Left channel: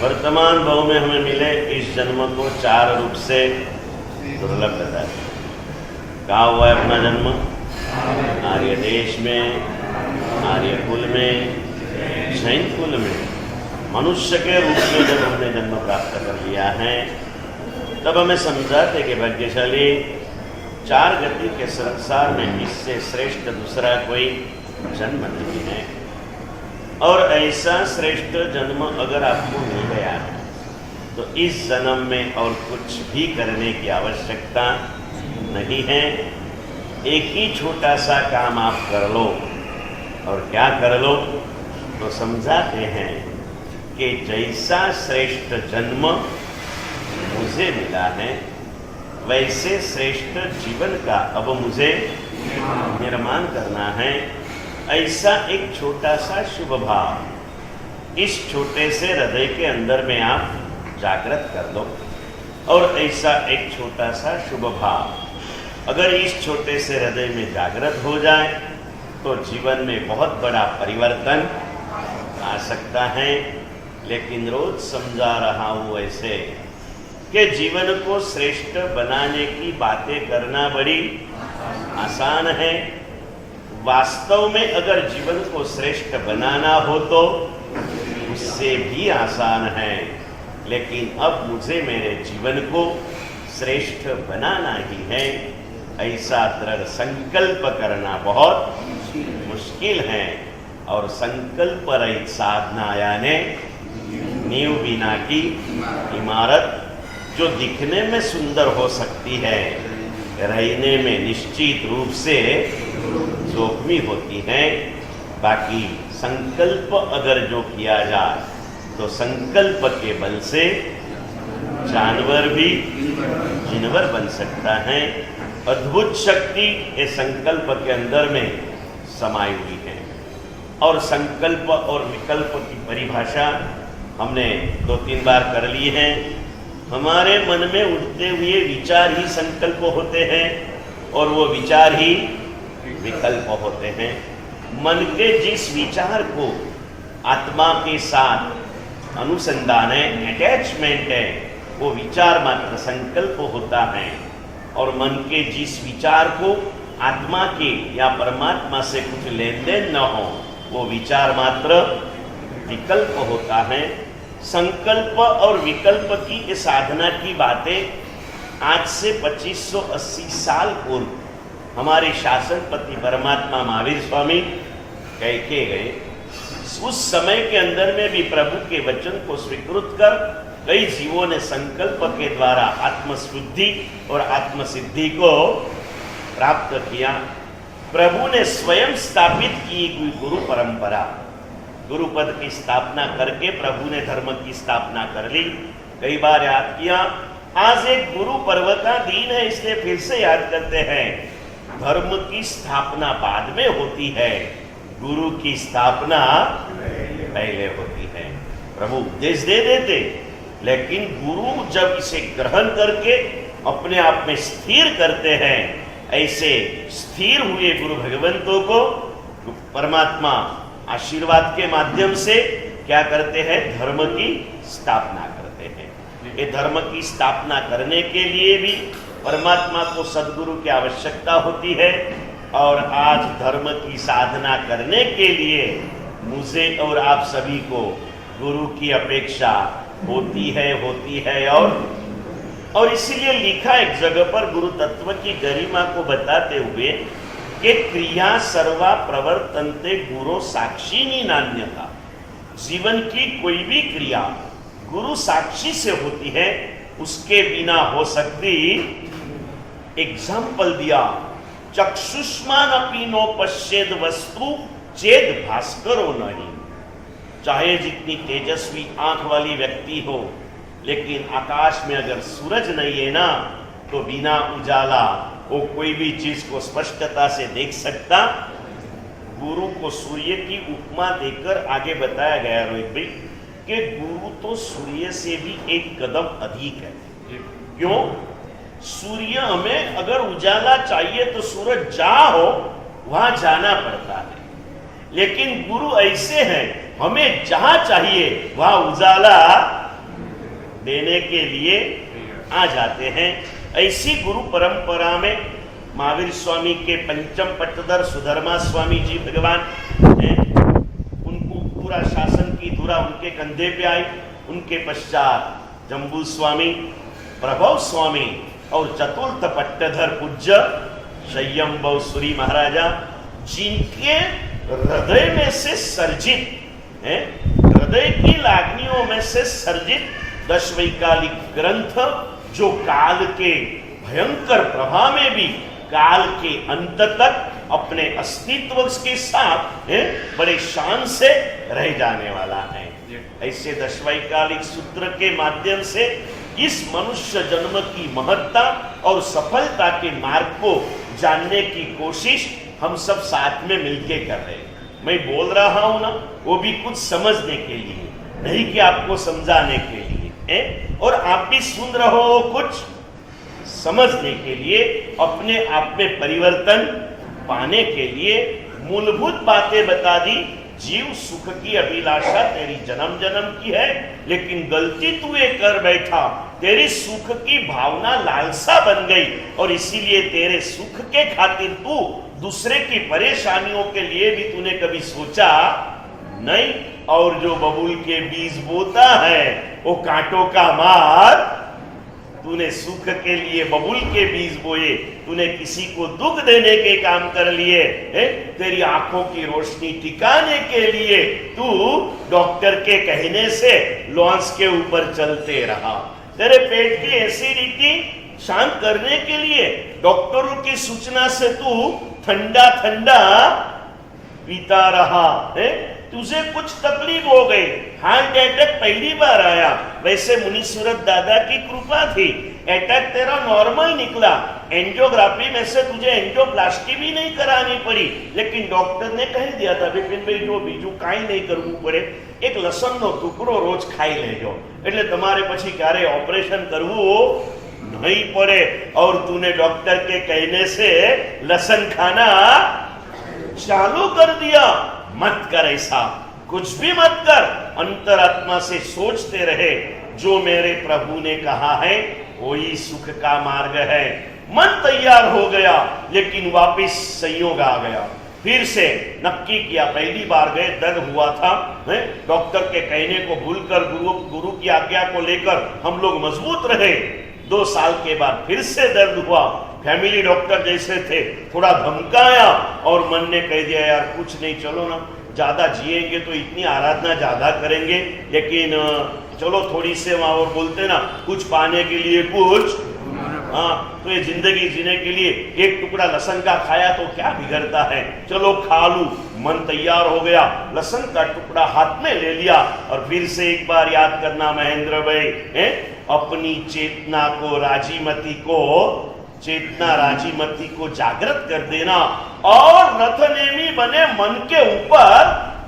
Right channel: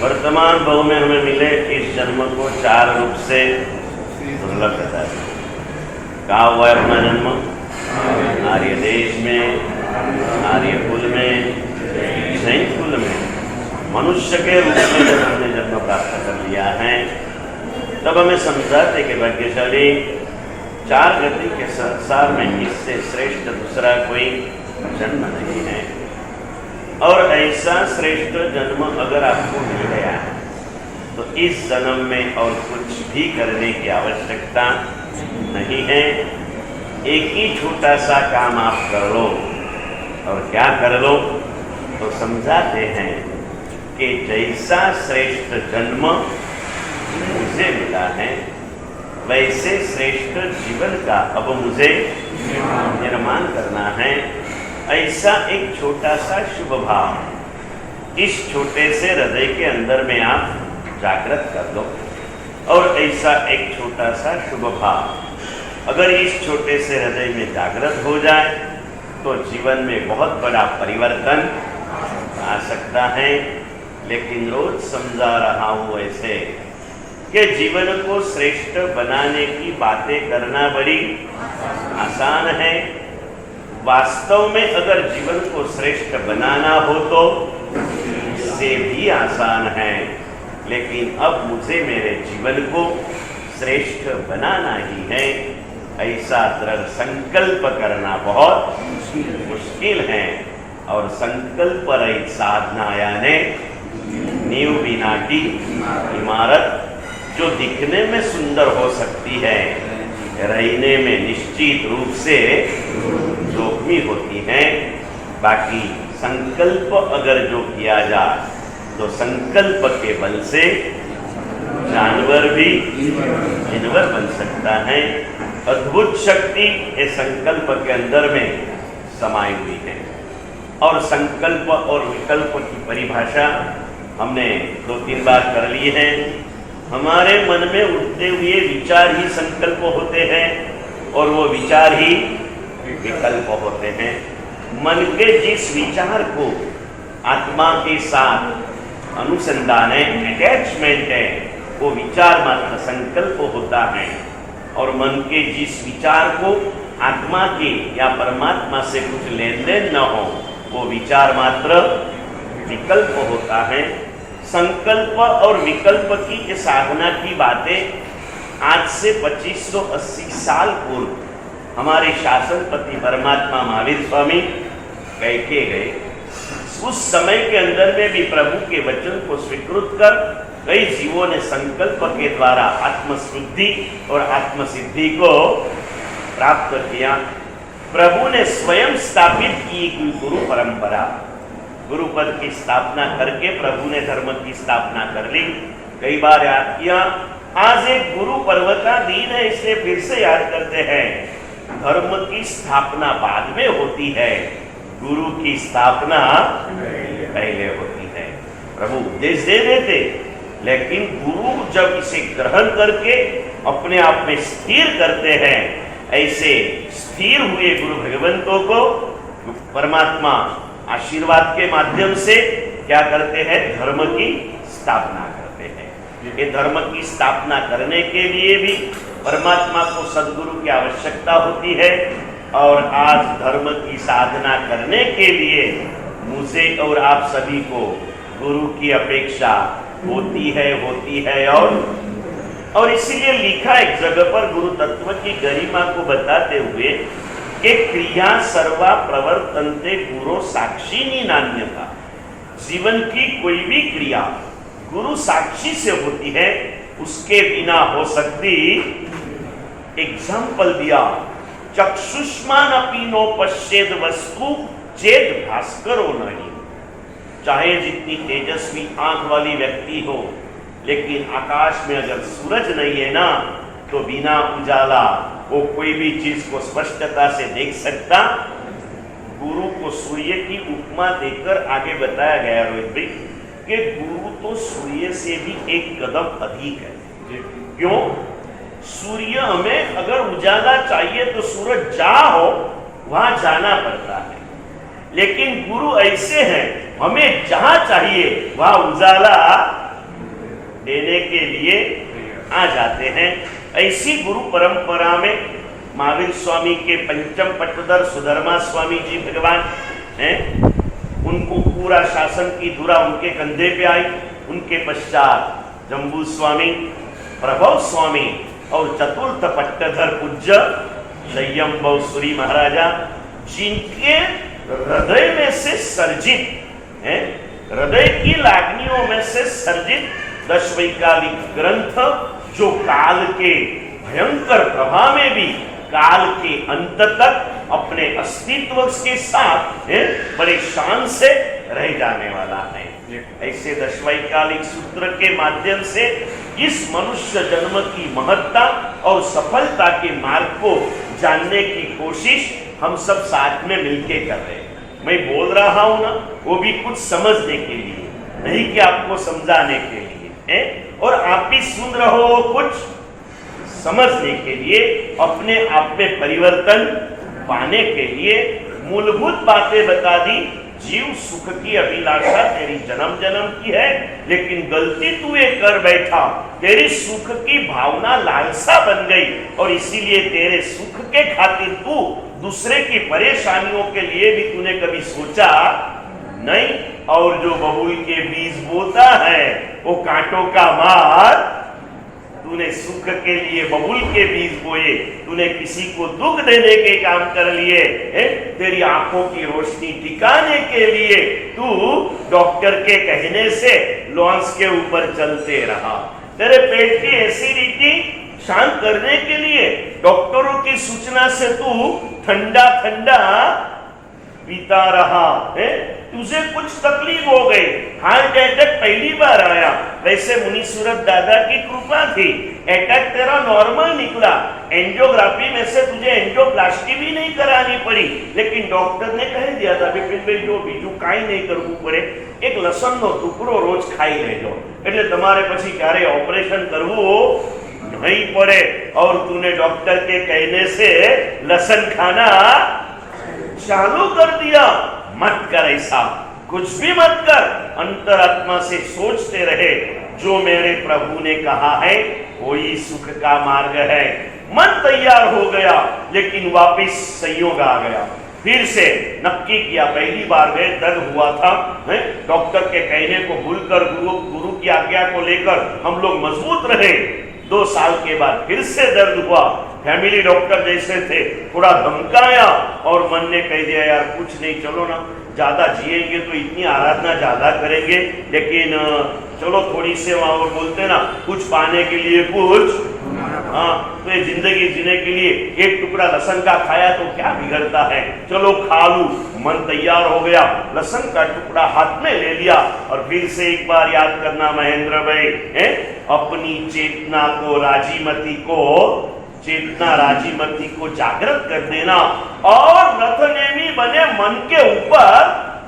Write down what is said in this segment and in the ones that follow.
वर्तमान भाव में हमें मिले इस जन्म को 4 रूप से दुर्लभ बता है। कहाँ हुआ है अपना जन्म? आर्य देश में, आर्य कुल में, जैन कुल में, मनुष्य के रूप में जब हमने जन्म प्राप्त कर लिया है, तब हमें समझाते कि भाग्यशाली 4 गति के संसार में इससे श्रेष्ठ दूसरा कोई जन्म नहीं है। और ऐसा श्रेष्ठ जन्म अगर आपको मिल गया है तो इस जन्म में और कुछ भी करने की आवश्यकता नहीं है। एक ही छोटा सा काम आप कर लो। और क्या कर लो? तो समझाते हैं कि जैसा श्रेष्ठ जन्म मुझे मिला है, वैसे श्रेष्ठ जीवन का अब मुझे निर्माण करना है। ऐसा एक छोटा सा शुभ भाव इस छोटे से हृदय के अंदर में आप जागृत कर लो। और ऐसा एक छोटा सा शुभ भाव अगर इस छोटे से हृदय में जागृत हो जाए तो जीवन में बहुत बड़ा परिवर्तन आ सकता है। लेकिन रोज समझा रहा हूँ ऐसे कि जीवन को श्रेष्ठ बनाने की बातें करना बड़ी आसान है। वास्तव में अगर जीवन को श्रेष्ठ बनाना हो तो उससे भी आसान है। लेकिन अब मुझे मेरे जीवन को श्रेष्ठ बनाना ही है, ऐसा दृढ़ संकल्प करना बहुत मुश्किल है। और संकल्प रहित साधना यानी नींव बिना की इमारत, जो दिखने में सुंदर हो सकती है, रहने में निश्चित रूप से जोखमी होती है। बाकी संकल्प अगर जो किया जाए तो संकल्प के बल से जानवर भी जिनवर बन सकता है। अद्भुत शक्ति इस संकल्प के अंदर में समाई हुई है। और संकल्प और विकल्प की परिभाषा हमने 2-3 बार कर ली है। हमारे मन में उठते हुए विचार ही संकल्प होते हैं और वो विचार ही विकल्प होते हैं। मन के जिस विचार को आत्मा के साथ अनुसंधान है, अटैचमेंट है, वो विचार मात्र संकल्प होता है। और मन के जिस विचार को आत्मा के या परमात्मा से कुछ लेन देन न हो, वो विचार मात्र विकल्प होता है। संकल्प और विकल्प की इस साधना की बातें आज से 2580 साल पूर्व हमारे शासनपति परमात्मा महावीर स्वामी कह के गए। उस समय के अंदर में भी प्रभु के वचन को स्वीकृत कर कई जीवों ने संकल्प के द्वारा आत्मशुद्धि और आत्मसिद्धि को प्राप्त किया। प्रभु ने स्वयं स्थापित की गुरु परंपरा, गुरु पद की स्थापना करके प्रभु ने धर्म की स्थापना कर ली। कई बार याद किया। आज एक गुरु पर्व का दिन है, इसलिए फिर से याद करते हैं। धर्म की स्थापना बाद में होती है, गुरु की स्थापना पहले होती है। प्रभु उपदेश दे देते, लेकिन गुरु जब इसे ग्रहण करके अपने आप में स्थिर करते हैं, ऐसे स्थिर हुए गुरु भगवंतों को परमात्मा आशीर्वाद के माध्यम से क्या करते हैं? धर्म की स्थापना करते हैं। ये धर्म की स्थापना करने के लिए भी परमात्मा को सद्गुरु की आवश्यकता होती है। और आज धर्म की साधना करने के लिए मुझे और आप सभी को गुरु की अपेक्षा होती है। और इसीलिए लिखा एक जगह पर गुरु तत्व की गरिमा को बताते हुए कि क्रिया सर्वा प्रवर्तन्ते गुरु साक्षिनी नान्यता। जीवन की कोई भी क्रिया गुरु साक्षी से होती है, उसके बिना हो सकती। एग्जाम्पल दिया, चक्षुष्मान अपि नो पश्येद वस्तु चेद भास्करो नहीं। चाहे जितनी तेजस्वी आंख वाली व्यक्ति हो, लेकिन आकाश में अगर सूरज नहीं है ना, तो बिना उजाला वो कोई भी चीज को स्पष्टता से देख सकता। गुरु को सूर्य की उपमा देकर आगे बताया गया रोहित भाई कि गुरु तो सूर्य से भी एक कदम अधिक है। क्यों? सूर्य हमें अगर उजाला चाहिए तो सूरज जहां हो वहां जाना पड़ता है, लेकिन गुरु ऐसे हैं, हमें जहां चाहिए वहां उजाला देने के लिए आ जाते हैं। ऐसी गुरु परंपरा में महावीर स्वामी के पंचम पट्टधर सुधर्मा स्वामी जी भगवान हैं, उनको पूरा शासन की धुरा उनके कंधे पे आई। उनके पश्चात जम्बू स्वामी, प्रभव स्वामी और चतुर्थ पट्टधर पूज्य संयम सूरी महाराजा, जिनके हृदय में से सर्जित है, हृदय की लागनियों में से सर्जित दशवैकालिक ग्रंथ, जो काल के भयंकर प्रभाव में भी काल के अंत तक अपने अस्तित्व के साथ बड़े शान से रह जाने वाला है। ऐसे दशवैकालिक सूत्र के माध्यम से इस मनुष्य जन्म की महत्ता और सफलता के मार्ग को जानने की कोशिश हम सब साथ में मिलके कर रहे हैं। मैं बोल रहा हूं ना, वो भी कुछ समझने के लिए, नहीं कि आपको समझाने के लिए, और आप भी सुन रहे हो कुछ समझने के लिए, अपने आप में परिवर्तन पाने के लिए। मूलभूत बातें बता दी। जीव सुख की अभिलाषा तेरी जन्म जन्म की है, लेकिन गलती तू ये कर बैठा, तेरी सुख की भावना लालसा बन गई, और इसीलिए तेरे सुख के खातिर तू दूसरे की परेशानियों के लिए भी तूने कभी सोचा नहीं। और जो बबूल के बीज बोता है वो कांटों का मार, तूने सुख के लिए बबूल के बीज बोए, तूने किसी को दुख देने के काम कर लिए, तेरी आंखों की रोशनी टिकाने के लिए तू डॉक्टर के कहने से लॉन्च के ऊपर चलते रहा, तेरे पेट की एसिडिटी शांत करने के लिए डॉक्टरों की सूचना से तू ठंडा ठंडा पीता रहा, तुझे कुछ तकलीफ हो गई, हार्ट अटैक पहली बार आया, वैसे मुनि सूरत दादा की कृपा थी, अटैक तेरा नॉर्मल निकला, एंजियोग्राफी में से तुझे एंजियोप्लास्टी भी नहीं करानी पड़ी, लेकिन डॉक्टर ने कह दिया था विपिन भाई जो बीजू काई नहीं करવું પડે, एक लसन નો ટુકડો રોજ ખાઈ લેજો, એટલે તમારે પછી ક્યારે ऑपरेशन કરવું नहीं पड़े। और तूने डॉक्टर के कहने से लसन खाना चालू कर दिया। मत कर ऐसा, कुछ भी मत कर, अंतरात्मा से सोचते रहे जो मेरे प्रभु ने कहा है वही सुख का मार्ग है। मन तैयार हो गया, लेकिन वापिस संयोग आ गया, फिर से नक्की किया। पहली बार गए, दर्द हुआ था, डॉक्टर के कहने को भूलकर गुरु की आज्ञा को लेकर हम लोग मजबूत रहे। 2 साल के बाद फिर से दर्द हुआ, फैमिली डॉक्टर जैसे थे, थोड़ा धमकाया और मन ने कह दिया यार कुछ नहीं, चलो ना, ज्यादा जिएंगे तो इतनी आराधना ज्यादा करेंगे, लेकिन चलो थोड़ी से वहां और बोलते ना, कुछ पाने के लिए कुछ, हाँ, तो ये जिंदगी जीने के लिए एक टुकड़ा लहसुन का खाया तो क्या बिगड़ता है, चलो खा लूं। मन तैयार हो गया, लहसुन का टुकड़ा हाथ में ले लिया और फिर से एक बार याद करना महेंद्र भाई, अपनी चेतना को राजीमती को जागृत कर देना और नथनेमी बने मन के ऊपर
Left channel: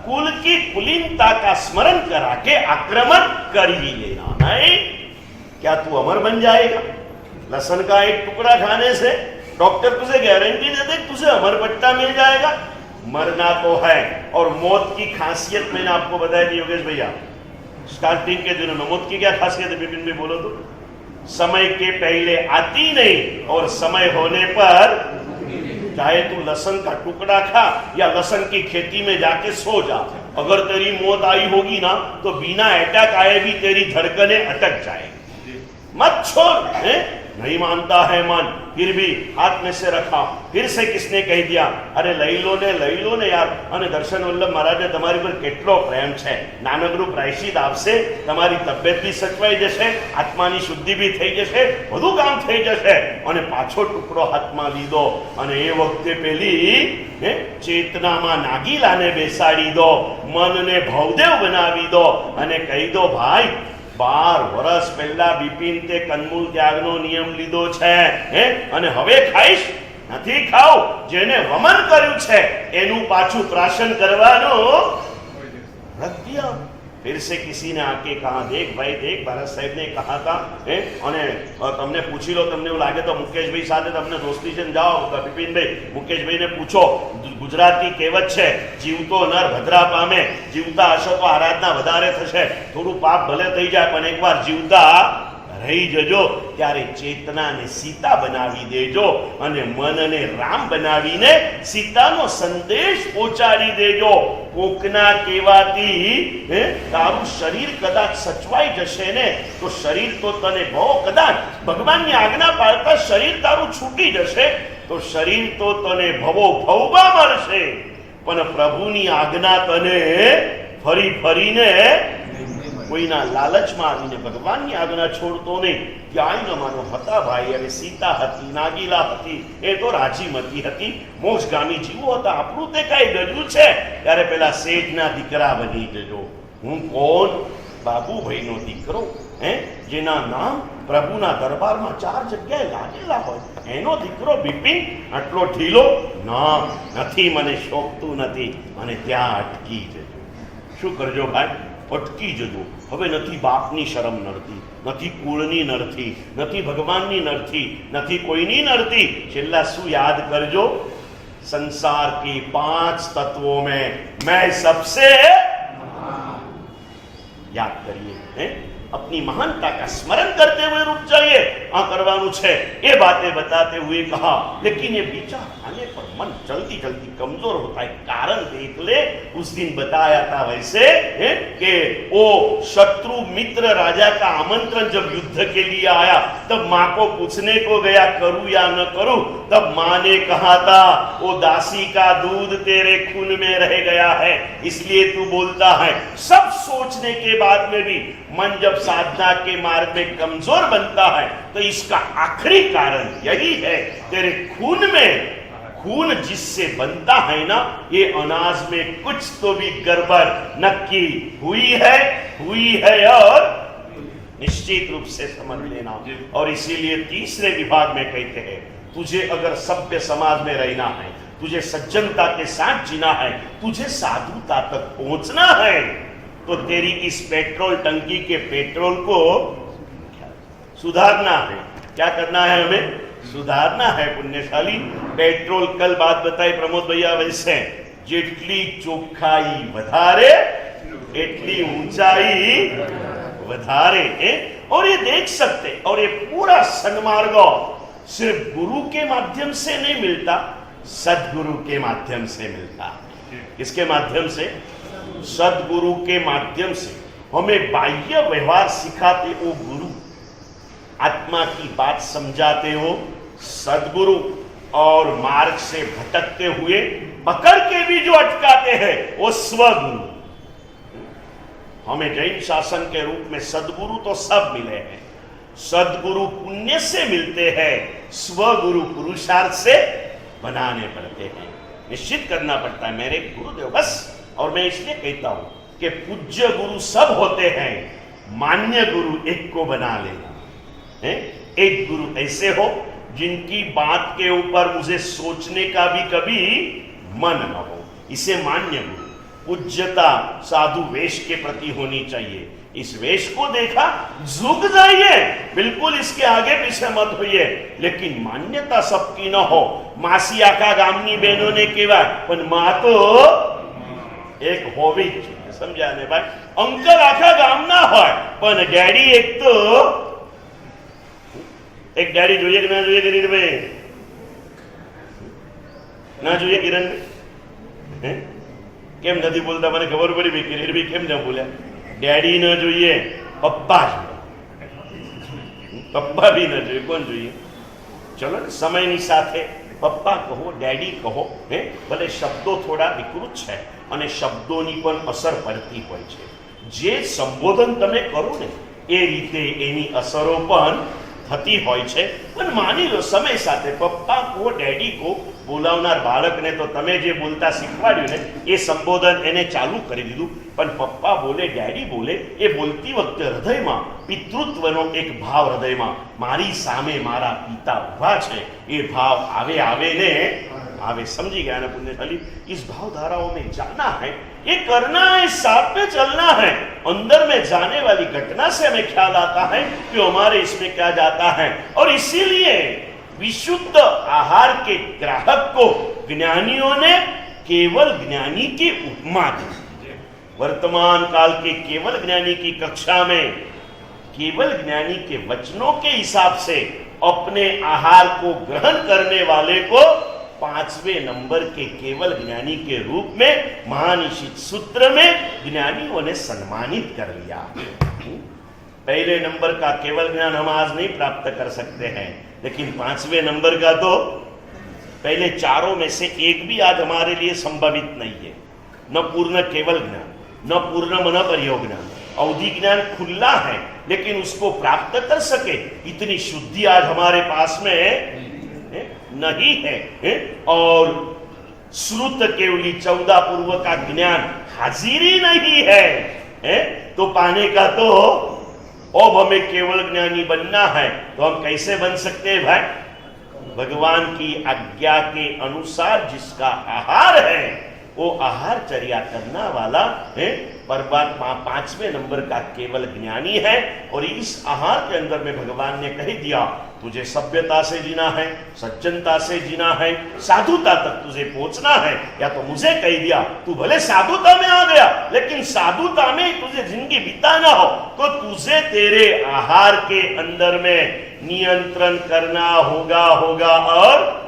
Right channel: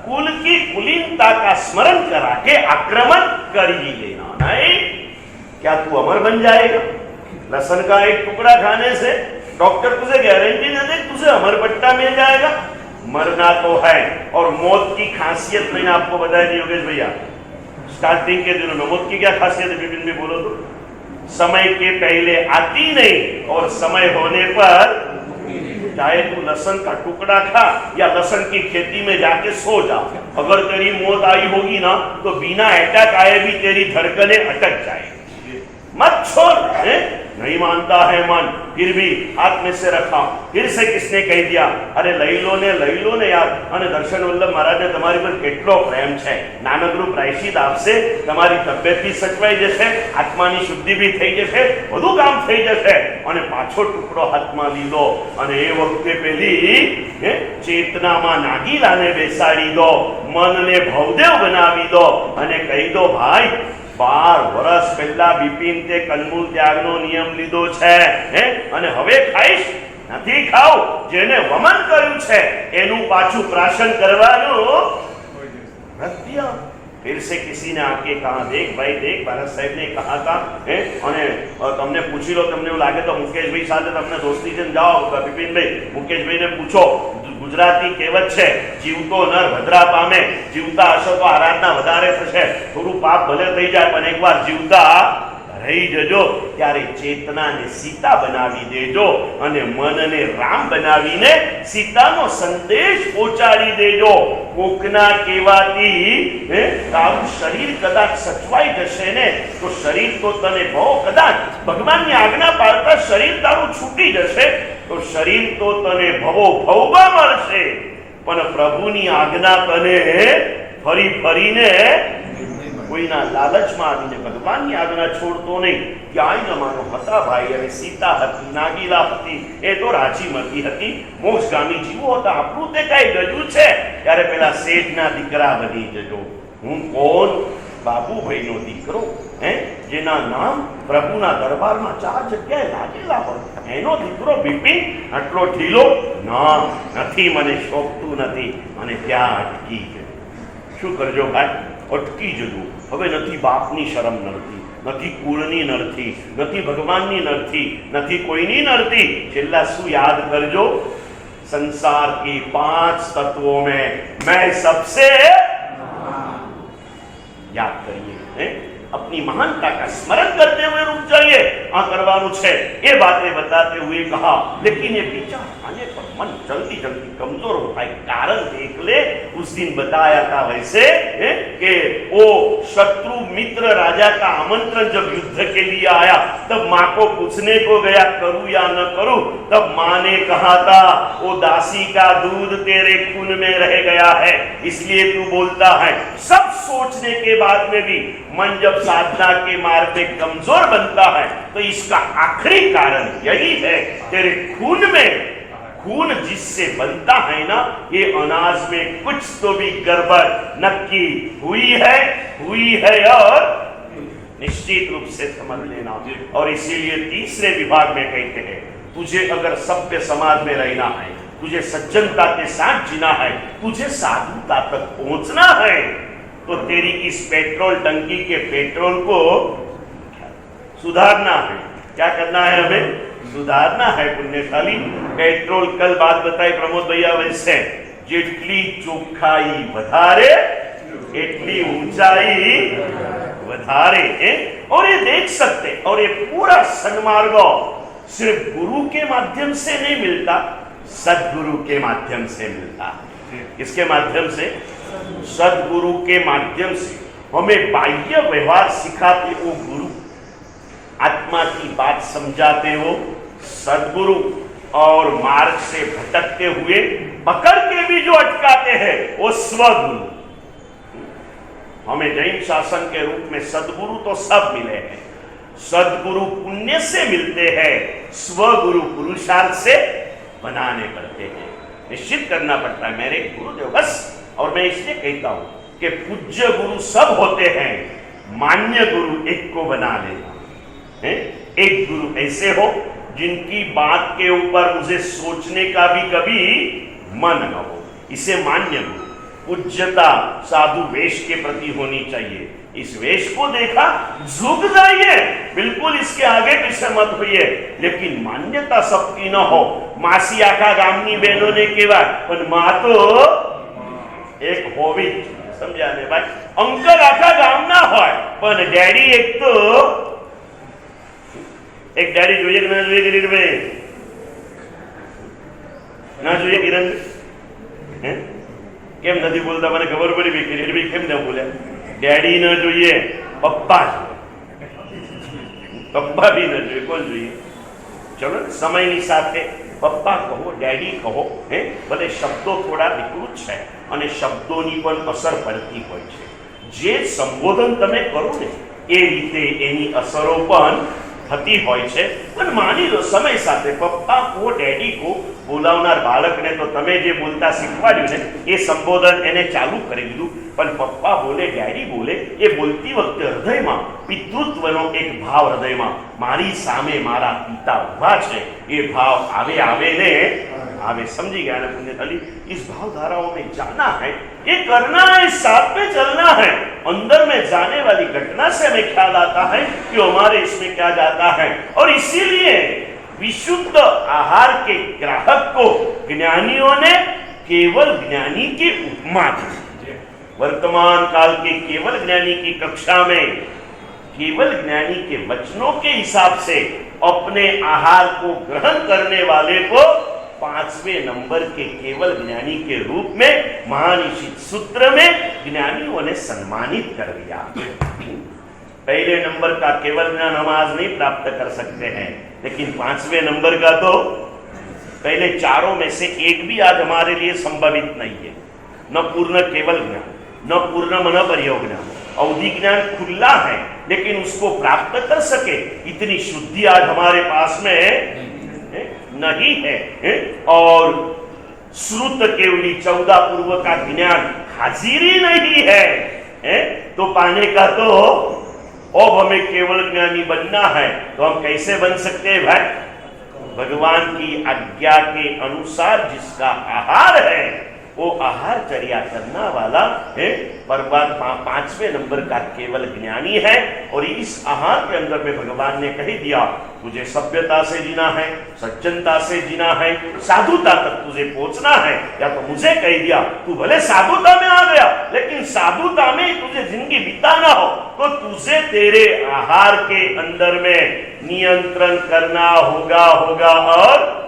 कुल की कुलीनता का स्मरण करा के आक्रमण कर ही लेना। नहीं, क्या तू अमर बन जाएगा? लहसुन का एक टुकड़ा खाने से डॉक्टर तुझे गारंटी दे दे तुझे अमर पट्टा मिल जाएगा? मरना तो है। और मौत की खासियत मैंने आपको बताया थी योगेश भैया, स्टार्टिंग के दिनों में मौत की क्या खासियत है विपिन भी बोलो तो? समय के पहले आती नहीं और समय होने पर, चाहे तू लहसुन का टुकड़ा खा या लहसुन की खेती में जाके सो जा, अगर तेरी मौत आई होगी ना तो बिना अटैक आए भी तेरी धड़कनें अटक जाएगी। मत छोड़। नहीं मानता है मन, फिर भी हाथ में से रखा, फिर से किसने कह दिया अरे लई लो ने यार, અને દર્શન વલ્લભ મહારાજને તમારી પર કેટલો પ્રેમ છે, નાનકડું પ્રાયશ્ચિત આપશે, તમારી તબિયત બી સચવાઈ જશે, આત્માની શુદ્ધિ બી થઈ જશે, બધું કામ થઈ જશે। અને પાછો ટુકડો હાથમાં લીધો અને એ વખતે પેલી ચેતનામાં નાગીલાને બેસાડી દો, મનને ભવદેવ બનાવી દો અને કહી દો ભાઈ 12 વર્ષ પહેલા બિપિન તે કંદમૂળ ત્યાગનો નિયમ લીધો છે અને હવે ખાઈશ નથી ખાવ, જેને વમન કર્યું છે એનું પાછું પ્રાશન કરવાનું વ્રત દિયા। फिर से किसी ने आके कहा, देख भाई देख, ભારત સાહેબ ने कहा था અને તમને પૂછી લો, તમને એવું લાગે તો મુકેશભાઈ સાથે તમને દોસ્તી છે, જાઓ બિપિનભાઈ મુકેશભાઈને પૂછો. ગુજરાતી કહેવત છે, જીવતો નર ભદ્રા પામે, જીવતા હશો તો આરાધના વધારે થશે, થોડું પાપ ભલે થઈ જાય પણ એકવાર જીવતા રહી જજો, ત્યારે ચેતનાને સીતા બનાવી દેજો અને મનને રામ બનાવીને સીતાનો સંદેશ પહોંચાડી દેજો. કોકના કહેવાથી તારું શરીર કદાચ સચવાઈ જશે ને તો શરીર તો તને બહુ, કદાચ ભગવાનની આજ્ઞા પાળતા શરીર તારું છૂટી જશે તો શરીર તો તને ભવો ભવમાં મળશે, પણ પ્રભુની આજ્ઞા તને ફરી ફરીને કોઈના લાલચમાં આવીને ભગવાનની આજ્ઞા છોડતો નહીં. ક્યાંય જમાનો હતા ભાઈ, અને સીતા હતી, નાગીલા હતી, એ તો રાજીમતી હતી, મોક્ષગામી જીવો હતા. આપણું તે કઈ ગજું છે? ત્યારે પેલા શેઠના દીકરા બની જજો. હું કોણ? બાબુભાઈનો દીકરો, જેના નામ પ્રભુના દરબારમાં 4 જગ્યાએ લાગેલા હોય, એનો દીકરો બિપિન આટલો ઢીલો? ના, નથી, મને શોભતું નથી, અને ત્યાં અટકી જજો. શું કરજો ભાઈ? અટકી જજો. હવે નથી બાપની શરમ નડતી, નથી કુળની નડતી, નથી ભગવાનની નડતી, નથી કોઈની નડતી. છેલ્લા શું યાદ કરજો? संसार की 5 तत्वों में मैं सबसे, याद करिए, अपनी महानता का स्मरण करते हुए रुक जाइए. आ करवानु छे ये बातें बताते हुए कहा, लेकिन ये विचार आने पर मन जल्दी जल्दी कमजोर होता है. कारण देख ले, उस दिन बताया था वैसे कि वो शत्रु मित्र राजा का आमंत्रण जब युद्ध के लिए आया, तब माँ को पूछने को गया करूं या न करूं. तब माँ ने कहा था, वो दासी का दूध तेरे खून में रह गया है, इसलिए तू बोलता है. सब सोचने के बाद में भी मन जब साधना के मार्ग में कमजोर बनता है तो इसका आखिरी कारण यही है, तेरे खून में, खून जिससे बनता है ना, ये अनाज में कुछ तो भी गड़बड़ नक्की हुई है और निश्चित रूप से समझ लेना. और इसीलिए तीसरे विभाग में कहते हैं, तुझे अगर सभ्य समाज में रहना है, तुझे सज्जनता के साथ जीना है, तुझे साधुता तक पहुंचना है, तो तेरी इस पेट्रोल टंकी के पेट्रोल को सुधारना है. क्या करना है? हमें सुधारना है. पुण्यशाली पेट्रोल, कल बात बताई प्रमोद भैया वैसे, जेटली चोखाई વધારે એટલી ऊंचाई વધારે. और ये देख सकते, और ये पूरा सन्मार्ग सिर्फ गुरु के माध्यम से नहीं मिलता, सदगुरु के माध्यम से मिलता है. किसके माध्यम से? सदगुरु के माध्यम से. हमें बाह्य व्यवहार सिखाते वो गुरु, आत्मा की बात समझाते हो सदगुरु, और मार्ग से भटकते हुए पकड़ के भी जो अटकाते हैं वो स्वगुरु. हमें जैन शासन के रूप में सदगुरु तो सब मिले हैं. सदगुरु पुण्य से मिलते हैं, स्वगुरु पुरुषार्थ से बनाने पड़ते हैं, निश्चित करना पड़ता है. मेरे गुरुदेव बस, और मैं इसलिए कहता हूं कि पूज्य गुरु सब होते हैं, मान्य गुरु एक को बना लेना. एक गुरु ऐसे हो जिनकी बात के ऊपर मुझे सोचने का भी कभी मन न हो, इसे मान्य गुरु. पूज्यता साधु वेश के प्रति होनी चाहिए. इस वेश को देखा, झुक जाइए, बिल्कुल इसके आगे पीछे मत होइए, लेकिन मान्यता सबकी न हो. मासी आखा गामनी बहनों ने केवा, पण मां तो एक होवी, समझा ने भाई. अंकल आखा गाम ना होय, पण डैडी एक तो, एक डैडी જોઈએ કે ના જોઈએ કિરીટભાઈ? ના જોઈએ કિરણ? કેમ નથી બોલતા? મને ખબર પડી ભાઈ કિરીટભાઈ કેમ ન બોલ્યા. ડેડી ન જોઈએ, પપ્પા જોઈએ. પપ્પા બી ન જોઈએ, કોણ જોઈએ? ચલો સમયની સાથે પપ્પા કહો, ડેડી કહો. ભલે શબ્દો થોડા વિકૃત છે અને શબ્દોની પણ અસર પડતી હોય છે. જે સંબોધન તમે કરો ને એ રીતે એની અસરો પણ થતી હોય છે. પણ માની લો સમય સાથે પપ્પા કો, ડેડી કો બોલાવનાર બાળકને તો તમે જે બોલતા શીખવાડ્યું ને એ સંબોધન એને ચાલુ કરી દીધું. પણ પપ્પા બોલે, ડેડી બોલે, એ બોલતી વખતે હૃદયમાં પિતૃત્વનો એક ભાવ, હૃદયમાં મારી સામે મારા પિતા ઉભા છે એ ભાવ આવે ને आवे। समझी गया ना पुण्यशाली? इस भाव धाराओं में जाना है, ये करना है, साथ में चलना है। अंदर में जाने वाली घटना से हमें ख्याल आता है कि हमारे इसमें क्या जाता है। और इसीलिए विशुद्ध आहार के ग्राहक को ज्ञानियों ने केवल ज्ञानी की उपमा दी। वर्तमान काल के केवल ज्ञानी की कक्षा में केवल ज्ञानी के वचनों के हिसाब से अपने आहार को ग्रहण करने वाले को 5वें नंबर के केवल ज्ञानी के रूप में महानिशित सूत्र में ज्ञानियों ने सम्मानित कर लिया। पहले नंबर का केवल ज्ञान हम आज नहीं प्राप्त कर सकते हैं, लेकिन 5वें नंबर का तो पहले चारों में से एक भी आज हमारे लिए संभवित नहीं है। न पूर्ण केवल ज्ञान, न पूर्ण मन परियोग ज्ञान, अवधि ज्ञान खुला है, लेकिन उसको प्राप्त कर सके इतनी शुद्धि आज हमारे पास में नहीं है। और श्रुत केवली 14 पूर्व का ज्ञान हाजिर ही नहीं है। तो पाने का तो अब हमें केवल ज्ञानी बनना है, तो हम कैसे बन सकते हैं भाई? भगवान की आज्ञा के अनुसार जिसका आहार है वो आहार चर्या करना वाला है परमात्मा 5वें नंबर का केवल ज्ञानी है। और इस आहार के अंदर में भगवान ने कह दिया तुझे सभ्यता से जीना है, सज्जनता से जीना है, साधुता तक तुझे पहुंचना है। या तो मुझे कह दिया तू भले साधुता में आ गया, लेकिन साधुता में तुझे जिंदगी बिताना हो तो तुझे तेरे आहार के अंदर में नियंत्रण करना होगा और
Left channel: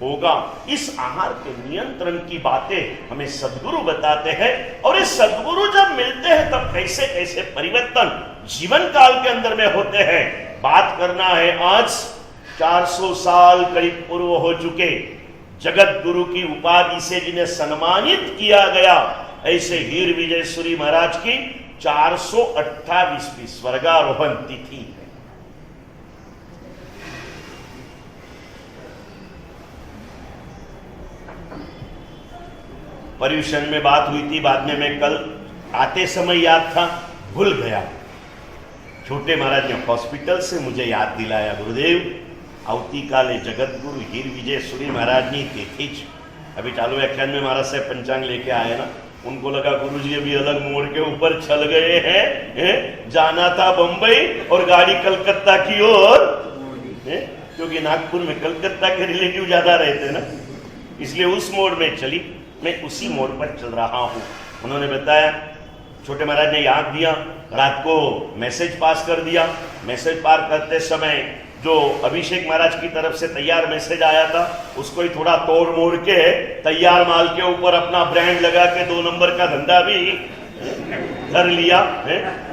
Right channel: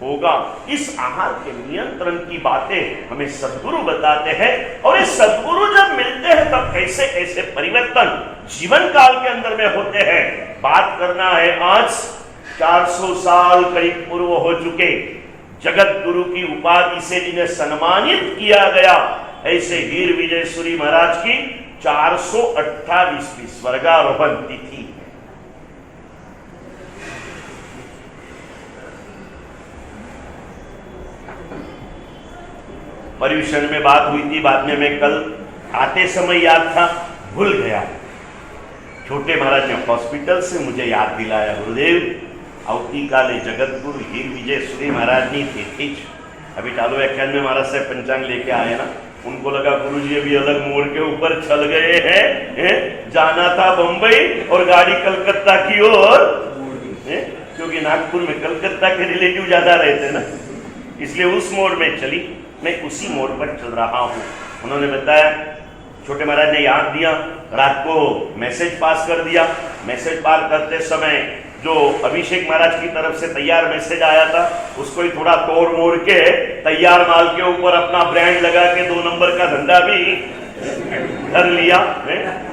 होगा। इस आहार के नियंत्रण की बातें हमें सद्गुरु बताते हैं। और ये सद्गुरु जब मिलते हैं तब कैसे कैसे परिवर्तन जीवन काल के अंदर में होते हैं। बात करना है आज 400 साल करीब पूर्व हो चुके जगत गुरु की उपाधि से जिन्हें सम्मानित किया गया, ऐसे हीर विजय सूरी महाराज की 428वीं स्वर्गारोहण तिथि। पर्यूषण में बात हुई थी, बाद में मैं कल आते समय याद था, भूल गया। छोटे महाराज ने हॉस्पिटल से मुझे याद दिलाया, गुरुदेव अवती काले जगत गुरु हीर विजय सूरी महाराज ने तिथि। अभी चालू व्याख्यान में महाराज से पंचांग लेके आए ना, उनको लगा गुरुजी अभी अलग मोड़ के ऊपर चल गए हैं। जाना था बंबई और गाड़ी कलकत्ता की ओर, क्योंकि नागपुर में कलकत्ता के रिलेटिव ज्यादा रहते ना, इसलिए उस मोड़ में चली। मैं उसी मोड़ पर चल रहा हूँ। उन्होंने बताया, छोटे महाराज ने याद दिया, रात को मैसेज पास कर दिया। मैसेज पार करते समय जो अभिषेक महाराज की तरफ से तैयार मैसेज आया था उसको ही थोड़ा तोड़ मोड़ के तैयार माल के ऊपर अपना ब्रांड लगा के 2 नंबर का धंधा भी कर लिया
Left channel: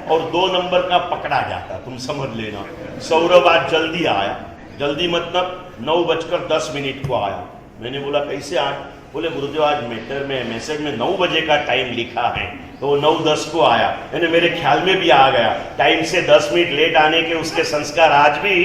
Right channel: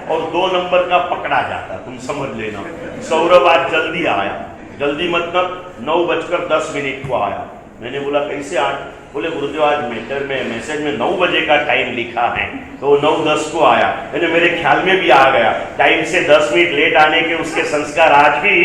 और 2 नंबर का पकड़ा जाता। तुम समझ लेना। सौरभ आज जल्दी आया, जल्दी मतलब 9:10 को आया। मैंने बोला कैसे आज? बोले गुरुदेव आज मैटर में मैसेज में 9 बजे का टाइम लिखा है, तो 9:10 को आया। मैंने मेरे ख्याल में भी आ गया, टाइम से 10 मिनट लेट आने के उसके संस्कार आज भी।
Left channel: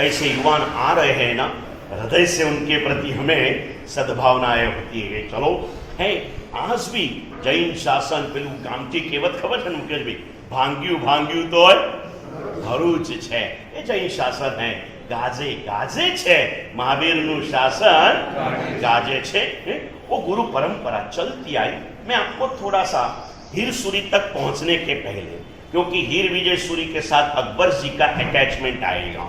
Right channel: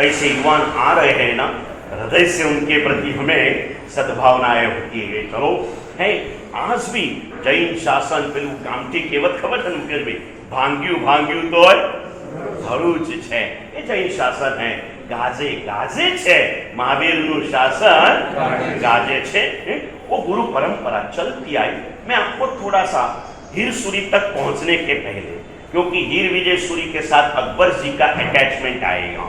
ऐसे युवान आ रहे हैं ना, हृदय से उनके प्रति हमें सद्भावनाएं होती है। चलो है आज भी जैन शासन पेलू कामठी केवत खबर है मुकेश भाई, भांग्यू तो भरूच है, ये जैन शासन है। गाजे गाजे छे महावीर नु शासन गाजे छे। वो गुरु परंपरा चलती आई। मैं आपको थोड़ा सा हीर सूरी तक पहुंचने के पहले, क्योंकि हीर विजय सूरी के साथ अकबर जी का अटैचमेंट आएगा,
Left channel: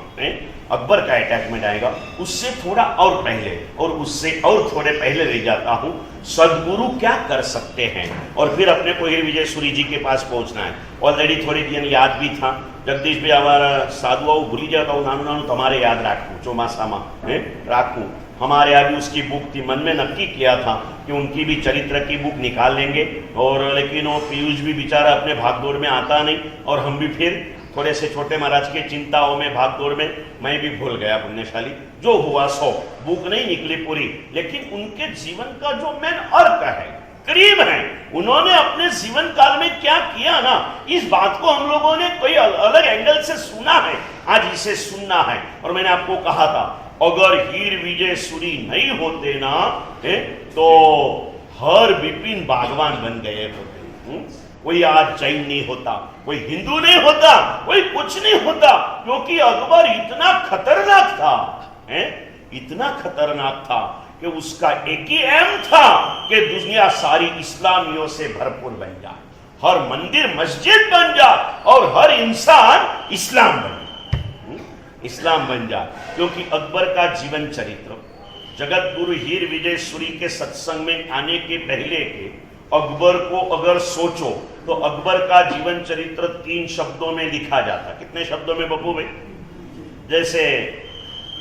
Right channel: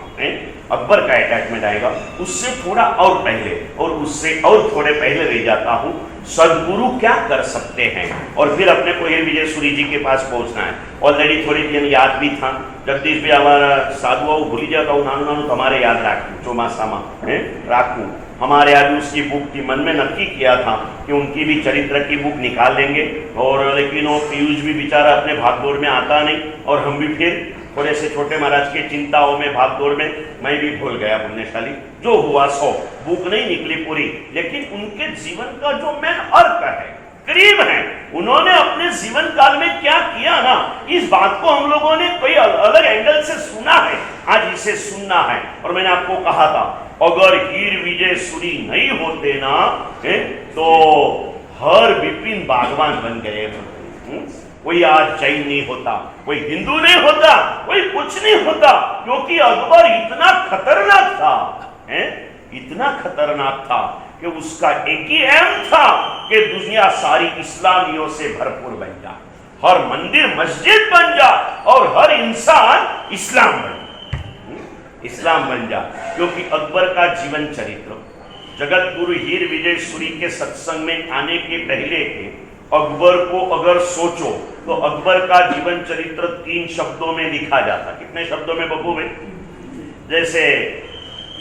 अकबर का अटैचमेंट आएगा, उससे थोड़ा और पहले और उससे और थोड़े पहले रह जाता हूँ। सदगुरु क्या कर सकते हैं, और फिर अपने को हीर विजय सूरी जी के पास पहुंचना है। ऑलरेडी थोड़ी दिन याद भी था, जगदीश भाई हमारा साधु भूली जाता हूँ, नानू नानू तुम्हारे याद राखू चौमासा में राखू। हमारे यहाँ भी उसकी बुक थी, मन में नक्की किया था कि उनकी भी चरित्र की बुक निकाल लेंगे, और लेकिन वो पीयूष भी बेचारा अपने भागदौड़ में आता नहीं, और हम भी फिर थोड़े से छोटे महाराज के चिंताओं में भागदौड़ में मैं भी भूल गया। पुण्यशाली जो हुआ सो, बुक नहीं निकली पूरी, लेकिन उनके जीवन का जो मेन अर्थ है, करीब है, उन्होंने अपने जीवन काल में क्या किया ना, इस बात को हम लोगों ने कोई अलग एंगल से सुना है, आज इसे सुनना है। और मैंने आपको कहा था, अगर हीर विजय सूरी नहीं होते ना तो हर विपिन बागवान बन गए। कोई आज जैन नहीं होता, कोई हिंदू नहीं होता, कोई कुछ नहीं होता, क्योंकि अकबर इतना खतरनाक था, इतना खतरनाक था कि उसका एक ही एम था कि दुनिया सारी इस्लामियों से भरपूर बन जा, हर मंदिर मस्जिद बन जा और हर इंसान इस्लाम बन जा, इस्लाम बन जा। क्योंकि अकबर का जीवन चरित्र जगत गुरु हीर विजय सूरी के सत्संग में आने के पहले के अकबर को अगर सोचो तो अकबर का जीवन चरित्र 3 शब्दों में लिखा जाता। कितने शब्दों में बब्बू भाई? जैसे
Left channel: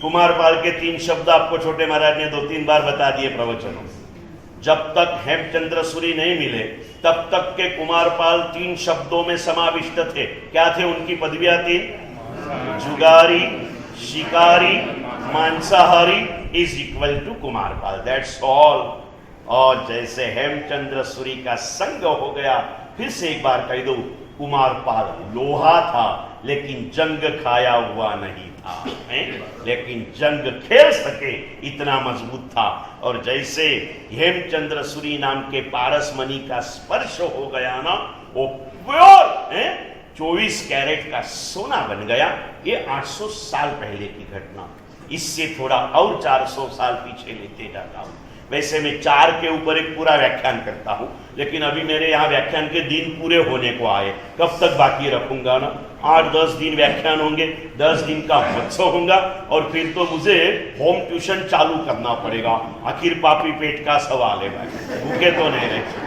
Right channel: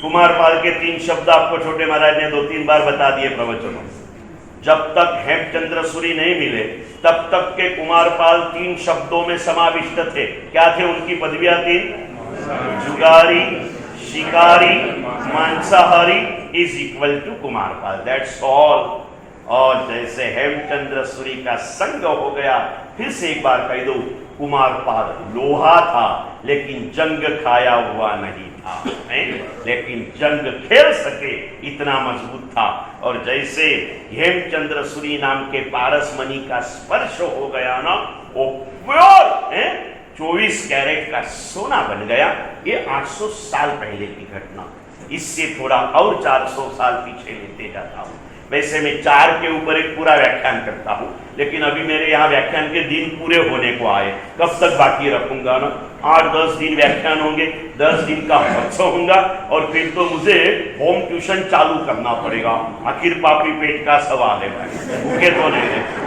कुमारपाल के 3 शब्द आपको छोटे महाराज ने 2-3 बार बता दिए प्रवचनों में। जब तक हेमचंद्र सूरी नहीं मिले तब तक के कुमारपाल 3 शब्दों में समाविष्ट थे। क्या थे उनकी पदवियां? 3, जुगारी, शिकारी, मांसाहारी is equal to Kumarpal, that's all. और जैसे हेमचंद्र सूरी का संग हो गया, फिर से एक बार कह दो, कुमारपाल लोहा था लेकिन जंग खाया हुआ नहीं था, लेकिन जंग खेल सके इतना मजबूत था। और जैसे हेमचंद्र सूरी नाम के पारसमणि का स्पर्श हो गया ना, वो प्योर 24 कैरेट का सोना बन गया। ये 800 साल पहले की घटना। इससे थोड़ा और 400 साल पीछे लेते जाता हूं। वैसे मैं 4 के ऊपर एक पूरा व्याख्यान करता हूं, लेकिन अभी मेरे यहाँ व्याख्यान के दिन पूरे होने को आए, कब तक बाकी रखूंगा ना? 8-10 दिन व्याख्यान होंगे, 10 दिन का महोत्सव होगा और फिर तो मुझे होम ट्यूशन चालू करना पड़ेगा। आखिर पापी पेट का सवाल है भाई, भूखे तो नहीं रहते।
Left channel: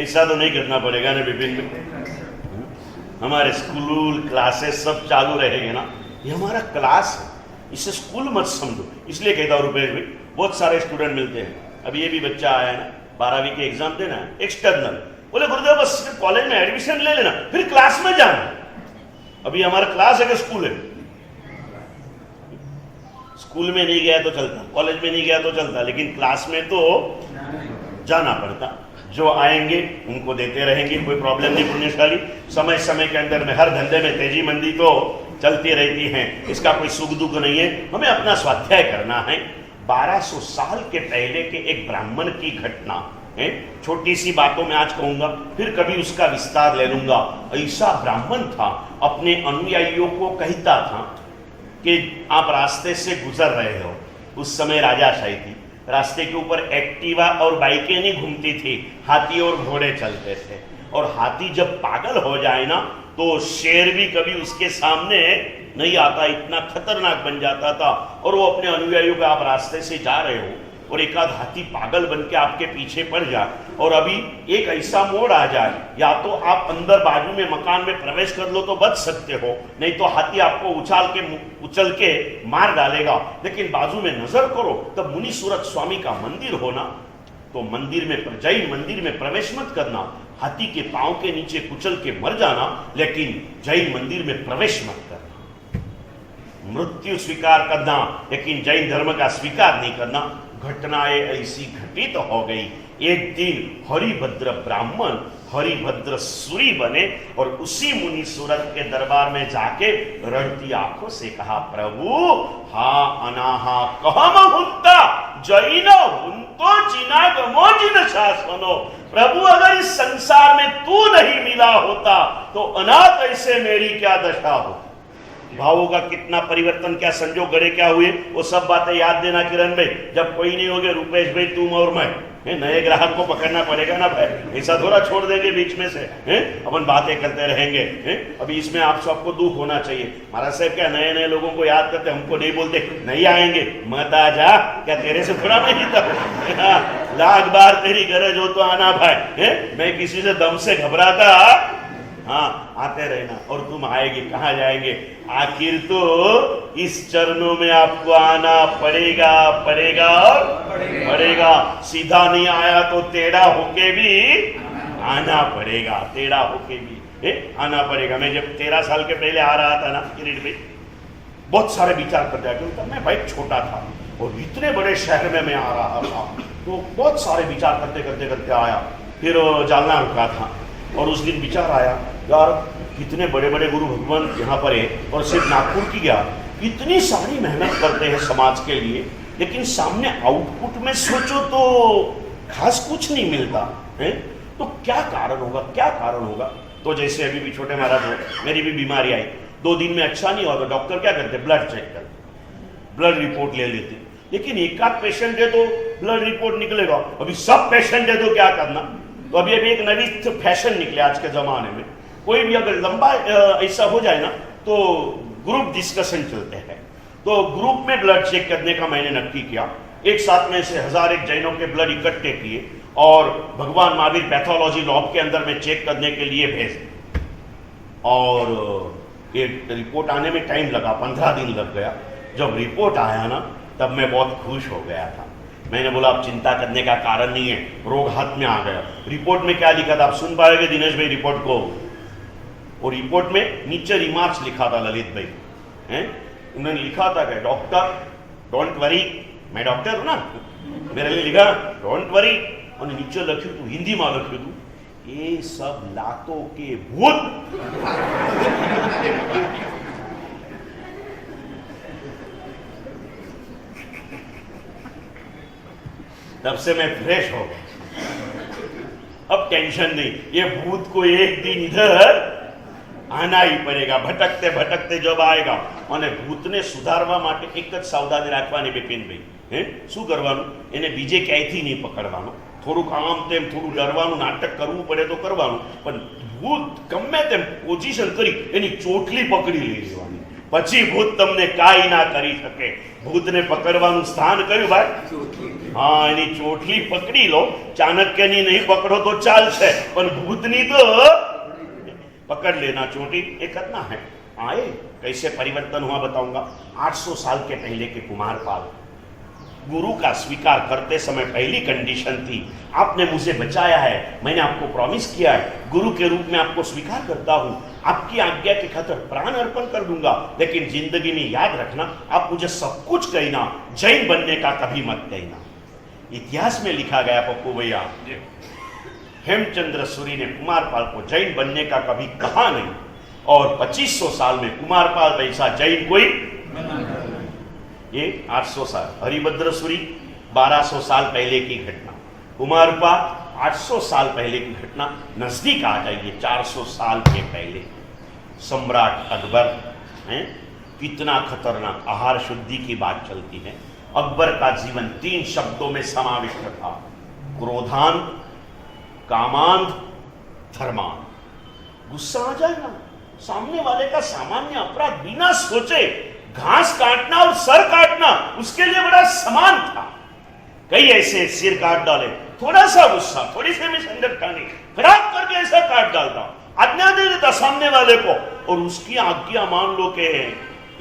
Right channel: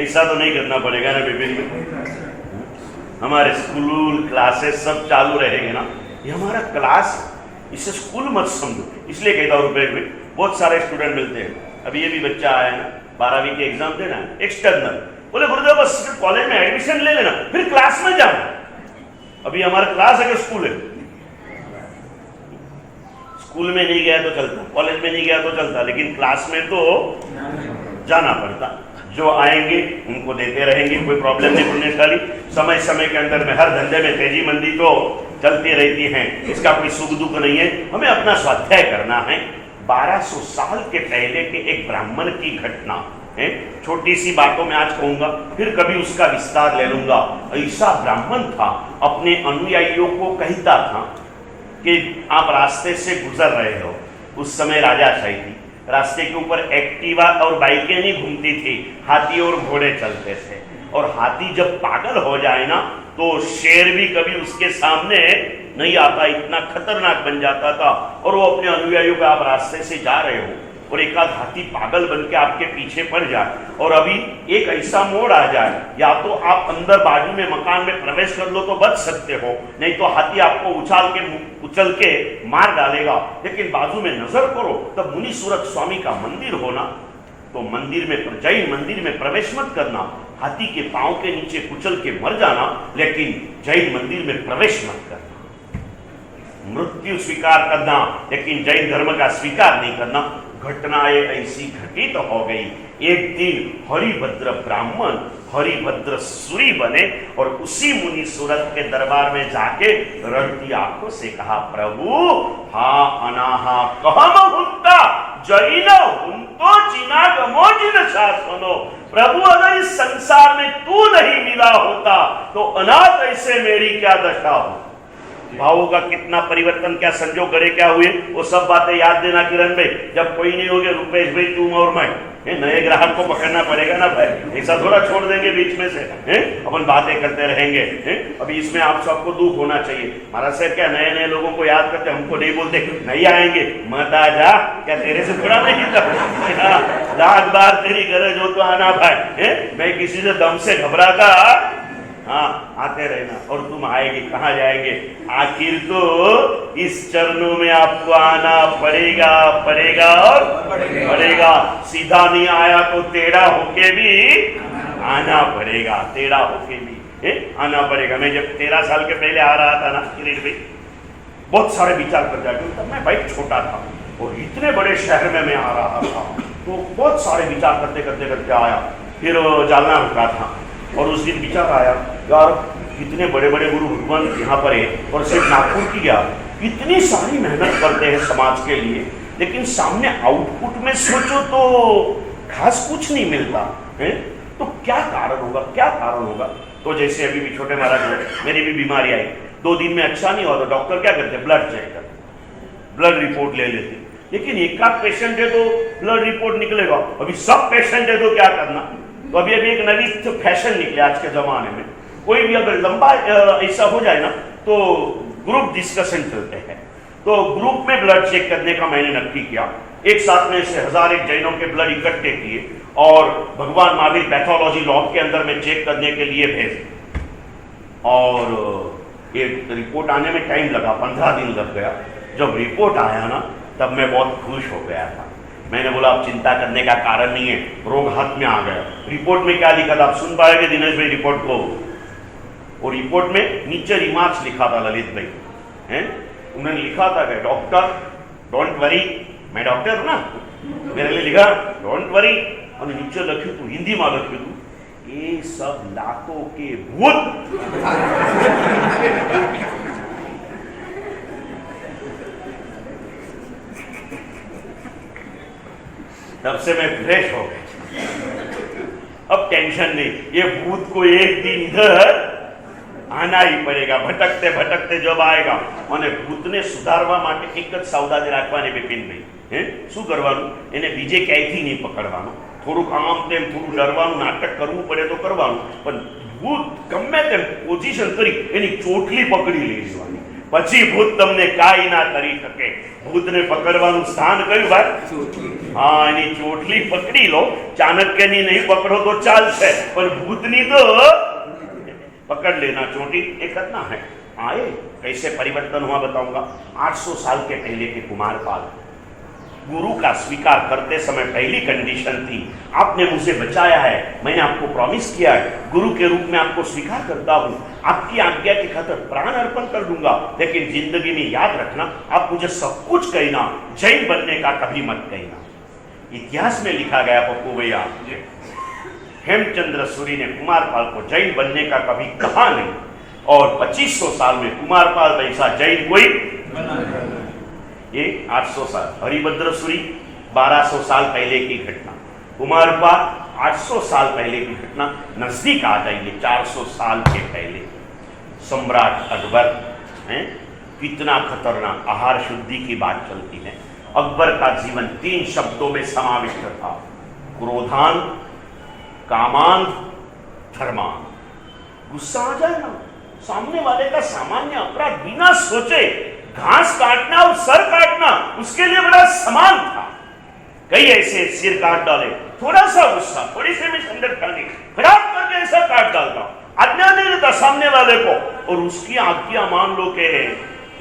ऐसा तो नहीं करना पड़ेगा ना विभिन्न, हमारे स्कूल क्लासेस सब चालू रहेंगे ना। ये हमारा क्लास है, इसे स्कूल मत समझो। इसलिए कहता हूं रुपेश भाई, बहुत सारे स्टूडेंट मिलते हैं। अभी ये भी बच्चा आया है ना, 12वीं के एग्जाम देना है, एक्सटर्नल, बोले गुरुदेव बस कॉलेज में एडमिशन ले लेना फिर क्लास में जाना। अभी हमारा क्लास है कि स्कूल है? स्कूल में नहीं गया तो चलता, कॉलेज में नहीं गया तो चलता, लेकिन क्लास में तो जाना पड़ता। जो आएंगे उनको देते रहेंगे, कोई प्रॉब्लम नहीं पुण्य वाली। समय समय के अंदर में हर धंधे में तेजी मंदी तो चलती रहती है, इसका कोई सुख दुख नहीं है। हमें अपना स्वाध्याय करना है। 1200 साल के पहले के एक ब्राह्मण की घटना है, छोटी सी बातों में आज कहूंगा, फिर कभी उसका विस्तार ले लूंगा। ऐसा ब्राह्मण था, अपने अनुयायियों को कहता था कि आप रास्ते से गुजर रहे हो। उस समय राजाशाही थी, रास्ते के ऊपर एक्टिवा और बाइकें नहीं घूमती थी, हाथी और घोड़े चलते थे। और हाथी जब पागल हो जाए ना तो शेर भी कभी उसके सामने नहीं आता, इतना खतरनाक बन जाता था। और वो अपने अनुयायियों का, आप रास्ते से जा रहे हो और एक आध हाथी पागल बन के आपके पीछे पड़ जाए और अभी एक ऐसा मोड़ आ जाए, या तो आप अंदर बाजू में मकान में प्रवेश कर लो तो बच सकते हो, नहीं तो हाथी आपको उछल के मार डालेगा। लेकिन बाजू में नजर करो तब मुनि सूरत स्वामी का मंदिर होना, तो मंदिर में, जैन मंदिर में प्रवेश मत करना, हाथी के पांव के नीचे कुचल के मर जाना, लेकिन जैन मंदिर में प्रवेश मत करना। मृत्यु स्वीकार करना लेकिन जैन धर्म का स्वीकार नहीं करना। घटनाएं ऐसी घटित हो गई। एक दिन हरिभद्र ब्राह्मण हरिभद्र सूरी बने और उसी मुनि सूरत के दरबार में जाके रड़ती आंखों से कहा, प्रभु हा अनाहा कहम हुत्ता जैन हुंतो जिनागमो जिन शासनो। प्रभु अगर इस संसार में तू नहीं मिला होता तो अनाथ ऐसे मेरी क्या दशा हो। भावों का कितना परिवर्तन, क्या संजोग गड़े, क्या हुए, वो सब बातें याद देना किरण भाई। जब कोई नहीं होगे, रुपेश भाई, तुम और मैं, नए ग्राहक को पकड़ना पड़ेगा ना भाई, ऐसा थोड़ा छोड़ देंगे बीच में से, अपन बातें करते रहेंगे। अभी इसमें आप सबको दुख होना चाहिए। महाराज साहब क्या नए नए लोगों को याद करते, हमको नहीं बोलते नहीं आएंगे, मत आ जा, क्या तेरे से थोड़ा नहीं था, लाख बार तेरी गरज हो तो आना भाई। मैं किसी से दम से घबराता, हाँ आते रहना, और तुम आएंगे, कहाँ जाएंगे, आखिर तो इस चरणों में आपको आना पड़ेगा और पड़ेगा। सीधा नहीं आया तो टेढ़ा होके भी आना पड़ेगा, टेढ़ा होके भी आना पड़ेगा। मैं जब 13 साल के पहले आ रहा था ना किरीट भाई, बहुत सारे विचार कर जाते, तब मैं भाई छोटा था और इतने बड़े शहर में मैं आ रहा था, तो बहुत सारे विचार करते करते करते आया। फिर जालना रुका था और उस दिन विचार आया, यार कितने बड़े बड़े गुरु भगवान यहाँ पर है, और सिर्फ नागपुर की गया, इतनी सारी मेहनत करते हैं समाज के लिए, लेकिन सामने आउटपुट में सोचो तो खास कुछ नहीं मिलता है। तो क्या कारण होगा, क्या कारण होगा? तो जैसे अभी भी छोटे महाराज को मेरी भी बीमारी आई, 2 दिन में अच्छा नहीं हुआ तो डॉक्टर क्या करते, ब्लड चेक करते, ब्लड रिपोर्ट ले लेते। लेकिन एक आध पेशेंट है तो ब्लड रिपोर्ट निकलेगा, अभी सब पेशेंट है तो क्या करना? तो अभी एक नवी फैशन निकले आज के जमाने में, कोई भी अगर लंबा ऐसा हो जाए ना तो ग्रुप डिस्कशन चलते हैं। तो ग्रुप में ब्लड चेक करने का मैंने नक्की किया। एक साथ में से 1001 जैनों के ब्लड इकट्ठे किए और भगवान महावीर पैथोलॉजी लैब के अंदर में चेक करने के लिए भेजे। और एक रिपोर्ट आने में टाइम लगा, 15 दिन लग गया। जब रिपोर्ट आया ना तब मैं बहुत खुश हो गया था। मैंने बोला अब चिंता करने का कारण नहीं है, रोग हाथ में आ गया। रिपोर्ट में क्या लिखा था आप सुन पाएंगे दिनेश भाई रिपोर्ट को। और रिपोर्ट में नीचे रिमार्क्स लिखा था ललित भाई हैं, उन्होंने लिखा था कि डॉक्टर डोंट वरी, मैं डॉक्टर हूं ना, मेरे लिए लिखा डोंट वरी, और नीचे लख्यू तू हिंदी में लख्यू तू ये सब लातों के भूत। तब से मैं फ्रेश हो गया, अब टेंशन नहीं। ये भूत को एक दिन इधर आना ही पड़ेगा, भटकते भटकते जब आएगा। અને ભૂતને સુધારવા માટે એક જ સાવધાની રાખવાની બિપિનભાઈ, હે શું કરવાનું, એને બીજે ક્યાંયથી નહીં પકડવાનું, થોડુંક આમ તેમ થોડું ડરવાનું નાટક કરવું પડે તો કરવાનું, પણ ભૂત ગમે તેમ પોઝિશન કરી એની ચોટલી પકડી લઈ જવાની, પછી ભૂત તમને કાંઈ ના કરી શકે। ભૂતને પકડવાનું સ્થાન કયું ભાઈ? હા, એની ચોટલી પકડી લો। ચાણક્યની નહીં પકડો તો ચાલશે, પણ ભૂતની તો पकड़ लेना, चोटी एक करना है। आए कैसे परिवर्तन हुआ बताऊंगा। 800 साल के पहले के कुमारपाल गुरु का स्वीकार करते समय पहली कंडीशन थी, आपने मुझे बचाया है, मैंने आपको प्रॉमिस किया है, गुरु के रूप में आपको स्वीकार करता हूं, आपकी आज्ञा की खातिर प्राण अर्पण कर दूंगा, लेकिन जिंदगी में याद रखना आप मुझे सब कुछ कहना, जैन बनने का कभी मत कहना। इतिहास में लिखा गया पप्पू भैया, हेमचंद्र सूरी ने कुमारपाल को जैन बनने का कभी कहा नहीं, और 2500 साल में कुमारपाल वैसा जैन कोई बना नहीं। ये 800 साल, हरिभद्र सूरी 1200 साल पहले की घटना, कुमारपाल 800 साल पहले की घटना। नजदीक आ जाइए 400 साल के पहले सम्राट अकबर हैं, कितना खतरनाक आहार शुद्धि की बात चलती है। अकबर का जीवन 3 शब्दों में समाविष्ट था, क्रोधान, कामांध, धर्मांध। गुस्सा आ जाए ना, सामने वाले का सामान्य अपराध बिना सोचे घास काटना और सर काटना उसके लिए बड़ा समान था। कई ऐसे सिर काट डाले, थोड़ा सा गुस्सा, थोड़ी सी मिसअंडरस्टैंडिंग खराब करके ऐसा काट डालता, आज्ञा दे देता सामने वाले को, और उसकी आज्ञा मान लो कि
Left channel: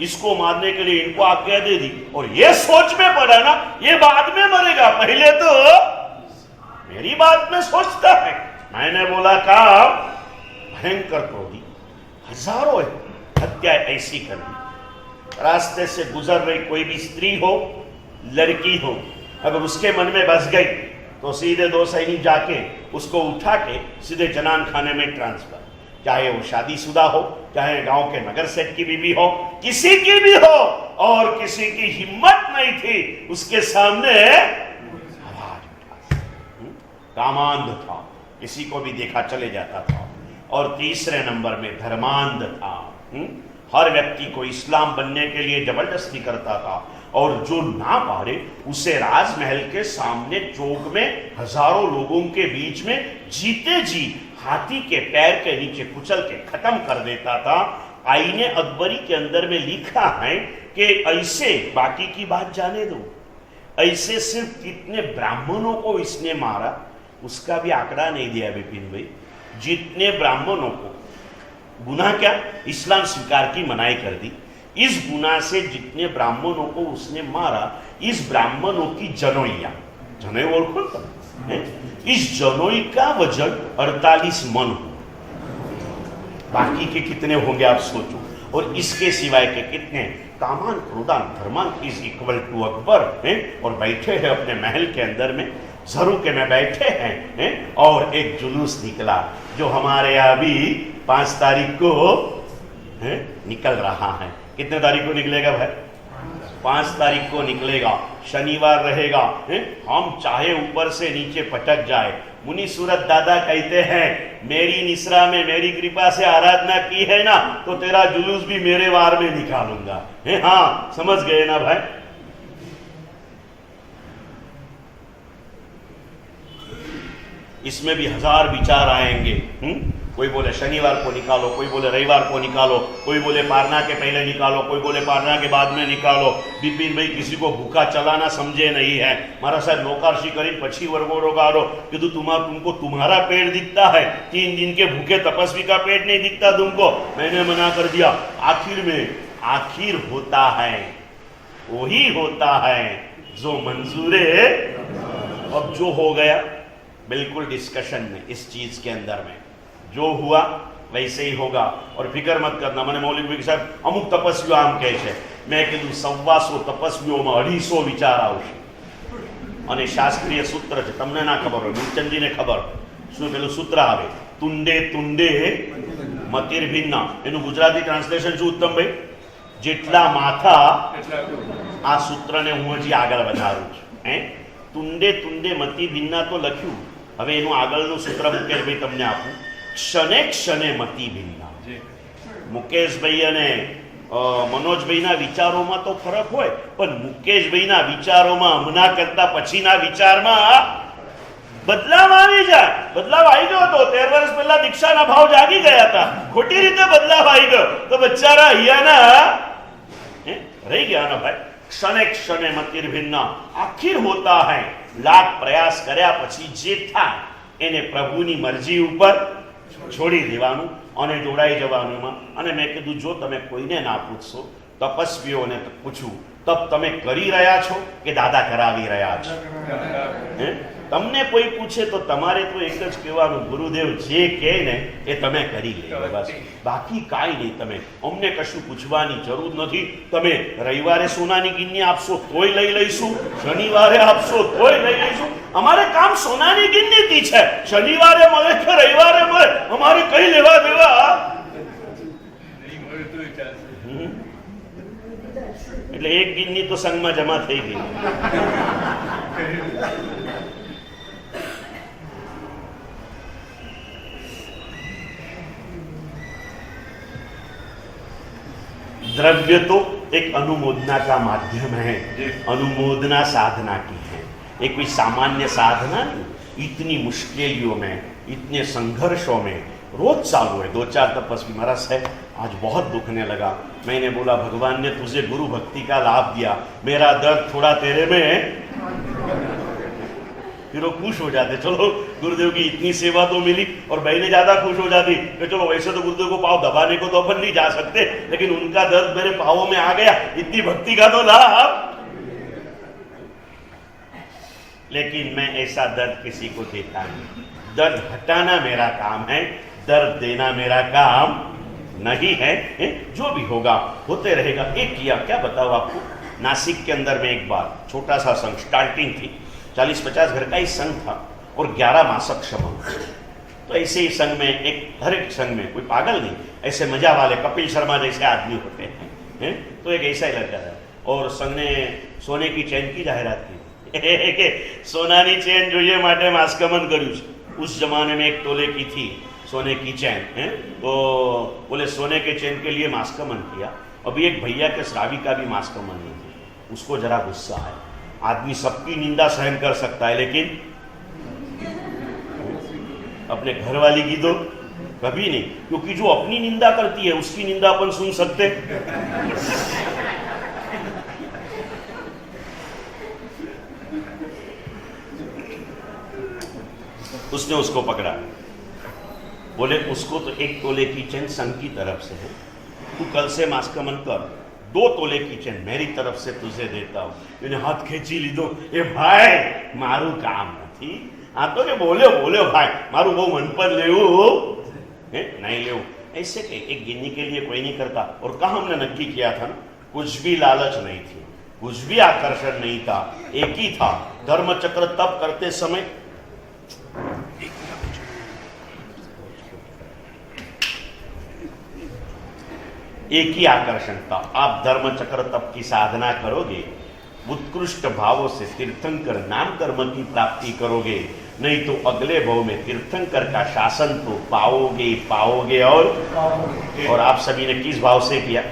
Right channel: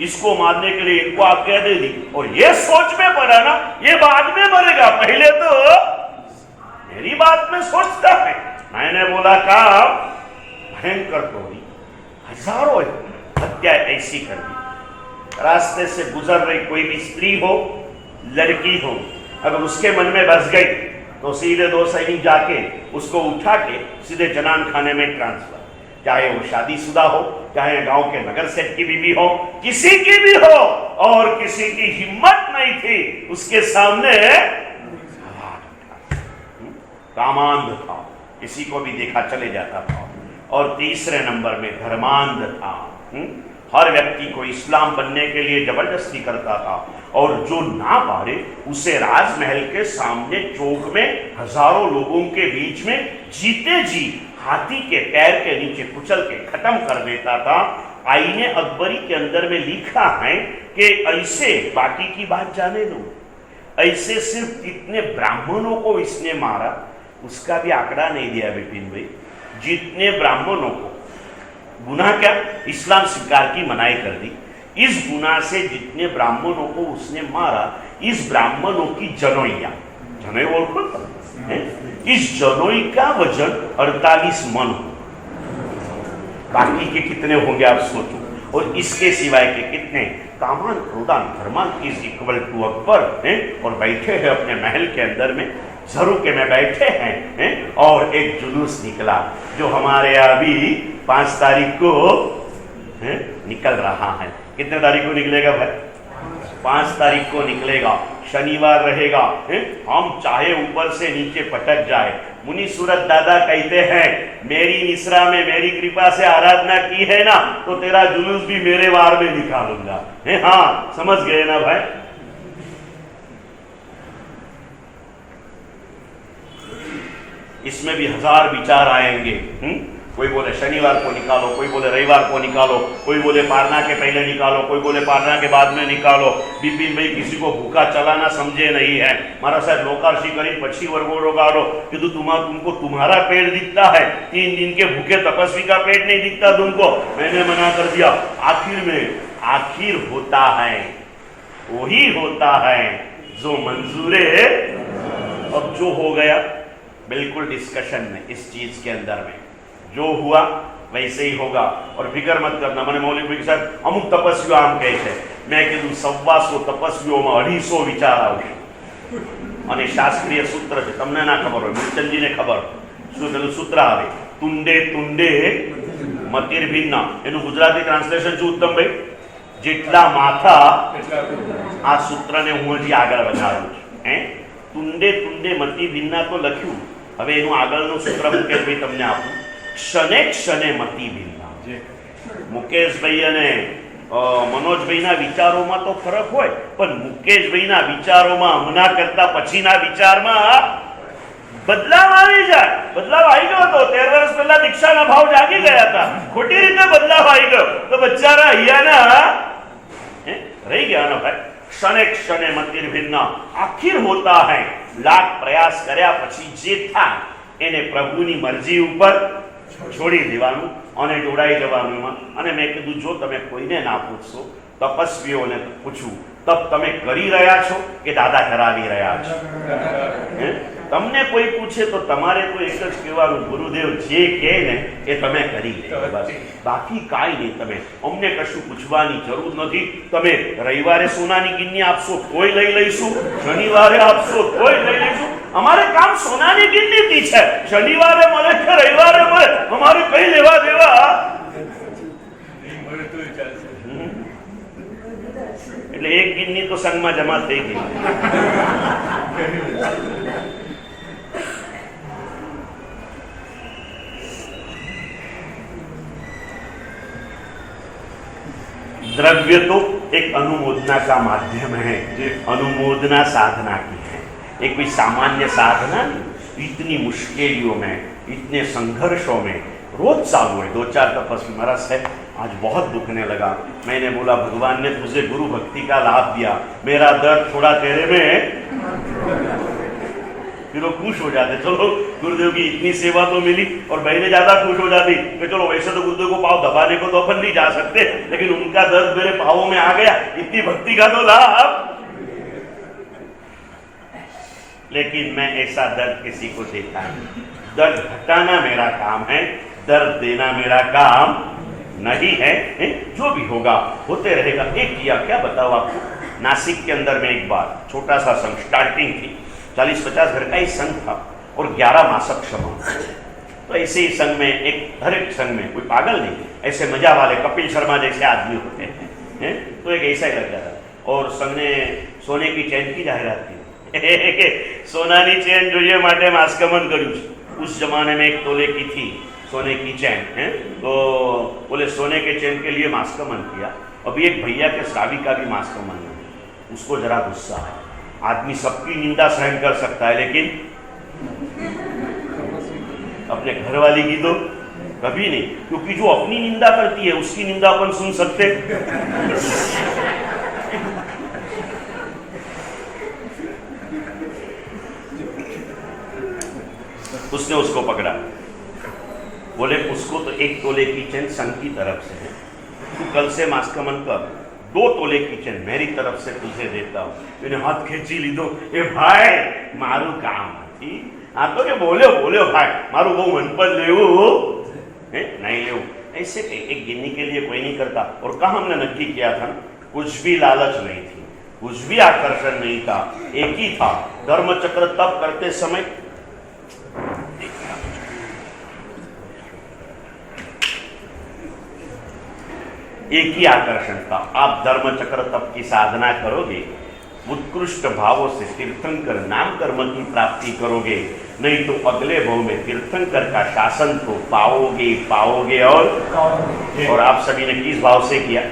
इसको मारने के लिए इनको आज्ञा दे दी, और ये सोच में पड़ा ना ये बाद में मरेगा, पहले तो मेरी बात में सोचता है। मैंने बोला का भयंकर क्रोधी, हजारों हत्या ऐसी कर दी। रास्ते से गुजर रही कोई भी स्त्री हो, लड़की हो, अगर उसके मन में बस गई तो सीधे 2 सैनिक जाके उसको उठा के सीधे जनान खाने में ट्रांसफर, चाहे वो शादीशुदा हो, चाहे गांव के नगर सेठ की बीबी हो, किसी की भी हो, और किसी की हिम्मत नहीं थी उसके सामने। कामांध था, किसी को भी देखा चले जाता था। और तीसरे नंबर में धर्मांध था, हर व्यक्ति को इस्लाम बनने के लिए जबरदस्ती करता था, और जो ना पारे उसे राजमहल के सामने चौक में हजारों लोगों के बीच में जीते जी हाथी के पैर के नीचे कुचल के खत्म कर देता था। आईने अकबरी के अंदर में लिखा है कि ऐसे, बाकी की बात जाने दो, ऐसे सिर्फ कितने ब्राह्मणों को इसने मारा उसका भी आंकड़ा नहीं दिया विपिन भाई। जितने ब्राह्मणों को, गुनाह क्या, इस्लाम स्वीकार की मनाही कर दी, इस गुनाह से जितने ब्राह्मणों को उसने मारा, इस ब्राह्मणों की जनोइया, जनोई बोल इस जनोई का वजन 48 मन हो, बाकी के कितने होंगे आप सोचो। और इसके सिवाय के कितने, कामान, क्रोधान, धर्मान इज इक्वल टू अकबर हैं, और बैठे हैं अपने महल के अंदर में, झरोके में बैठे हैं, और एक जुलूस निकला जो हमारे यहाँ अभी 5 तारीख को निकल रहा है। कितने तारीख को निकलेगा भाई? 5 तारीख को निकलेगा, शनिवार रहेगा, हम चाहे ऊपर से नीचे पटक जाए। मुनि सूरत दादा कहते हैं, मेरी निसरा में मेरी कृपा से आराधना की है ना, तो तेरा जुलूस भी मेरे वार में निकालूंगा। हाँ, समझ गए ना भाई। इसमें भी 1000 विचार आएंगे। कोई बोले शनिवार को निकालो, कोई बोले रविवार को निकालो, कोई बोले पारना के पहले निकालो, कोई बोले पारना के बाद में निकालो। बिपिन भाई किसी को भूखा चलाना समझे नहीं है। मारा साहब लोकार्षि करी पछी वर्गो गाड़ो कि तुमको तुम्हारा पेट दिखता है, 3 दिन के भूखे तपस्वी का पेट नहीं दिखता तुमको। मैंने मना कर दिया। आखिर होता है, वही होता है जो मंजूर है। अब जो हो गया बिल्कुल डिस्कशन में, इस चीज के अंदर में जो हुआ वैसे ही होगा। और फिक्र मत करना। मैंने मौलिक साहब अमुक तपस्वी आम कहे छे, मैं कीधु 125 तपस्वीओमां 250 विचार आवशे। અને શાસ્ત્રીય સૂત્ર છે, તમને ના ખબર હોય, મૂલચંદજીને ખબર શું પેલું સૂત્ર આવે, તુંડે તુંડે મતિર્ભિન્ના। એનું ગુજરાતી ટ્રાન્સલેશન શું ઉત્તમ ભાઈ? જેટલા માથા। આ સૂત્રને હું હજી આગળ વધારું છું। તુંડે તુંડે મતિભિન્ના તો લખ્યું, હવે એનું આગળનું સૂત્ર મુકેશભાઈ તમને આપું। ક્ષણે ક્ષણે મતિભિન્ના। મુકેશભાઈ અને મનોજભાઈના વિચારોમાં તો ફરક હોય, પણ મુકેશભાઈના વિચારોમાં હમણાં કરતા પછીના વિચારમાં બદલાવ આવી જાય। બદલાવ આવી ગયો હતો। 13 વર્ષ પહેલા દીક્ષાના ભાવ જાગી ગયા હતા, ખોટી રીતે બદલાવ આવી ગયો તો બચારા અહીંયાના રહી ગયા ના ભાઈ। क्षणे क्षणे मतिर्भिन्ना। आखिर होता है, लाख प्रयास કર્યા પછી જે થાય એને પ્રભુની મરજી ઉપર છોડી દેવાનું અને જોડાઈ જવાનું એમાં। અને મેં કીધું જો તમે કોઈને ના પૂછશો, તપસ્વીઓને પૂછવું, તપ તમે કરી રહ્યા છો કે દાદા કરાવી રહ્યા છો? તમને કોઈ પૂછે તો તમારે તો એક જ કહેવાનું, ગુરુદેવ જે કહે ને એ તમે કરી લે બસ, બાકી કાંઈ નહીં। તમે અમને કશું પૂછવાની જરૂર નથી। તમે રવિવારે સોનાની ગિન્ની આપશો તોય લઈ લઈશું, શનિવારે આપશો તોય લઈ લઈશું। અમારે કામ સોનાની ગિન્નીથી છે, શનિવારે મળે કે રવિવારે મળે અમારે કઈ લેવા દેવા એટલે એક ગિન્ની તો સંઘમાં જમા થઈ ગઈ। द्रव्य तो एक अनुमोदना का माध्यम है, अनुमोदना साधना की है। एक कोई सामान्य साधना नहीं। इतनी मुश्किलों में, इतने संघर्षों में रोज चालू है। 2-4 तपस्वी महाराज है आज बहुत दुखने लगा। मैंने बोला भगवान ने तुझे गुरु भक्ति का लाभ दिया, मेरा दर्द थोड़ा तेरे में। फिर वो खुश हो जाते, चलो गुरुदेव की इतनी सेवा तो मिली। और बहनें ज्यादा खुश हो जाती कि चलो वैसे तो गुरुदेव को पाँव दबाने को तो अपन नहीं जा सकते, लेकिन उनका दर्द मेरे पाँवों में आ गया, इतनी भक्ति का तो लाभ। लेकिन मैं ऐसा दर्द किसी को देता नहीं। दर्द हटाना मेरा काम है, दर्द देना मेरा काम नहीं है। जो भी होगा होते रहेगा। एक किया क्या बताओ आपको, नासिक के अंदर में एक बार छोटा सा संघ स्टार्टिंग थी, 40-50 घर का ही संघ था और 11 मासक समूह। तो ऐसे ही संघ में एक, हर एक संघ में कोई पागल नहीं, ऐसे मजा वाले कपिल शर्मा जैसे आदमी होते हैं। तो एक ऐसा ही लग रहा था। और संघ ने सोने की चैन की जाहिरात की कि सोनानी चैन જોઈએ માટે માસ્કમન કર્યું છે। उस जमाने में 1 तोले की थी सोने की चैन है, तो बोले सोने के चैन के लिए मास्कमन किया। अभी एक भैया के श्रावी का भी मास्कमन है, उसको जरा गुस्सा है। आदमी सबकी निंदा सहन कर सकता है, लेकिन अपने घर वाली की तो कभी नहीं, क्योंकि जो अपनी निंदा करती है उसकी निंदा अपन सुन सकते। उसने उसको पकड़ा, बोले उसको तो 1 तोले की चैन संघ की तरफ से है, तू कल से मास्कमन कर, 2 तोले की चैन मेरी तरफ से तुझे देता हूँ। मैंने हाथ खेची लीधो, ए भाई मारू काम नहीं। हाँ तो के बोलो भाई मारू वो मनपद लेवू नहीं लेवू, ऐसे एक गिन्नी के लिए कोई नहीं करता। और कहा हमने नक्की किया था, कुछ भी लालच नहीं थी, कुछ भी आकर्षण नहीं था, एक ही था धर्म चक्र। तब करते समय एक ही आकर्षण था, आप धर्म चक्र तप की साधना करोगे, उत्कृष्ट भावों से तीर्थंकर नाम धर्म की प्राप्ति करोगे, नहीं तो अगले भाव में तीर्थंकर का शासन तो पाओगे और आप सभी ने किस भाव से किया?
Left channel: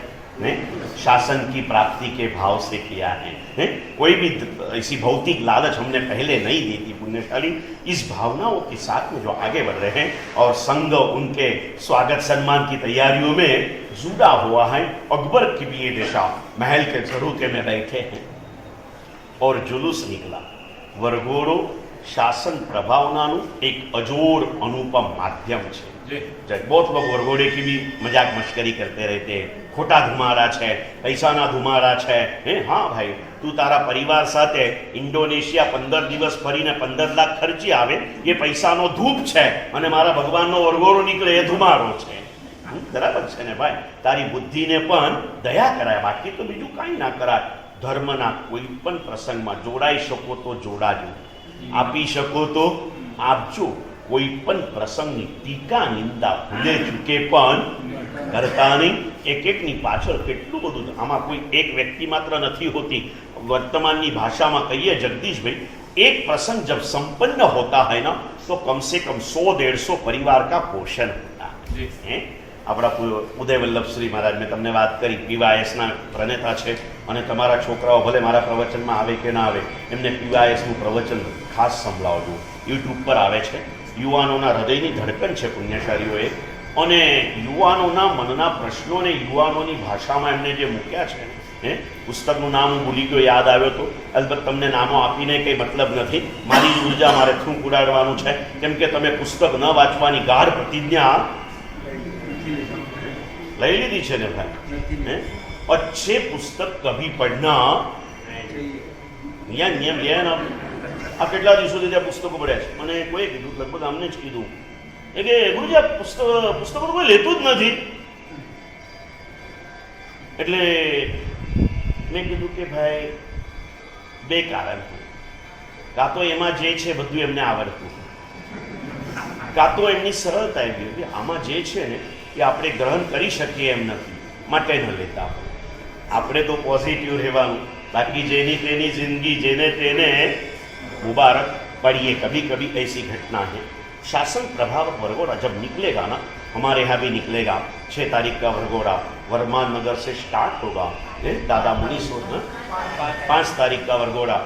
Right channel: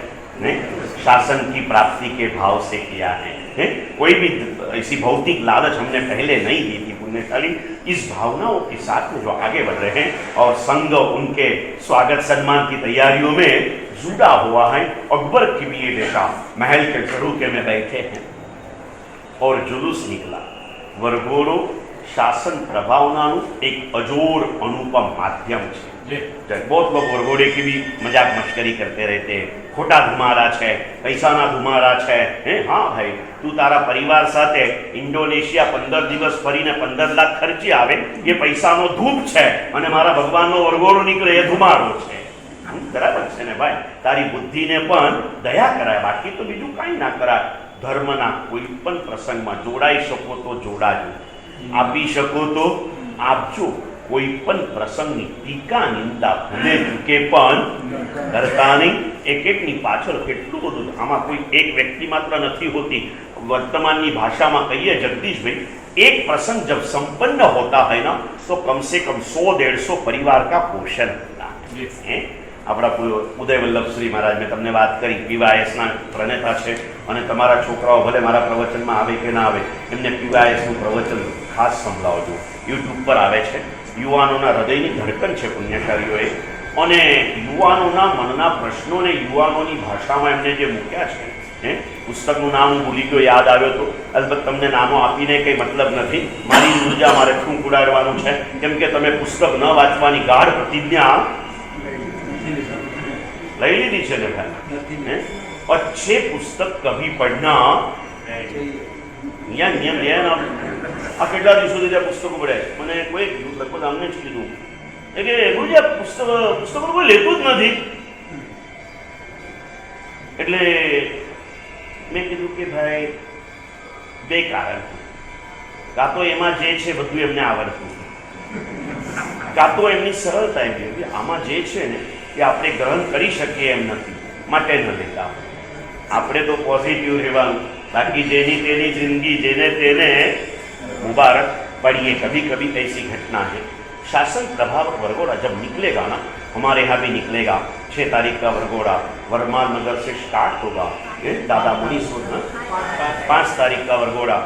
शासन की प्राप्ति के भाव से किया है। कोई भी ऐसी भौतिक लालच हमने पहले नहीं दी थी पुण्यशाली। इस भावनाओं के साथ में जो आगे बढ़ रहे हैं और संघ उनके स्वागत सम्मान की तैयारियों में जुड़ा हुआ है। अकबर की भी ये देखा, महल के झरोखे में बैठे हैं और जुलूस निकला। वरघोड़ो शासन प्रभावनानु एक अजोर अनुपम माध्यम है। बहुत लोग वरघोड़े की भी मजाक मश्करी करते रहते हैं, खोटा धुमारा है, पैसा ना धुमारा है। हाँ भाई, तू तारा परिवार साथे इंडोनेशिया 15 दिवस फरीने 15 लाख खर्ची आवे, ये पैसानो धूप है અને મારા ભગવાનનો વરઘોડો નીકળે એ ધુમારો છે। બરાબર છે ને ભાઈ? તારી બુદ્ધિને પણ દયા કરાય, બાકી તો બીજું કાંઈ ના કરાય। ધર્મના કોઈ પણ પ્રસંગમાં જોડાઈ શકો તો જોડાજો, આપી શકો તો આપજો। કોઈ પણ પ્રસંગની ટીકા નિંદા ભૂલે ચૂકે પણ કરતા નહીં। એક-એકની પાછળ કેટલું બધું, આમાં કોઈ એક વ્યક્તિ માત્ર નથી હોતી। વર્તમાનની ભાષામાં કહીએ જગદીશભાઈ, एक प्रसंग जब संपन्न होता है ना तो कम से कम 100-150 परिवार का पोषण होता है। अपना उदय वल्लभ श्री महाराज में तमने बात करी, पीवायस ना प्रणेता है અને તમારા છોકરાઓ ભલે મારા પ્રવચનમાં આવે કે ના આવે, એમને પીવાયસનું પ્રવચન ખાસ સંભળાવજો। યુટ્યુબ પર આવે છે। યુવાનોના હૃદયની ધડકન છે પુણ્યશાળીઓએ, અને યુવાનોના મનના પ્રશ્નોને યુવાનોની ભાષામાં એમને જે મૂક્યા છે। પુસ્તકનું નામ હું ભૂલી ગયો, યાદ આવ્યો તો અલબત્ત તમને નામો આપીને કંઈ મતલબ નથી। મારી ઉર્જા મારે ખૂબ ઉડાડવાનું છે, કેમ કે તમે પુસ્તક ન વાંચવાની ગાઢ પ્રતિજ્ઞા લઈ લીધી છે ને ભાઈ। अच्छे पुस्तक कभी पढ़ना नियम नियम आ કેટલા દિવસોથી ત્યાં પુસ્તકો પડ્યા છે, મને કોઈ લગભગ અમને જ કીધું કે ગુરુજી આ પુસ્તકો કોઈ લેતું જ નથી। એટલે મેં કીધું કે ભાઈ બે કારણ, કાં તો એમાં જે છે બધું એમને આવડતું, કાં તો એમની સરળતા એવી કે આમાં જે છે ને એ આપણે ગ્રહણ કરી શકીએ એમ નથી, માટે ન લેતા। આપણે તો પોઝિટિવ રહેવાનું, बाकी जेनी तेनी जिंदगी जेने तेने मुबारक। पढ़िए, कभी कभी ऐसी घटना है। शासन प्रभाव वरघोड़ा जब निकलेगा ना, हमारे यहाँ भी निकलेगा 6 तारीख का वरघोड़ा वर्धमान नगर से स्टार्ट होगा। दादा मुनि सोच ना 5 तारीख का वरघोड़ा।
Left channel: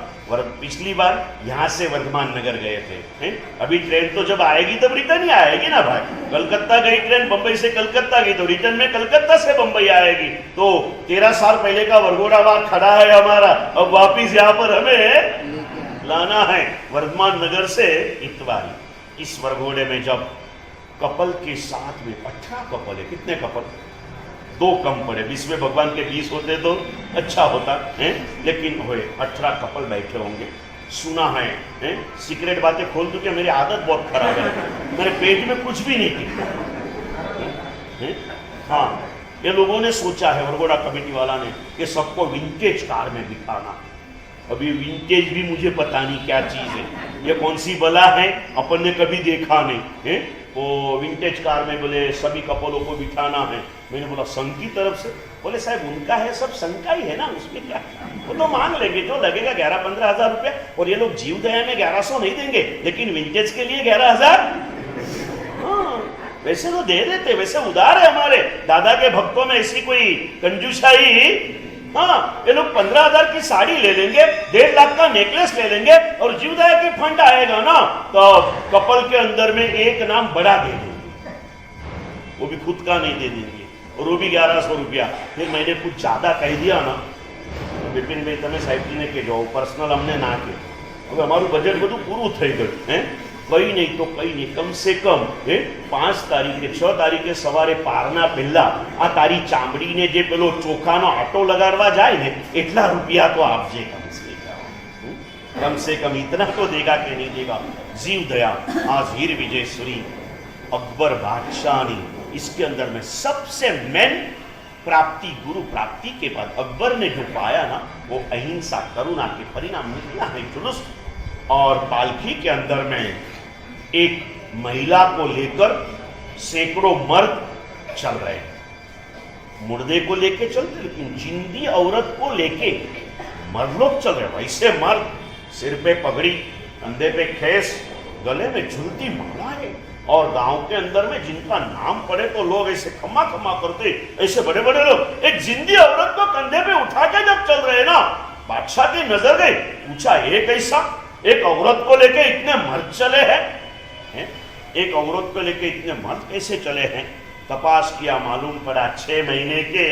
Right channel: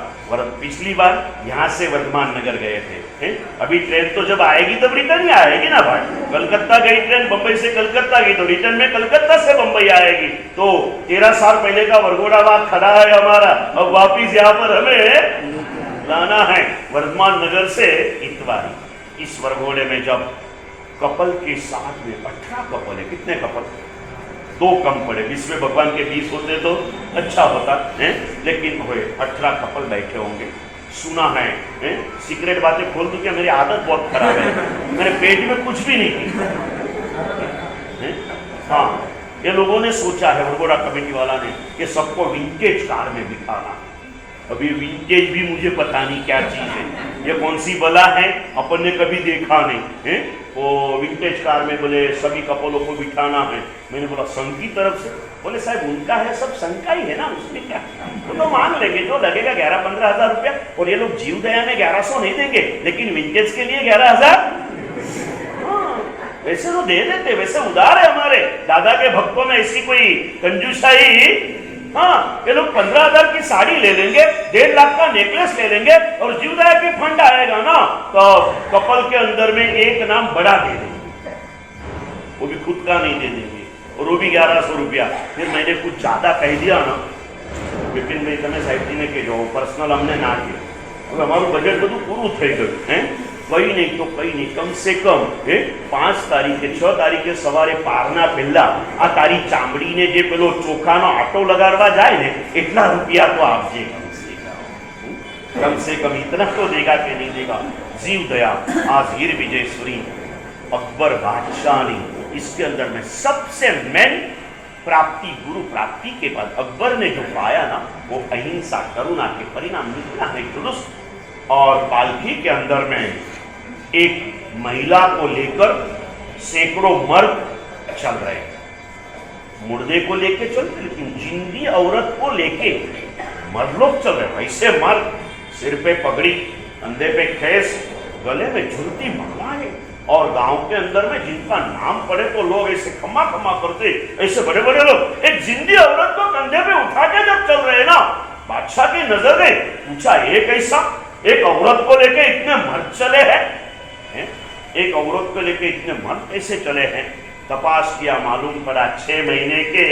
पिछली बार यहाँ से वर्धमान नगर गए थे। अभी ट्रेन तो जब आएगी तब रिटर्न ही आएगी ना भाई। कलकत्ता गई ट्रेन, बंबई से कलकत्ता गई तो रिटर्न में कलकत्ता से बंबई आएगी। तो 13 साल पहले का वरघोड़ा वहां खड़ा है हमारा, अब वापिस यहाँ पर हमें लाना है वर्धमान नगर से इतवारी। इस वरघोड़े में जब कपल के साथ में 18 कपल है, कितने कपल? 2 कम पड़े, 20 में भगवान के 20 होते तो अच्छा होता है, लेकिन हुए 18 कपल बैठे होंगे। सुना है, सीक्रेट बातें खोल दूं क्या? मेरी आदत बहुत खराब है, मेरे पेट में कुछ भी नहीं थी। हाँ, ये लोगों ने सोचा है, वरघोड़ा कमेटी वाला ने, कि सबको विंटेज कार में बिठाना। अभी विंटेज भी मुझे पता नहीं क्या चीज है, ये कौन सी बला है, अपन ने कभी देखा नहीं है। वो विंटेज कार में बोले सभी कपलों को बिठाना है। मैंने बोला संघ की तरफ से? बोले साहब उनका है, सब संघ का ही है ना, उसमें क्या, वो तो मान लेंगे, जो लगेगा 11-15 हज़ार रुपया। और ये लोग जीव दया में 1100 नहीं देंगे, लेकिन विंटेज के लिए 11,000 वैसे तो दे देते, वैसे उदार है हमारे दादा के भक्तों में, ऐसी कोई कंजूसाई। हाँ, ये लोग 15,000 की साड़ी ले लेंगे, 1.5 लाख का नेकलेस ले लेंगे, और जीवदया की फंड आएगा ना तो कपल के अंदर में एक नाम बड़ा दे देंगे, वो भी खुद का नहीं दे देंगे, और वो भी 1100 रुपया। फिर मैंने कुछ ज्यादा कह दिया ना, विपिन भाई तमे साहेब जी ने कहो, पर्सनल हमने ना कहे, हमारू बजेट બધું પૂરું થઈ ગયું है। कई नहीं तो कई नहीं, कम से कम 5 तारीखे 6 तारीखे सवारे पारना पहला आ तारी चामड़ी ने जे पेलो चोखानो आटो लगाड़वा जाए ने एटला रुपया तो आपजे, कम से कम इतना तो देगा कि नहीं देगा। जीव दया आज हीर विजयश्री अकबर बादशाह ने, इसके अंदर में सबसे मेन प्राप्ति, गुरु प्राप्ति के बाद अकबर ने जो पाया ना, वो अहिंसा करुणा के परिणाम निकला है जुलूस। और पालकी के अंदर में एक महिला को लेकर सैकड़ों मर्द चल रहे हैं। मुर्दे को लेके चलते, लेकिन जिंदी औरत को लेके मर्द लोग चल रहे। वैसे मर्द सिर पे पगड़ी, कंधे पे खेस, गले में झुलती मालाएं, और गांव के अंदर में जिनका नाम पड़े तो लोग ऐसे खम्मा खम्मा करते, ऐसे बड़े बड़े लोग एक जिंदी औरत को कंधे पे उठा के जब चल रहे ना, बादशाह की नजर में पूछा, एक ऐसा एक औरत को लेके इतने मर्द चले हैं? एक औरत को लेके इतने मर्द कैसे चले हैं? तपास किया, मालूम पड़ा 6 महीने के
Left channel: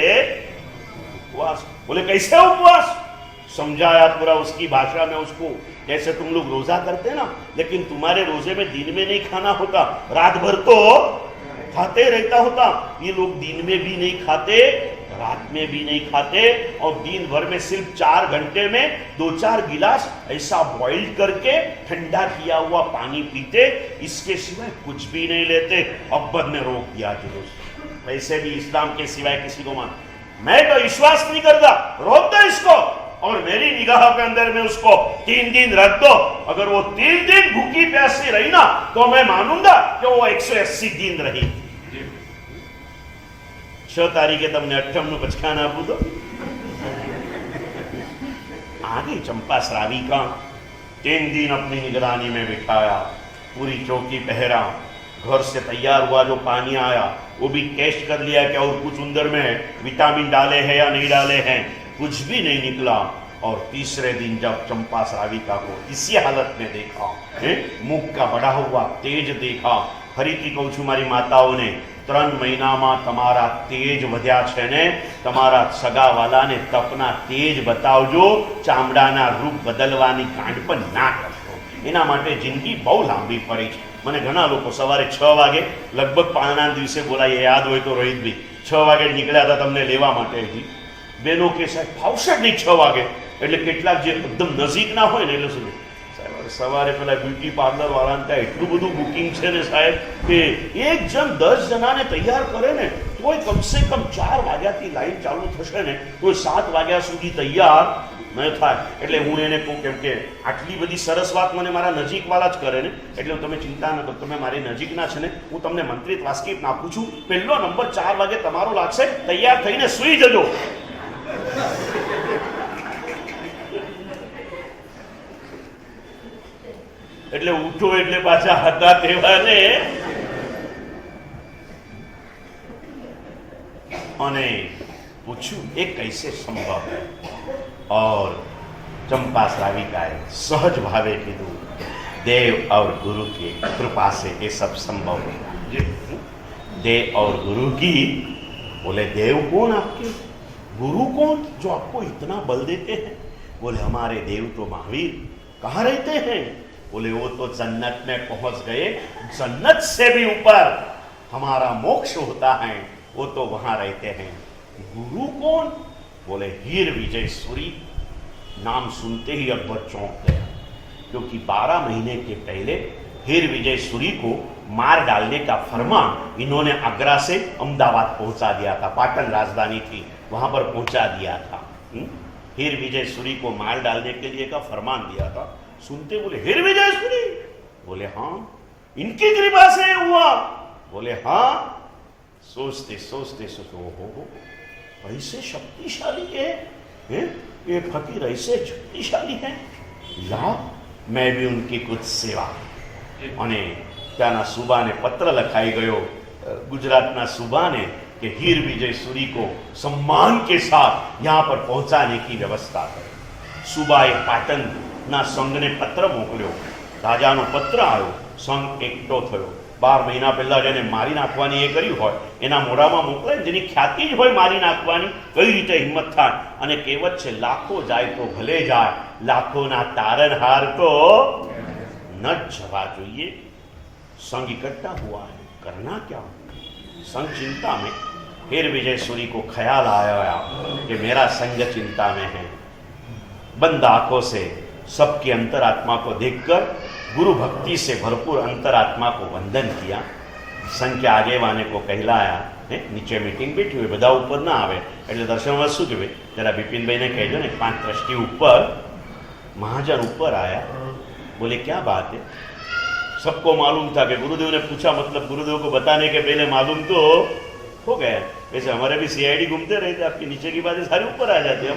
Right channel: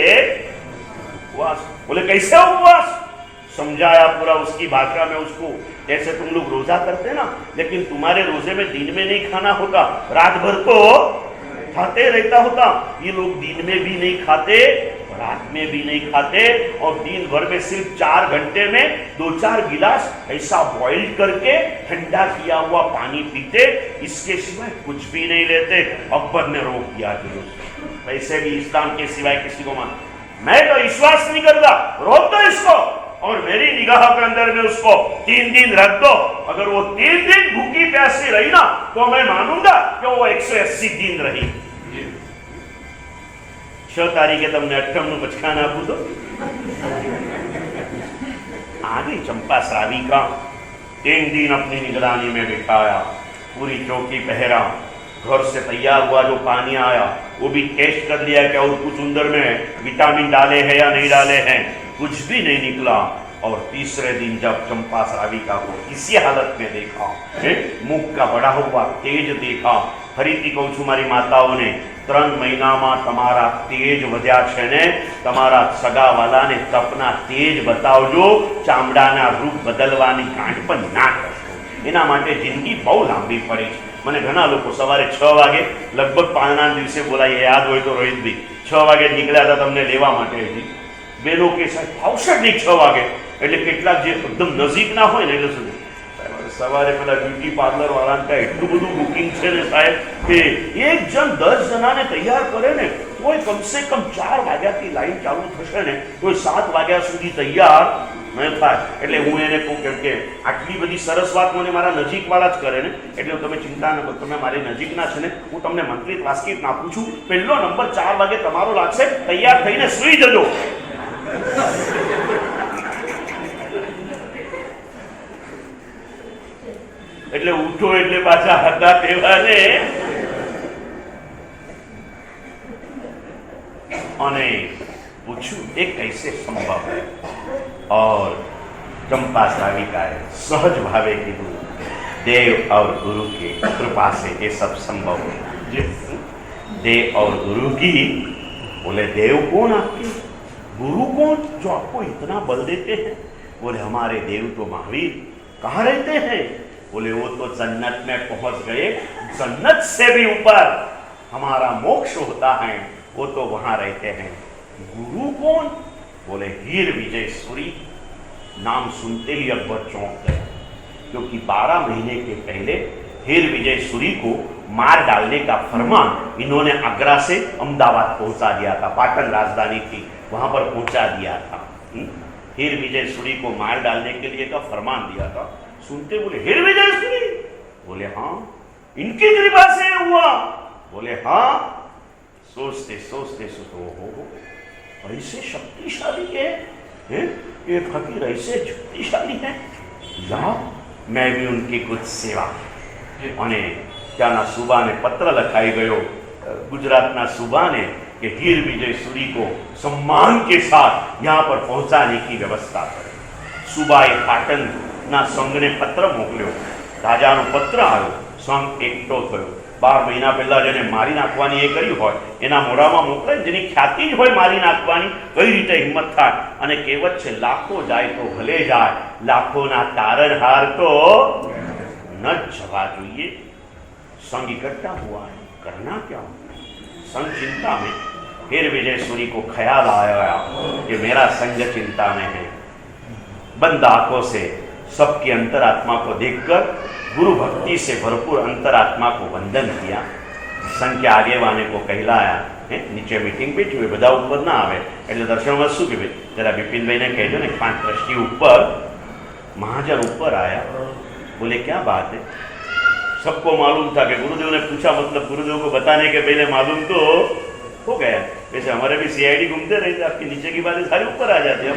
उपवास। बोले कैसे उपवास? समझाया पूरा उसकी भाषा में उसको, जैसे तुम लोग रोजा करते ना, लेकिन तुम्हारे रोजे में दिन में नहीं खाना होता, रात भर तो खाते रहता होता। ये लोग दिन में भी नहीं खाते, रात में भी नहीं खाते, और दिन भर में सिर्फ 4 घंटे में 2-4 गिलास ऐसा बॉइल करके ठंडा किया हुआ पानी पीते, इसके सिवाय कुछ भी नहीं लेते। अकबर ने रोक दिया जुलूस, वैसे भी इस्लाम के सिवाय किसी को मान, मैं तो विश्वास नहीं करता, रोक दो इसको, और मेरी निगाह के अंदर में उसको 3 दिन रख दो। अगर वो 3 दिन भूखी प्यासी रही ना, तो मैं मानूंगा कि वो 180 दिन रही। 6 तारीखे तमने 8 નું પચકાન આપું તો आ गई चंपा श्राविका। 3 दिन अपनी निगरानी में बिठाया, पूरी चौकी पहरा, घर से तैयार हुआ जो पानी आया वो भी टेस्ट कर लिया कि और कुछ अंदर में विटामिन डाले हैं या नहीं डाले हैं, कुछ भी नहीं निकला। और तीसरे दिन जब चंपा श्राविका को इसी हालत में देखा, मुख का बड़ा हुआ तेज देखा, फरीથી કહું છું મારી માતાઓને, 3 મહિનામાં તમારા તેજ વધ્યા છે ને, તમારા સગાવાલાને તપના તેજ બતાવજો, ચામડાના રૂપ બદલવાની કાંડ પણ ના કરશો, એના માટે જિંદગી બહુ લાંબી પડી છે। મને ઘણા લોકો સવારે 6 વાગે લગભગ પાણના દિવસે બોલાય, યાદ હોય તો રોહિતભાઈ 6 વાગે નીકળ્યા હતા તમને લેવા માટે, હજી બેનો કે સાહેબ ફાવશે જ નહીં 6 વાગે, એટલે કેટલાક જે એકદમ નજીકના હોય ને એટલે શું સવારે પેલા બ્યુટી પાર્લર વાળાને ત્યાં એટલું બધું બુકિંગ છે ને સાહેબ કે એક જણ 10 જણાને તૈયાર કરે ને તોય કમસે કમ 4 વાગ્યાથી લાઈન ચાલુ થશે ને કોઈ 7 વાગ્યા સુધી તૈયાર ન થાય। એટલે હું એને કહું કેમ કે આટલી બધી સરસ વાત મને મારા નજીકવાળા જ કરે ને, એટલે તમે ચિંતા ન કરો, તમે મારી નજીકના છે ને, હું તમને મંત્રિત વાસ્કિત નાખું છું, પહેલો નંબર 4 વાગે તમારો લાગશે, તૈયાર થઈને સૂઈ જજો। એટલે ઉઠો એટલે પાછા હતા તેવાને, અને પૂછ્યું એ कैसे संभव है? और चंपा श्राविकाए सहज भावे कीधु, देव और गुरु की कृपा से ये सब संभव है। देव और गुरु की, बोले देव कौन आपके, गुरु कौन जो आपको इतना बल देते हैं? बोले हमारे देव तो महावीर। कहाँ रहते हैं? बोले वो तो जन्नत में पहुंच गए, जन्नत से भी ऊपर हमारा मोक्ष होता है, वो तो वहां रहते हैं। गुरु कौन? बोले हीर विजय सूरी। नाम सुनते ही अकबर चौंक गए, क्योंकि 12 महीने के पहले हीर विजय सूरी को मार डालने का फरमान इन्होंने आगरा से अहमदाबाद पहुंचा दिया था, पाटन राजधानी थी, वहां पर पहुंचा दिया था। हीर विजय सूरी को मार डालने के लिए का फरमान दिया था। सुनते बोले हीर विजय सूरी? बोले हाँ, इनकी कृपा से हुआ? बोले हाँ। सोचते सोचते हो ऐसे शक्तिशाली है, ये फकीर ऐसे शक्तिशाली है, या मैं भी उनकी कुछ सेवा। અને ત્યાંના સુબાને પત્ર લખાઈ ગયો, गुजरातना सूबा ने, कि हीर विजय सूरी को सम्मान के साथ यहाँ पर पहुँचाने की व्यवस्था करे। सूबाए पाटन ना संघ ने पत्र मोकल्यो, राजानो पत्र आव्यो, संघ एकठो थयो। 12 महीना पहला जेने मारी नाखवानी ए करी होय एना मोढामां मोकले, जेनी ख्याति ज होय मारी नाखवानी, कई रीते हिम्मत थाय। अने कहेवत छे लाखो जाय तो भले जाय, लाखोना तारणहार तो न जवा जोईए। संघ इकट्ठा हुआ है, करना क्या? संघ चिंता में। फिर विजय सूरी को ख्याल आया कि मेरा संघ चिंता में है। बंद आंखों से सबकी अंतरात्मा को देखकर गुरु भक्ति से भरपूर अंतरात्मा को वंदन किया। संघ के आगेवाने को कहलाया, नीचे मीटिंग बैठी हुई, बधा ऊपर ना आवे એટલે દર્શનમાં શું કે ભાઈ જરા બિપિનભાઈને કહેજો ને 5 ટ્રસ્ટી ऊपर। महाजन ऊपर आया, बोले क्या बात है? सबको मालूम था कि गुरुदेव ने पूछा, मतलब गुरुदेव को बताने के पहले मालूम तो हो गया। जैसे हमारे भी सीआईडी घूमते रहते, आपके नीचे की बातें सारी ऊपर आ जाती है।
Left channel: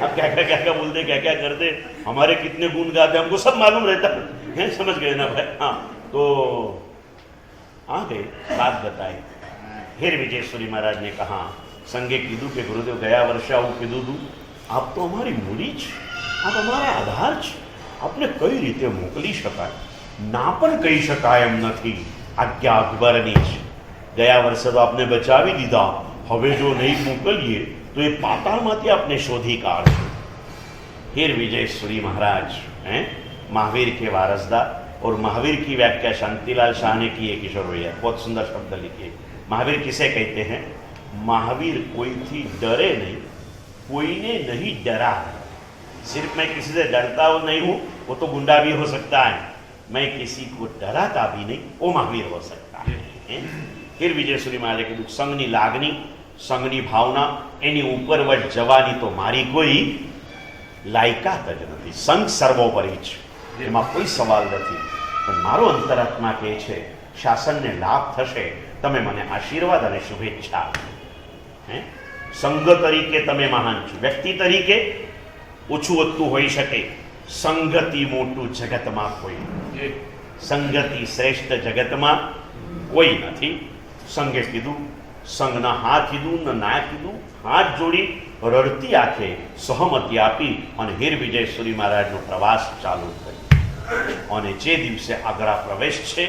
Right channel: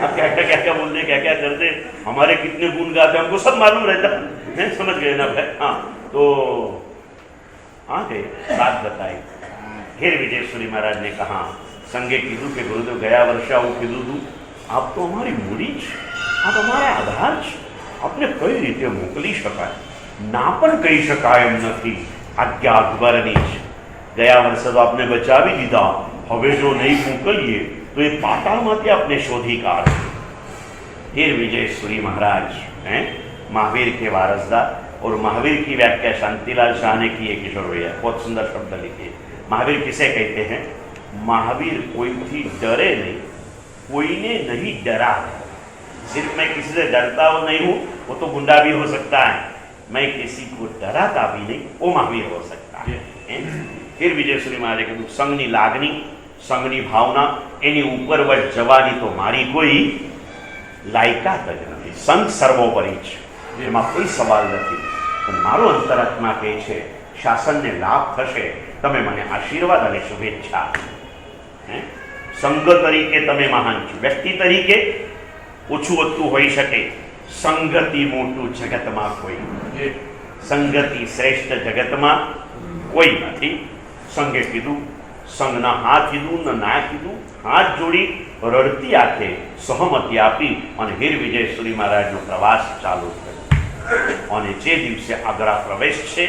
आप क्या क्या बोलते, क्या क्या करते, हमारे कितने गुण गाते हमको सब मालूम रहता है, समझ गए ना भाई। हाँ, तो आ गए, बात बताई। फिर विजयेश्वरी महाराज ने कहा, संगे कीधु के गुरुदेव गया वर्षा હું કીધું તું, આપ તો અમારી મૂડી છે, આપ અમારા આધાર છે, આપને કઈ રીતે મોકલી શકાય, ના પણ કહી શકાય એમ નથી। આજ્ઞા અકબરની છે, ગયા વર્ષે તો આપને બચાવી દીધા, હવે જો નહીં મોકલીએ તો એ પાતાળમાંથી આપને શોધી કાઢશે। फिर विजयेश्वरी महाराज हैं महावीर के वारसदार, और महावीर की व्याख्या शांतिलाल शाह ने की है, किशोर भैया बहुत सुंदर शब्द लिखे। महावीर किसे कहते हैं? महावीर कोई थी डरे नहीं, कोई ने नहीं डरा। सिर्फ मैं किसी से डरता हूं नहीं हूं, वो तो गुंडा भी हो सकता है, मैं किसी को डराता भी नहीं, वो महावीर हो सकता है। फिर विजयेश्वरी महाराज के संघनी लागनी, संघनी भावना, एनी ऊपर वह जवानी तो मारी कोई लायकात ज नहीं। संघ सर्वोपरि છે, એમાં કોઈ સવાલ નથી। પણ મારો અંતરાત્મા કહે છે શાસનને લાભ થશે, તમે મને આશીર્વાદ અને શુભેચ્છા। સંઘ તરીકે તમે મહાન છો, વ્યક્તિ તરીકે ઓછું વધતું હોઈ શકે, સંગતિ મોટું જગતમાં કોઈ, સંગતિ શ્રેષ્ઠ જગતમાં કોઈ નથી। સંઘે કીધું, સંઘના હાથ કીધું ને ના કીધું, હાથ જોડી રડતી આંખે સહમતિ આપી અને હીર વિજયેશ્વરી મહારાજનો પ્રવાસ ચાલુ કર્યો। અને જે દિવસે આગ્રા પ્રવેશ છે,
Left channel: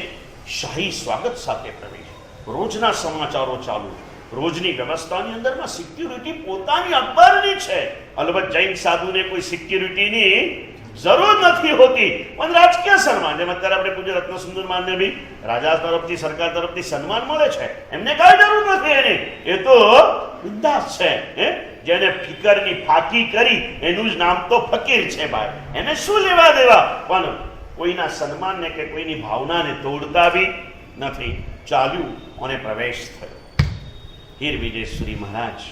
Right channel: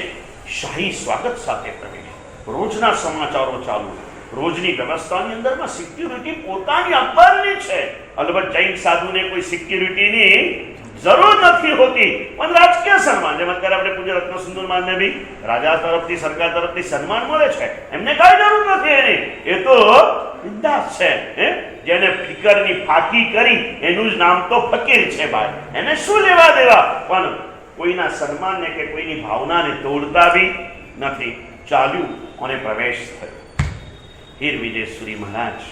શાહી સ્વાગત સાથે પ્રવેશ, રોજના સમાચારો ચાલુ, રોજની વ્યવસ્થાની અંદરમાં સિક્યુરિટી પોતાની અંબરની છે। અલબત્ત જૈન સાધુને કોઈ સિક્યુરિટીની જરૂર નથી હોતી, પણ રાજકીય સન્માન, જેમ અત્યારે આપણે પૂજ્ય રત્નસુંદર માનને બી રાજા તરફથી સરકાર તરફથી સન્માન મળે છે, એમને કાંઈ જરૂર નથી એની, એ તો બિંદાસ છે। જેને ફિકરની ફાકી કરી એનું જ નામ તો ફકીર છે ભાઈ, એને શું લેવા દેવા। પણ કોઈના સન્માનને કે કોઈની ભાવનાને તોડતા બી નથી। ચાલ્યું અને પ્રવેશ થયો। फिर विजयेश्वरी महाराज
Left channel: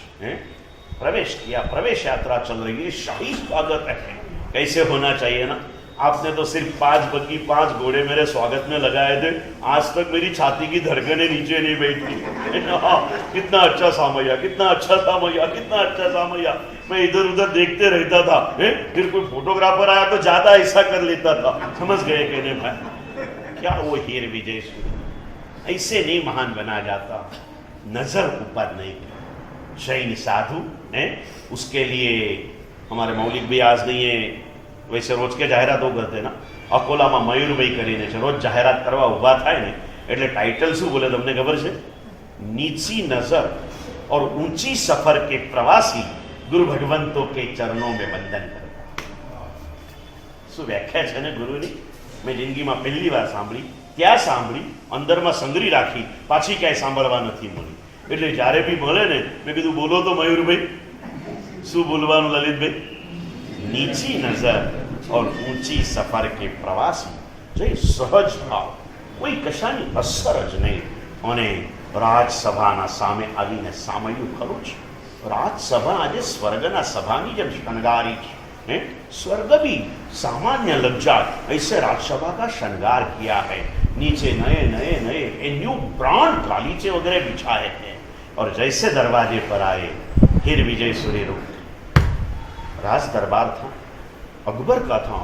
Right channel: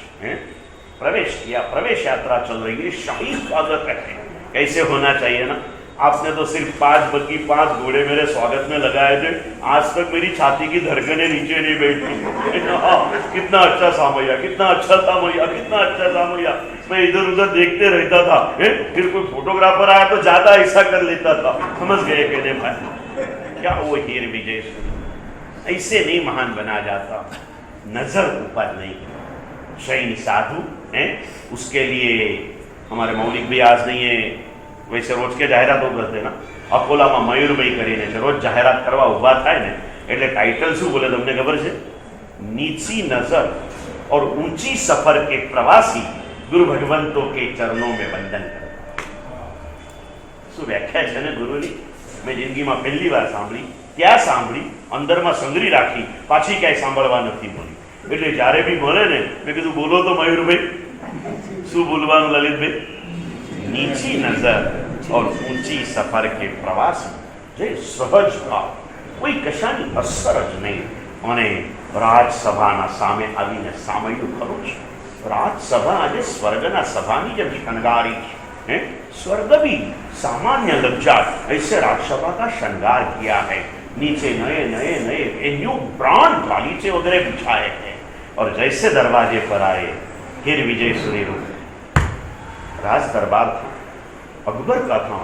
प्रवेश किया, प्रवेश यात्रा चल रही है, शाही स्वागत है। कैसे होना चाहिए ना, आपने तो सिर्फ 5 बग्गी 5 घोड़े मेरे स्वागत में लगाए थे, आज तक मेरी छाती की धड़कनें नीचे नहीं बैठी। कितना अच्छा सामैया, कितना अच्छा सामैया, कितना अच्छा सामैया। मैं इधर उधर देखते रहता था, फिर कोई फोटोग्राफर आया तो ज्यादा ऐसा कर लेता था। समझ गए कहने भाई, क्या वो हीर विजयेश्वरी, ऐसे नहीं महान बना जाता, नजर ऊपर नहीं की। जैन साधु हैं, उसके लिए हमारे मौलिक भी आज नहीं है, वैसे रोज के जाહેરાતો કરते ना, અકોલામાં મયુરભાઈ કરીને છે, રોજ જાહેરાત કરવા ઊભા થાય ને એટલે ટાઇટલ શું બોલે તમને ખબર છે? નીચી નજર और ऊंची सफर के प्रवासी गुरु भगवंतों के चरणों में वंदन करो। શું વ્યાખ્યા છે ને ગુરુની, મેં જિંદગીમાં પહેલી વાર સાંભળી, ત્યાં સાંભળી, અંદરમાં સંગ્રહી રાખી, પાછી ક્યાંય સાંભળવા નથી મળી। એટલે જ્યારે બી મળે ને મેં કીધું બોલો તો મયુરભાઈ, શું બોલવાનું લલિતભાઈ? नीची नजर और ऊंची सफर के प्रवासी, जे सहज भाव, कोई कशानी અસર જ નહીં। અને રાજસભાના સામે આવીને સામયું ખરું છે। રાજસભા આજે સ્વર્ગના સભાની જેમ શણગારી છે। स्वर्ग भी सामान्य लग जाए ऐसे राजसभा का श्रृंगार किया है। नीचे नए नए नए न्यू ब्रांड गालीचे वगैरह बिछाए हैं, और जैसे दरवाजे पर आए फिर विजयेश्वरी रूप। राज दरबार था, अकबर का था,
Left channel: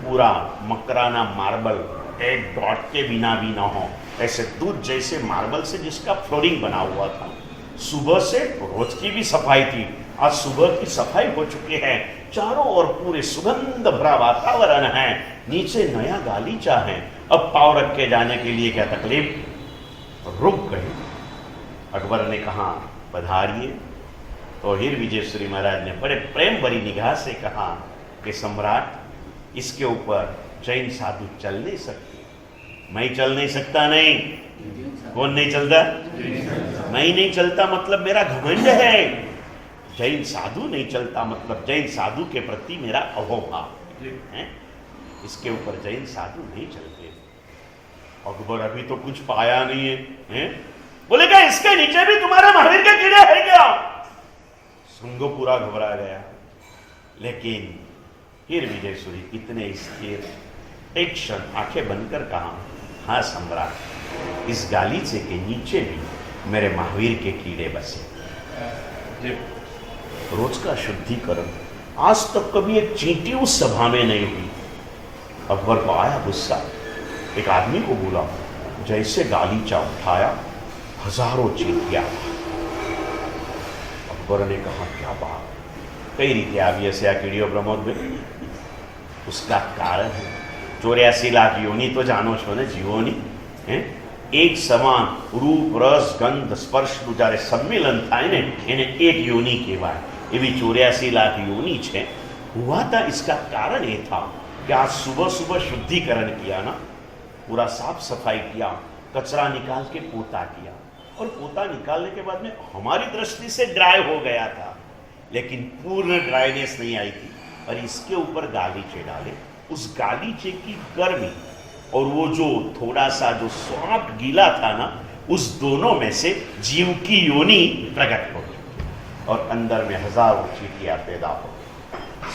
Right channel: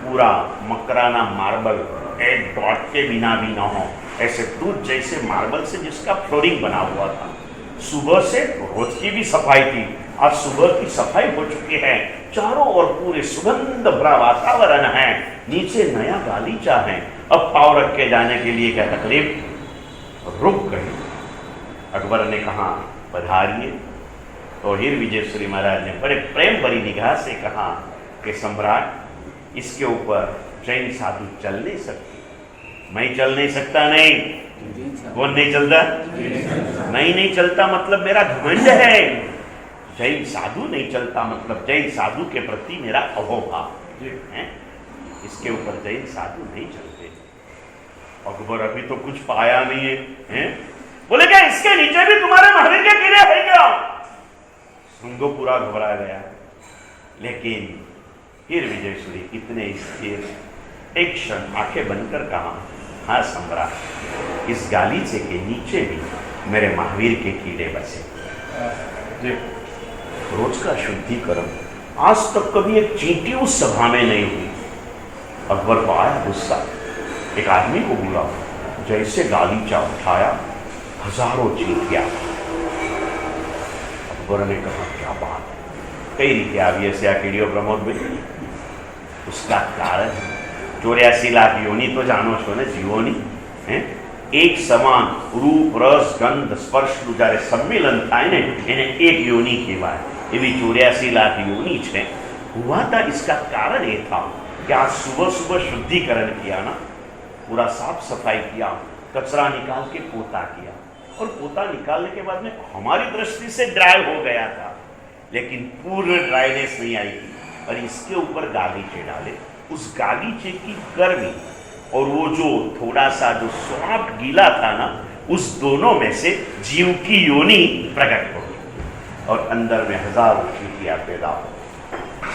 पूरा मकराना मार्बल, एक डॉट के बिना भी ना हो, ऐसे दूध जैसे मार्बल से जिसका फ्लोरिंग बना हुआ था। सुबह से रोज की भी सफाई थी, आज सुबह की सफाई हो चुकी है, चारों ओर पूरे सुगंध भरा वातावरण है, नीचे नया गालीचा है। अब पाँव रख के जाने के लिए क्या तकलीफ, रुक गए। अकबर ने कहा पधारिए, तो हीर विजयेश्वरी महाराज ने बड़े प्रेम भरी निगाह से कहा कि सम्राट, इसके ऊपर जैन साधु चल नहीं सकते। मैं चल नहीं सकता? नहीं, कौन नहीं चलता? नहीं चलता मतलब मेरा घमंड है। जैन साधु नहीं चलता मतलब जैन साधु के प्रति मेरा अहोभाव है। इसके ऊपर जैन साधु नहीं चलते। अकबर अभी तो कुछ पाया नहीं है? बोले क्या इसके नीचे भी तुम्हारे महावीर के कीड़े हैं क्या? संघ पूरा घबरा गया। लेकिन फिर विजयेश्वरी इतने स्थिर, एक क्षण आंखें बनकर कहा, हाँ सम्राट, इस गालीचे के नीचे भी मेरे महावीर के कीड़े बसे। रोज का शुद्धिकरण। आज तक कभी एक चींटी उस सभा में नहीं हुई। अकबर को आया गुस्सा, एक आदमी को बोला, जैसे गालीचा उठाया हजारों चींटियां। अकबर ने कहा क्या बात है, कई रीते आवी हશે આ કીડીઓ પ્રમોદભાઈ? उसका कारण 84 लाख योनि तो जानो छो ने जीवोनी हैं? एक समान रूप रस गंध स्पर्शનું જ્યારે सम्मिलन થાય ને એને એક યોनि કહેવાય। એવી 84 लाख योनि છે। हुआ था इसका कारण ये था कि आज सुबह सुबह शुद्धिकरण किया ना, पूरा साफ सफाई किया, कचरा निकाल के पोता किया, और पोता निकालने के बाद में हमारी दृष्टि से ड्राई हो गया था, लेकिन पूर्ण ड्राइनेस नहीं आई थी। और इसके ऊपर गालीचे डाले, उस गालीचे की गर्मी और वो जो थोड़ा सा जो सॉफ्ट गीला था ना, उस दोनों में से जीव की योनि प्रकट हो गई और अंदर में हजारों चींटियां पैदा हो।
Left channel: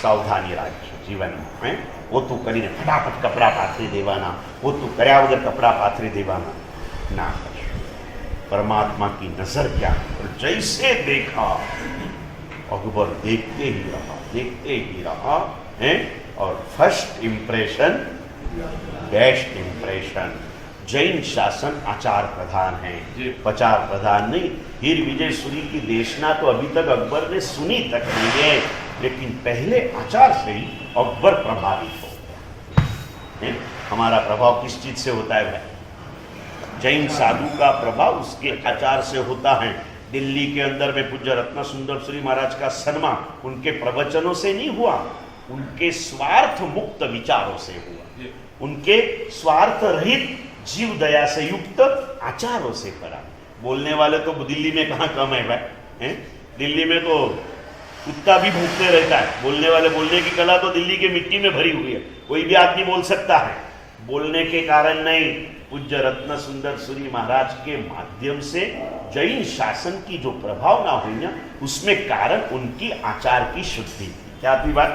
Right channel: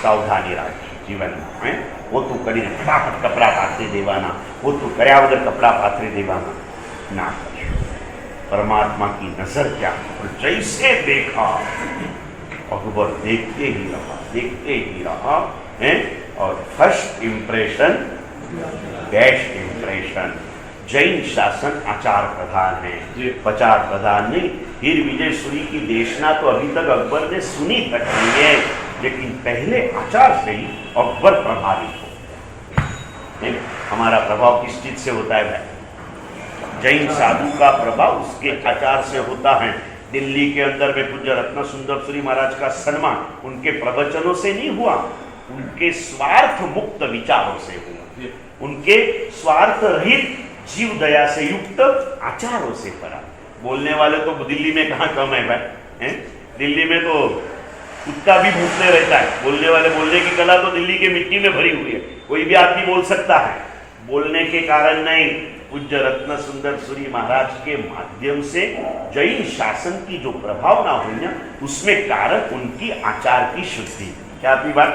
सावधानी राखी जीवन में। वो तो करीने फटाफट कपड़ा पाथरी देवाना, वो तो कर्या वगर कपड़ा पाथरी देवाना ना करशो। परमात्मा की नजर क्या, और जैसे देखा अकबर देखते ही रहा हैं। और first impression best impression. Jain शासन आचार प्रधान है, प्रचार प्रधान नहीं। हीर विजय सूरी की देशना तो अभी तक अकबर ने सुनी तक नहीं है, लेकिन पहले आचार से ही अकबर प्रभावित हो। हमारा प्रभाव किस चीज से होता है भाई? जैन साधु का प्रभाव उसके आचार से होता है। दिल्ली के अंदर में पूज्य रत्न सुंदर सूरी महाराज का सन्मान उनके प्रवचनों से नहीं हुआ, उनके स्वार्थ मुक्त विचारों से हुआ, उनके स्वार्थ रहित जीव दया से युक्त आचारों से करा। बोलने वाले तो दिल्ली में कहाँ कम है भाई? दिल्ली में तो कुत्ता भी भूखते रहता है। बोलने वाले, बोलने की कला तो दिल्ली के मिट्टी में भरी हुई है, कोई भी आदमी बोल सकता है। बोलने के कारण नहीं, पूज्य रत्न सुंदर सूरी महाराज के माध्यम से जैन शासन की जो प्रभावना हुई ना, उसमें कारण उनकी आचार की शुद्धि थी। क्या थी बात?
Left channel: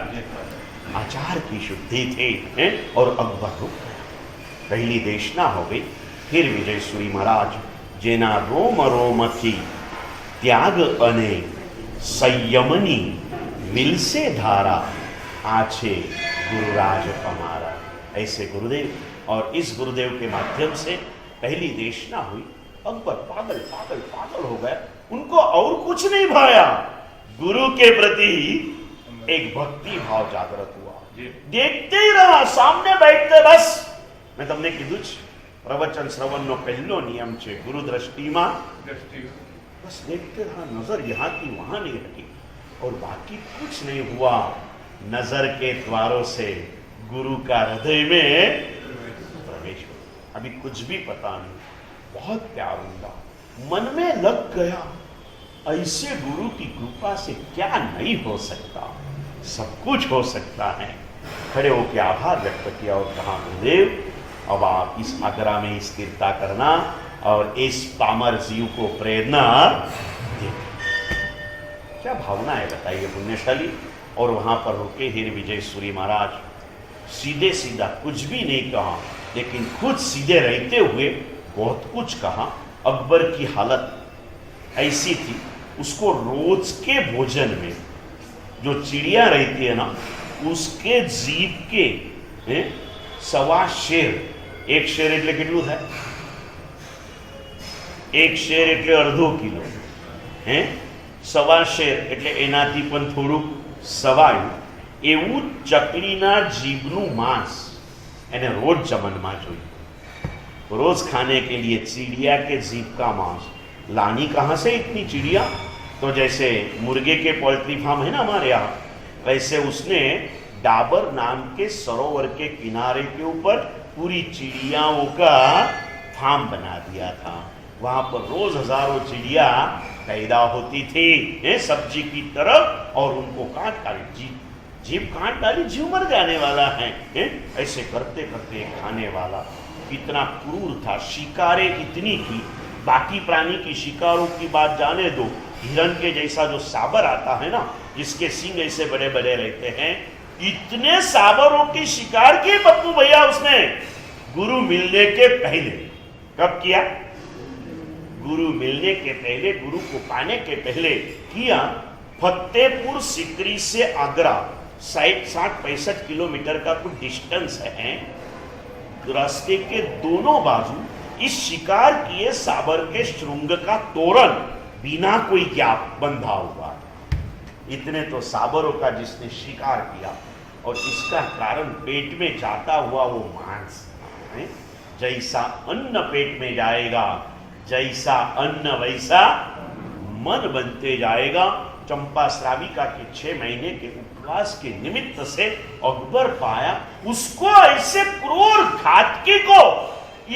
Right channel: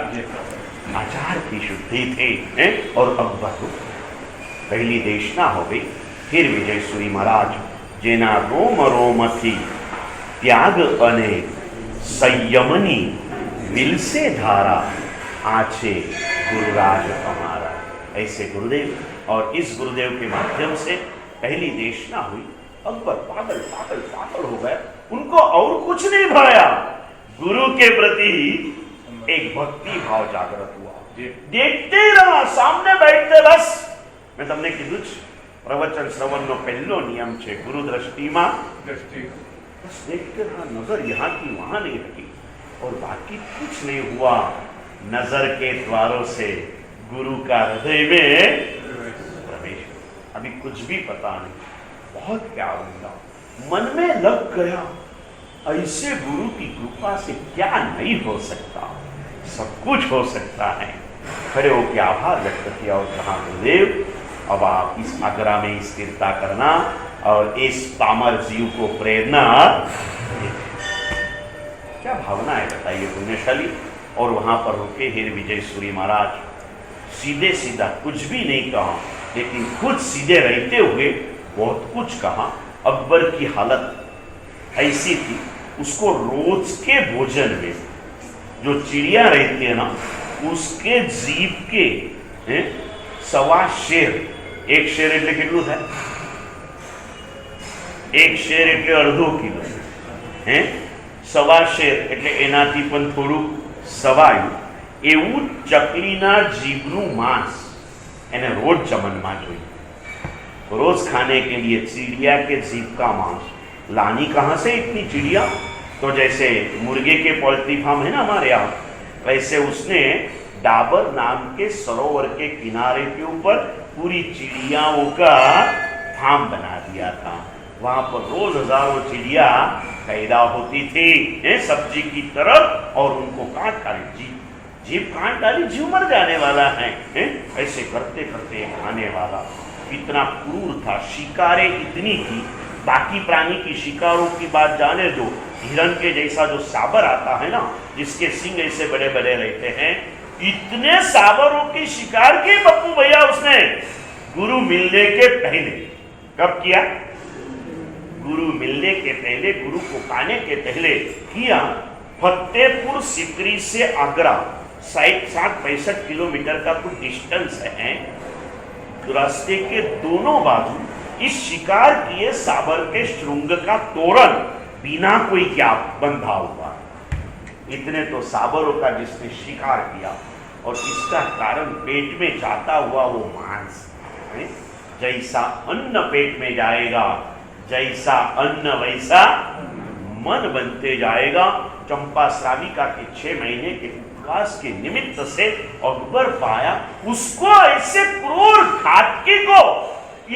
आचार की शुद्धि थी। और अकबर पहली देशना हो गई। फिर विजय सूरी महाराज जेना रोम रोम थी त्याग अने संयमनी मिलसे धारा आछे गुरुराज हमारा। ऐसे गुरुदेव, और इस गुरुदेव के माध्यम से पहली देशना हुई। अकबर पागल पागल पागल हो गए, उनको और कुछ नहीं भाया, गुरु के प्रति एक भक्ति भाव जागृत हुआ। देखते ही रहा, सामने बैठते बस। मैं तमने कीधुं ज प्रवचन श्रवणનો પહેલો નિયમ છે ગુરુ દ્રષ્ટિમાં દ્રષ્ટિ। बस देखते रहा, नजर यहाँ की वहां नहीं हटी, और बाकी कुछ नहीं हुआ। नजर के द्वारों से गुरु का हृदय में प्रवेश। अभी कुछ भी पता नहीं, बहुत क्या होगा, मन में लग गया, ऐसे गुरु की कृपा से क्या नहीं हो सकता, सब कुछ हो सकता है। खड़े होकर आभार व्यक्त किया और कहा, गुरुदेव अब आप इस आगरा में स्थिरता करना और इस पामर जीव को प्रेरणा देना। क्या भावना है बताइए पुण्यशाली। और वहां पर रुके हीर विजय सूरी महाराज, सीधे सीधा कुछ भी नहीं कहा, लेकिन खुद सीधे रहते हुए बहुत कुछ कहा। अकबर की हालत ऐसी थी, उसको रोज के भोजन में जो चिड़िया रहती है ना, उसके जीभ के 1.25 शेर, एक शेर એટલે કેટલું થાય? એક શેર એટલે અડધો કિલો, 1.25 શેર એટલે એનાથી પણ થોડું સવાયું, એવું ચકલીના જીભનું માંસ એને રોજ ચમનમાં જોઈએ। रोज खाने के लिए चिड़िया के जीभ का मांस लानी कहाँ से इतनी चिड़िया? तो जैसे मुर्गे के पोल्ट्री फार्म है ना हमारे यहाँ, वैसे उसने डाबर नाम के सरोवर के किनारे के ऊपर पूरी चिड़ियाओं का फार्म बना दिया था। वहां पर रोज हजारों चिड़िया पैदा होती थी सब्जी की तरफ, और उनको काट डाली, जीव काट डाली, जीव मर जाने वाला है। ऐसे करते करते खाने वाला कितना क्रूर था, शिकारें इतनी की, बाकी प्राणी की शिकारों की बात जाने दो, हिरण के जैसा जो साबर आता है ना, जिसके सींग ऐसे बड़े बड़े रहते हैं, इतने साबरों की शिकार की पप्पू भैया उसने गुरु मिलने के पहले। कब किया? गुरु मिलने के पहले, गुरु को पाने के पहले किया। फतेहपुर सिकरी से आगरा 60-65 किलोमीटर का कुछ डिस्टेंस है। रास्ते के दोनों बाजू इस शिकार किए साबर के श्रृंग का तोरण बिना कोई गैप बंधा हुआ। इतने तो साबरों का जिसने शिकार किया, और इसका कारण पेट में जाता हुआ वो मांस। जैसा अन्न पेट में जाएगा, जैसा अन्न वैसा मन बनते जाएगा। चंपा श्राविका के 6 महीने के उपवास के निमित्त से अकबर पाया उसको ऐसे क्रूर घातकी को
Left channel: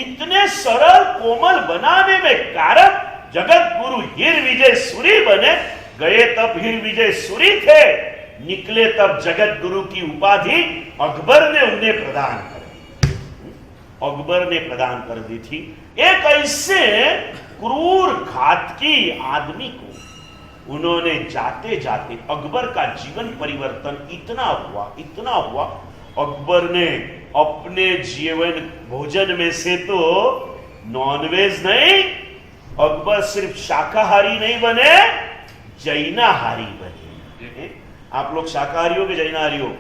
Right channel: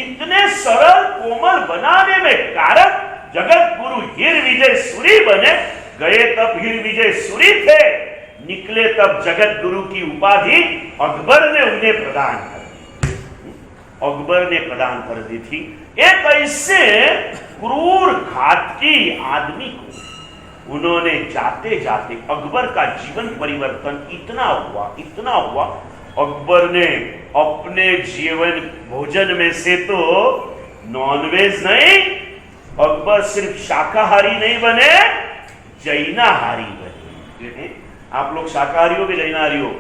इतने सरल कोमल बनाने में कारक जगत गुरु हीर विजय सूरी बने। गए तब हीर विजय सूरी थे, निकले तब जगत गुरु की उपाधि अकबर ने उन्हें प्रदान कर दी। अकबर ने प्रदान कर दी थी। एक ऐसे क्रूर घातकी आदमी को उन्होंने जाते जाते, अकबर का जीवन परिवर्तन इतना हुआ, अकबर ने अपने जीवन भोजन में से तो नॉनवेज नहीं, अकबर सिर्फ शाकाहारी नहीं बने, जैनाहारी बने। आप लोग शाकाहारी हो कि जैनाहारी हो?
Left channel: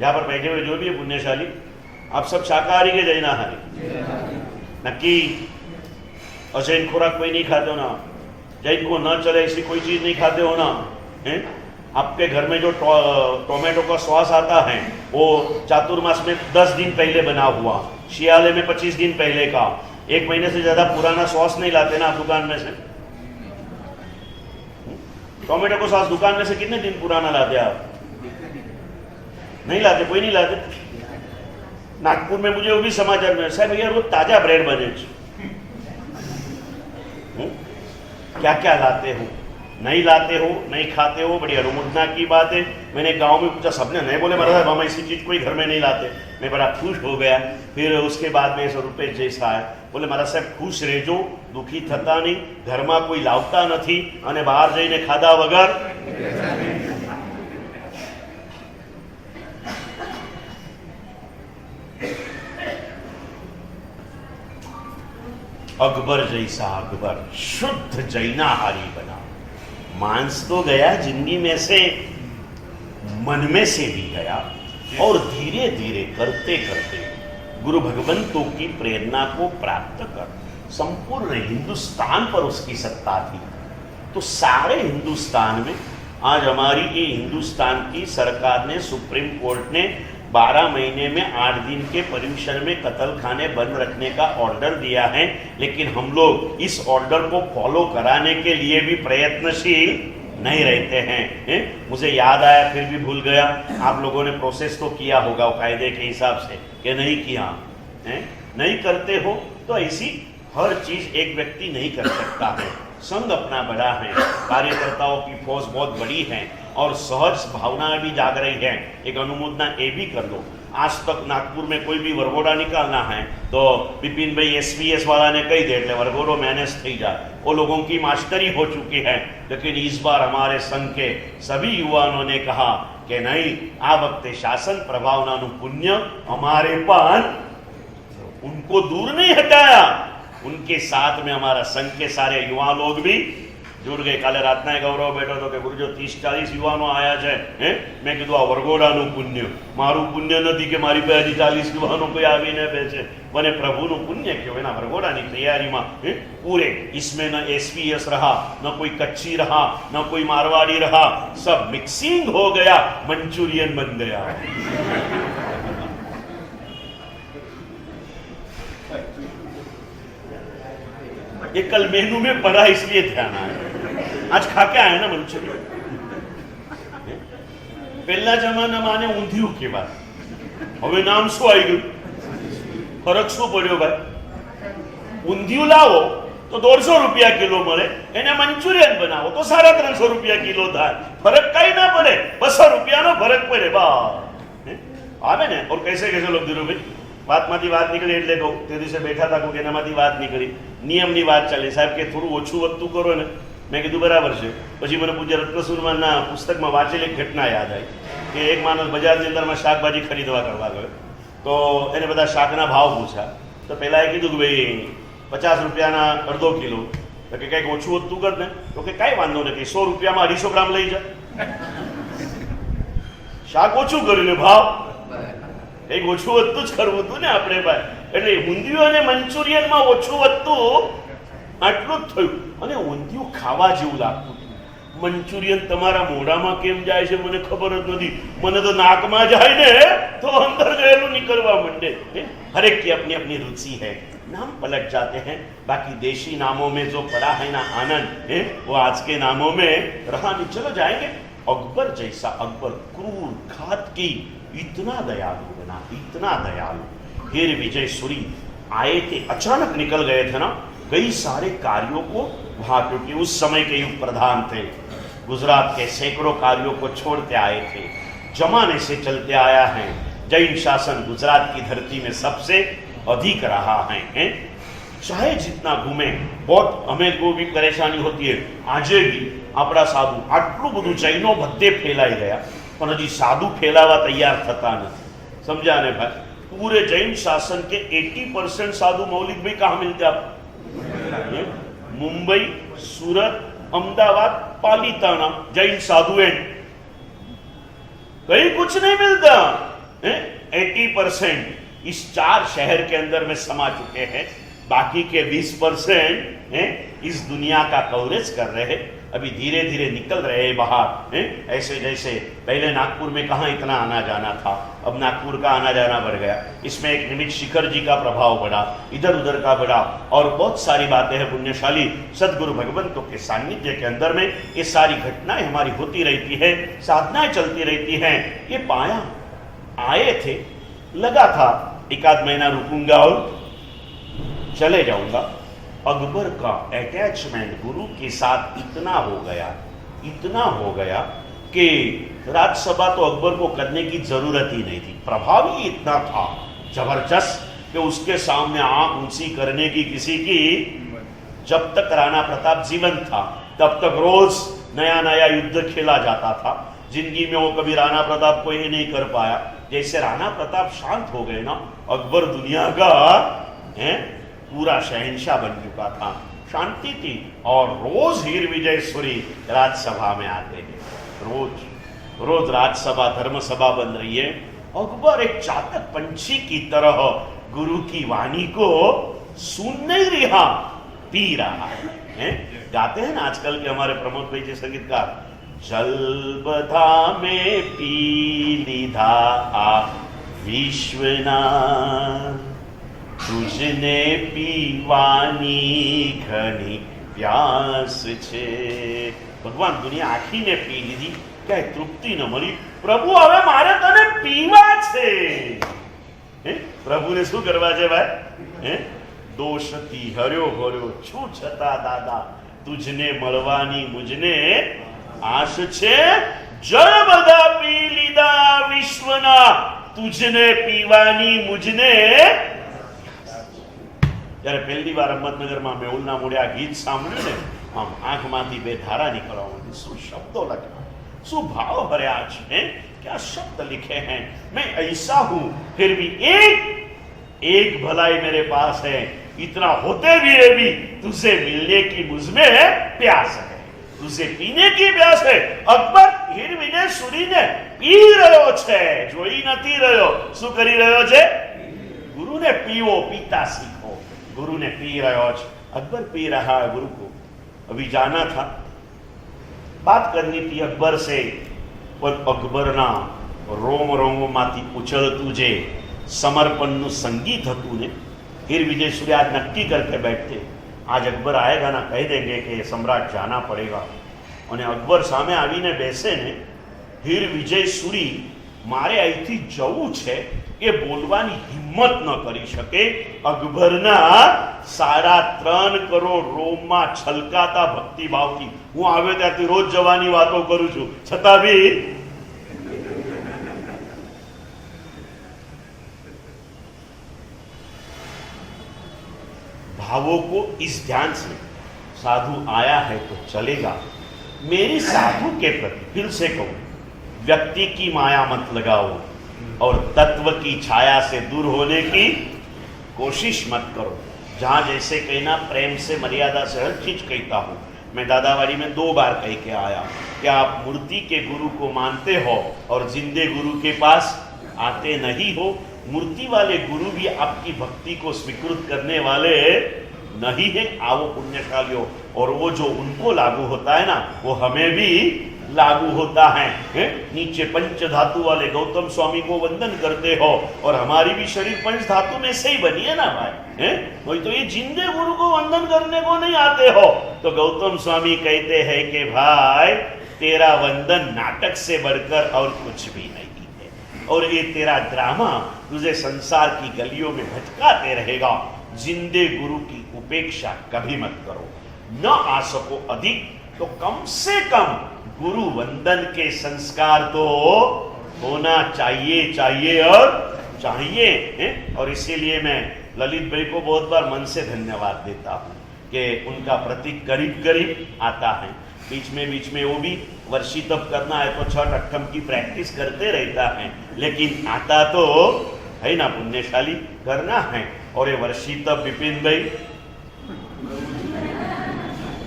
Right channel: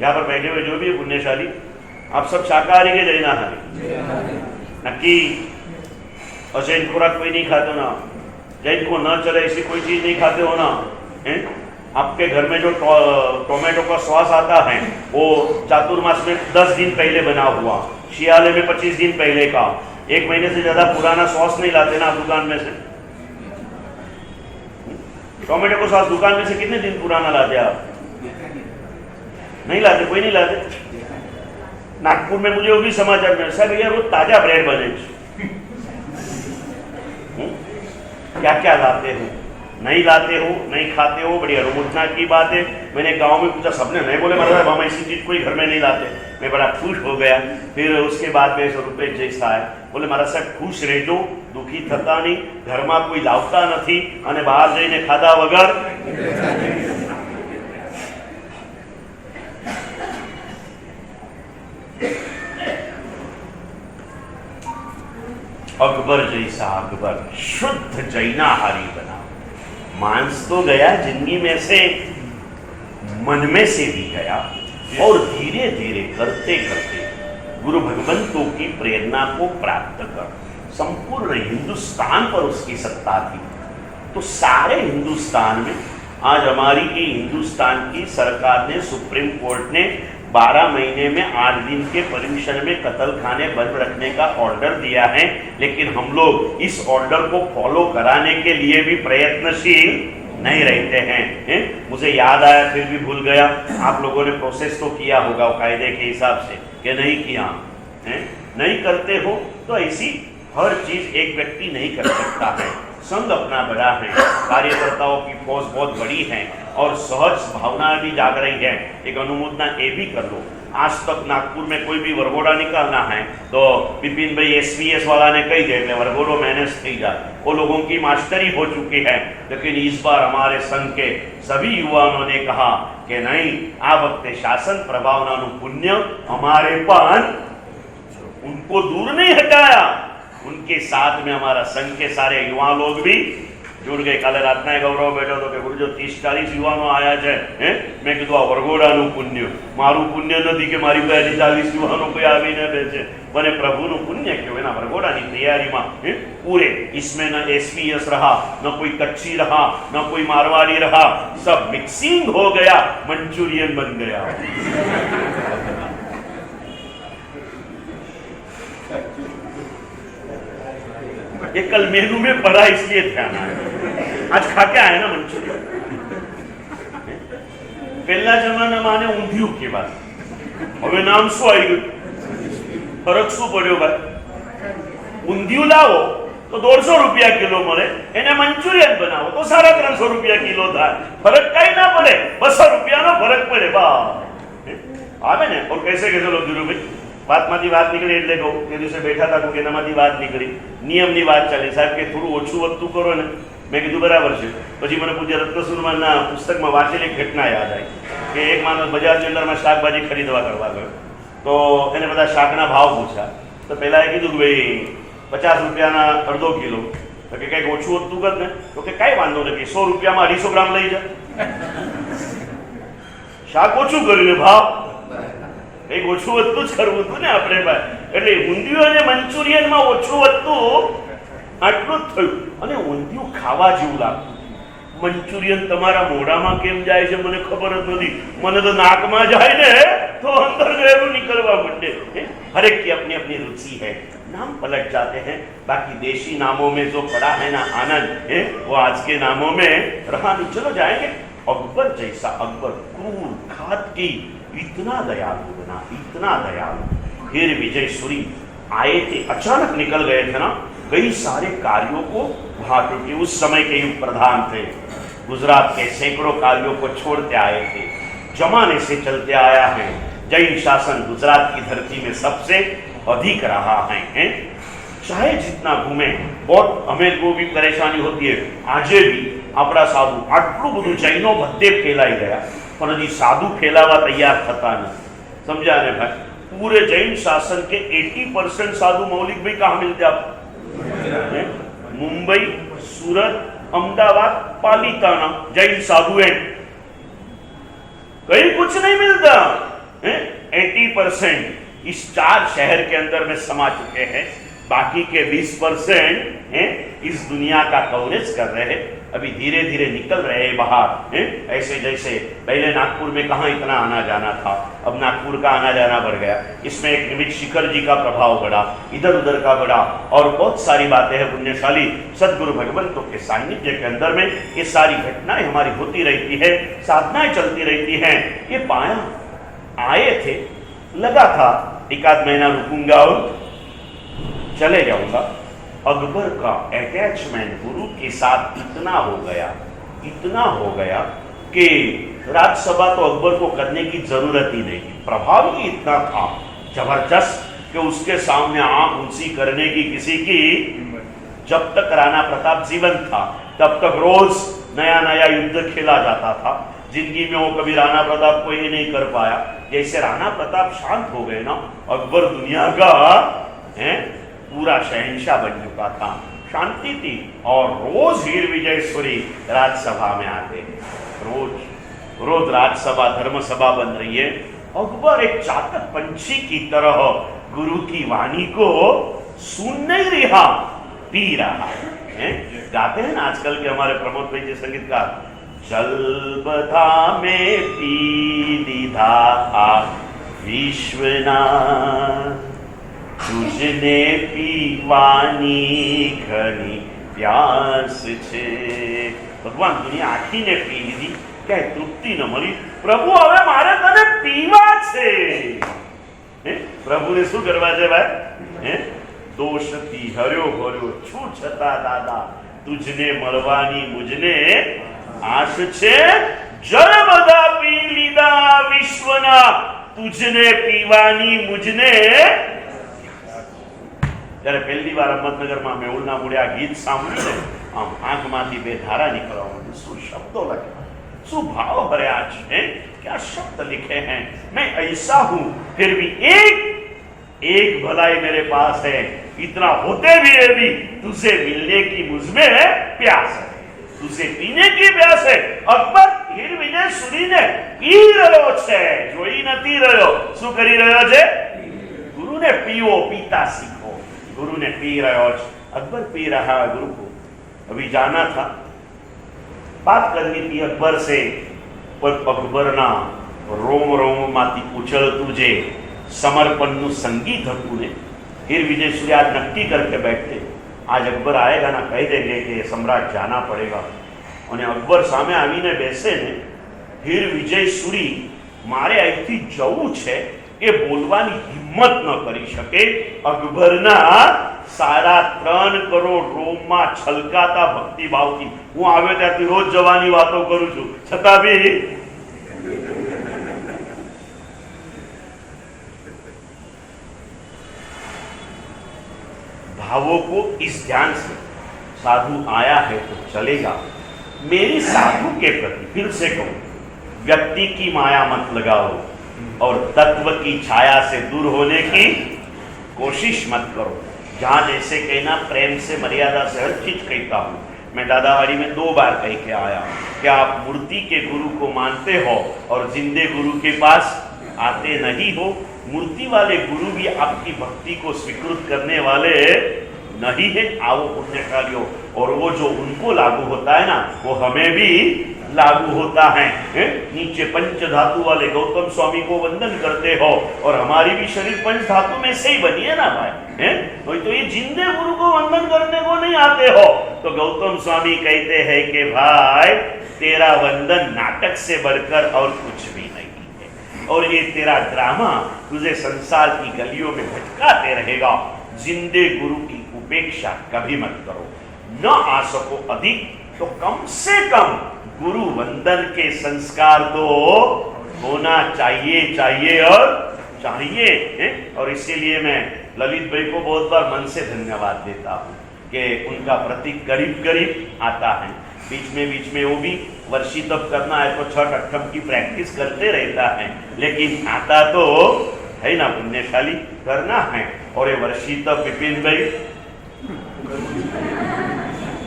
यहां पर बैठे हुए जो भी है पुण्यशाली, आप सब शाकाहारी के जैनाहारी? नक्की? और जैन खुराक कोई नहीं खाते हो ना? जैन को न चले ऐसी कोई चीज नहीं खाते हो ना? आपके घर में जो टोमेटो का सॉस आता है वो चातुर्मास में 10 दिन पहले बना हुआ, शियाले में 25 दिन पहले का, 1 महीने से ज्यादा पुराना सॉस नहीं लाते ना आप दुकान में से। टोमेटो का सॉस दुकान में से कितने दिन पुराना लाते आप? नहीं लाते, कोई नहीं लाते। नागपुर में मुझे वो भी समाचार में सर भैया रोज ताजा ब्रेड बने। क्या क्या लाते हो? नहीं लाते हो, नहीं खाते हो, बड़ी अरुमुदना की बात है। मैंने गांव में पूछा, सबने नहीं बोले महाराज हम ऐसी चीज कोई घर में नहीं लाते। मैं बड़ा खुश हो गया। फिर उसके बाद में 100 रुपये जैसा है, बोले महाराज साहब खुश रहजो, दुखी थता नहीं, घर में कोई लावता नहीं અને બહાર જઈને ખાધા વગર अकबर जैसा अकबर शुद्ध जैनाहारी बना। मांस तो गया जिंदगी में से, मन में से भी गया, और धीरे धीरे करते करते गुरु भगवंतों की प्रेरणा को प्राप्त कर संपूर्ण हिंदुस्तान पर उसकी सत्ता थी। तो सारे हिंदुस्तान में आज हमारी ये हिंदुस्तान की सरकार ने, सुप्रीम कोर्ट ने 12 महीने में 8 दिन के परमिशन में कत्ल खाने बंद रखने का ऑर्डर दिया है। लेकिन हम लोग इस ऑर्डर को फॉलो कराने के लिए भी प्रयत्नशील नहीं रहते हैं। मुझे याद आया फिर भी भूल गया। आप लोगों ने प्रोसेस तो किया होगा कायदे के हिसाब से, कि नहीं किया है? नहीं करते हो तो ऐसी हर चीज एक व्यक्ति नहीं कर सकता है। संघ अपना बड़ा है, कार्यकर्ताओं की फौज बहुत बड़ी है, और सहज भावना भी जाग रही है। एक अनुमोदना ये भी कर लो, आज तक नागपुर में कोई भी वरगोड़ा निकालना है तो विपिन भाई एसवीएस वाला ने कही दे वरगोड़ो मैनेज थी जाए, वो लोगों की मास्टरी हो चुकी है। लेकिन इस बार हमारे संघ के सभी युवाओं ने कहा कि नहीं, आ वक्त शासन प्रभावना पुण्य हमारे पान उनको दूर नहीं हटाया। उनके साथ में हमारा संघ के सारे युवा लोग भी जुड़ गए। काले रातना गौरव बैठो तो कि गुरुजो 30-40 युवाओं आया है। मैं कीधु आ वरगोड़ानु पुण्य मारू पुण्य नहीं कि मारी પાસે 40 युवाओं कोई आवीने बेचे, बने प्रभुनु पुण्य क्यों ना वरगोड़ानी तैयारी में पूरे। इसमें न एसपीएस रहा, न कोई कच्ची रहा, न कोई मारवाड़ी रहा, सब मिक्सिंग हो गया, मंचूरियन बन गया। ये कल मेनू में पड़ा इसलिए ध्यान आया, आज खा के आया ना मंचूरियन। पहला जमाना माने ऊंधिયું के बाद, હવે નામ શું આવી ગયું? ફરક શું પડ્યો ભાઈ? ઊંધિયું લાવો તો 150 રૂપિયા કિલો મળે, એને મંચુરિયન બનાવો તો 350 રૂપિયા કિલો થાય। ફરક કઈ ના પડે, 200 રૂપિયાનો ફરક પડે બસ। આવે ને? और कैसे कैसे लोग ધીરુ ભાઈ વાતમાંથી વાત નીકળી એટલે કહું, તે દિવસે બેઠા હતા કે એનામાંથી વાત નીકળી, નિયમની વાત ચાલે સાહેબ કે થોડું ઓછું વધતું કરો ને। મેં કીધું બરાબર છે। પછી મને પૂજ્ય રત્નસુરમાના પુસ્તકમાં વાંચેલી એક ઘટના યાદ આવી કે એક માણસ બજારની અંદરમાં શાકભાજી ખરીદવા કરવા ગયો, તો એને બધા શાકના ભાવ પૂછ્યા। તો પેલા એ કીધું કે ભાઈ 50 રૂપિયાના અડધો કિલો, તો કે કંઈક ઓછું વધતું કર ને, તો કે કાંઈ વાંધો નથી, 100 રૂપિયામાં 250 ગ્રામ લઈ જા. શાક ઓછું કર્યું ને ભાવ કંઈક ઓછું વધતું જ કરવું હતું ને આપણે ભાઈ. એટલે ઊંધિયું અને મંચુરિયનમાં ઓછું વધતું આટલું જ થયું. અને ઊંધિયું ખાવા જેવું લાગતું. મંચુરિયન તમારા મોઢામાં કેમ જાય છે મને ખબર જ નથી. મને તો નાકમાં જાય ને તો અંદર ગયેલું निकलवा मंडे. हर एक की अपनी अपनी रुचि है, नाम पलट जाते हैं. बाकी देशी नामों में जो पड़ा है ना आनंद है वो आज के नामों में रहा नहीं. चलो जाएंगे. अकबर जैसा, अकबर क्रूर घातकी, इतना दयालु बना, इतना दयालु. फिर विजय सूरी आए थे, अचानक निकल गए थे ना कई सारे कार्यों को वहां, क्योंकि उस समय के युग प्रधान थे. गुजरात के सैकड़ों कार्यों को छोड़ते आए थे. जमाने से चलते आया है. जैन शासन गुजरात की धरती में सबसे अधिक रहा है. चाहे जितना घूमे, बहुत हमें को भी परेशानी होती है. आजे भी अपना साधु आटलू બધું જૈનો બધે ફેલાઈ ગયા, પણ હજી સાધુ ફેલાવા તૈયાર થતા નથી. समझा ने भाई? पूरे जैन शासन के 80% साधु मौलिक भाई कहाँ मिलते आपको? मुंबई, सूरत, अहमदाबाद, पालीताना जैन साधु हैं. कहीं कुछ नहीं मिलता. 80% इस 4 शहर के अंदर में समा चुके हैं. बाकी के 20% इस दुनिया का कवरेज कर रहे हैं. अभी धीरे धीरे निकल रहे हैं बाहर. ऐसे जैसे पहले नागपुर में कहाँ इतना आना जाना था, अब नागपुर का आना जाना बढ़ गया. इसमें एक निमित्त शिखर जी का प्रभाव बढ़ा, इधर उधर का बढ़ा, और बहुत सारी बातें हैं. पुण्यशाली सदगुरु भगवंतों के सानिध्य के अंदर में ये सारी घटनाएं हमारी होती रहती है, साधनाएं चलती रहती हैं. ये पाया आए थे, लगा था 1 महीना रुकूंगा और चले जाऊंगा. अकबर का अटैचमेंट गुरु के साथ इतना हो गया कि राज्यसभा तो अकबर को करने की जरूरत ही नहीं थी. प्रभाव ही इतना था जबरदस्त कि उसके सामने आंख ऊंची करने की किसी की. जब तक राणा प्रताप जीवन था तब तक रोज नया नया युद्ध खेला जाता था. जिंदगी में वो कभी राणा प्रताप को ये नहीं कर पाया. जैसे राणा प्रताप शांत हो गए ना, अकबर दुनिया का पूरा शहंशाह बन चुका था. शांति थी. और रोज हीर विजय सूरी राज्यसभा में आते हैं. रोज राज्यसभा धर्मसभा बन रही है. अकबर एक चातक पंछी की तरह गुरु की वाणी को सुन नहीं रहा, पी रहा है. गाते हैं ना आजकल के हमारे प्रमोद भाई जी संगीतकार, जल बधा में पी लीधा विश्वनाथ, तुझने पीवानी घनी प्यास छे. भगवान दुनिया आखी ने पी लीधी, क्या तृप्ति न मળી. प्रभु હવે મારે તને પીવા છે. પ્રભુને શું કરવા છે ભાઈ? દોષથી હર્યો ભર્યો છું છતાં દાદા તુજને મળવાની મુજને આશ છે. જળ બધા પી લીધા વિશ્વના, तुझने पीवानी मुझने. ત્યારે પહેલી વાર અહમદનગરમાં મેહુલના મોઢે આ ગીત સાંભળ્યું ને, આમ આંખમાંથી 2 ધારા નીકળવા માંડી. શું શબ્દો લખ્યા, શું ભાવ ભર્યા છે, क्या शब्द लिखे हैं. मैं ऐसा हूं फिर भी एक भलाई मेरे पास है. इतना होते भी तुझे मिलने की मुझमें प्यास है, तुझे पीने की प्यास है. अकबर हीर विजय सूरीने पी રહ્યો છે, જોઈ નથી રહ્યો. શું કરી રહ્યો છે? गुरुने पीओ, पीता सीखो. गुरु ने पी रहा है. अकबर पी रहा है गुरु को. अभी जाना था, बात करनी थी अकबर से, पर अकबर ना रोम रोम माती उछळતું जे समर्पणનું संगीत હતું ने. हीर विजय सूरी आज नक्की करके बैठते, आज अकबर आएगा ना कह देंगे कि सम्राट जाना पड़ेगा. અને અકબર સામે આવીને બેસે ને, હીર વિજય सूरी મારે અહીંથી જવું છે એ બોલવાની હિંમત ન કરી શકે. અકબરના 3.5 કરોડ રોમમાં છલકાતા ભક્તિભાવથી હું આવ્યો ત્યાંથી રોજ જવાની વાતો કરું છું, છતાં બી भावों को इस ध्यान से, साधु आया है तो चलेगा. मेरी साधु के प्रति फिर से कहूं, व्यक्ति की माया मत लगाओ और तत्व की छाया से दूर होने की कोशिश मत करो। जहाँ जैसे कहना प्रेम से मर्यादा से हर चीज कहता हूँ। मैं दादावाड़ी में 2 बार कह के आया कि आप मूर्ति के गुरु को मानते हो और जिंदे गुरु के पास आते नहीं हो। मूर्ति वाले गुरु भी आपकी भक्ति को स्वीकृत करने वाले नहीं है। आओ पुण्यशालियों, और वो जो उनको लागू होता है ना, वो हमें भी लागू होता है। नीचे पंच धातु वाले गौतम स्वामी को वंदन करते हो और हमारी भी शरीर पंच धातु में से ही बनी है ना भाई, कोई तो ये जिंदे गुरु को वंदन करने को नहीं आते हो। तो गौतम स्वामी कहते हैं कि भाई तेरा वंदन नाटक से बढ़कर और कुछ भी नहीं है, और ये तेरा ड्रामा तुझे संसार की गलियों में भटकाते रहेगा। जिंदे गुरु की उपेक्षा कभी मत करो। न आ सको अधिक तो कम से कम गुरु वंदन के संस्कार तो होना चाहिए और चाहिए। और इसीलिए मैं ललित भाई को बहुत बार मन से धन्यवाद देता हूँ कि उनका प्रतीक करीब करीब आता है। बीच में वो भी वर्षी तप करना है तो छठ अट्ठम की प्रैक्टिस करते रहता है, लेकिन आता तो है ना पुण्यशाली, करना है। और ये वर्षी तप विपिन भाई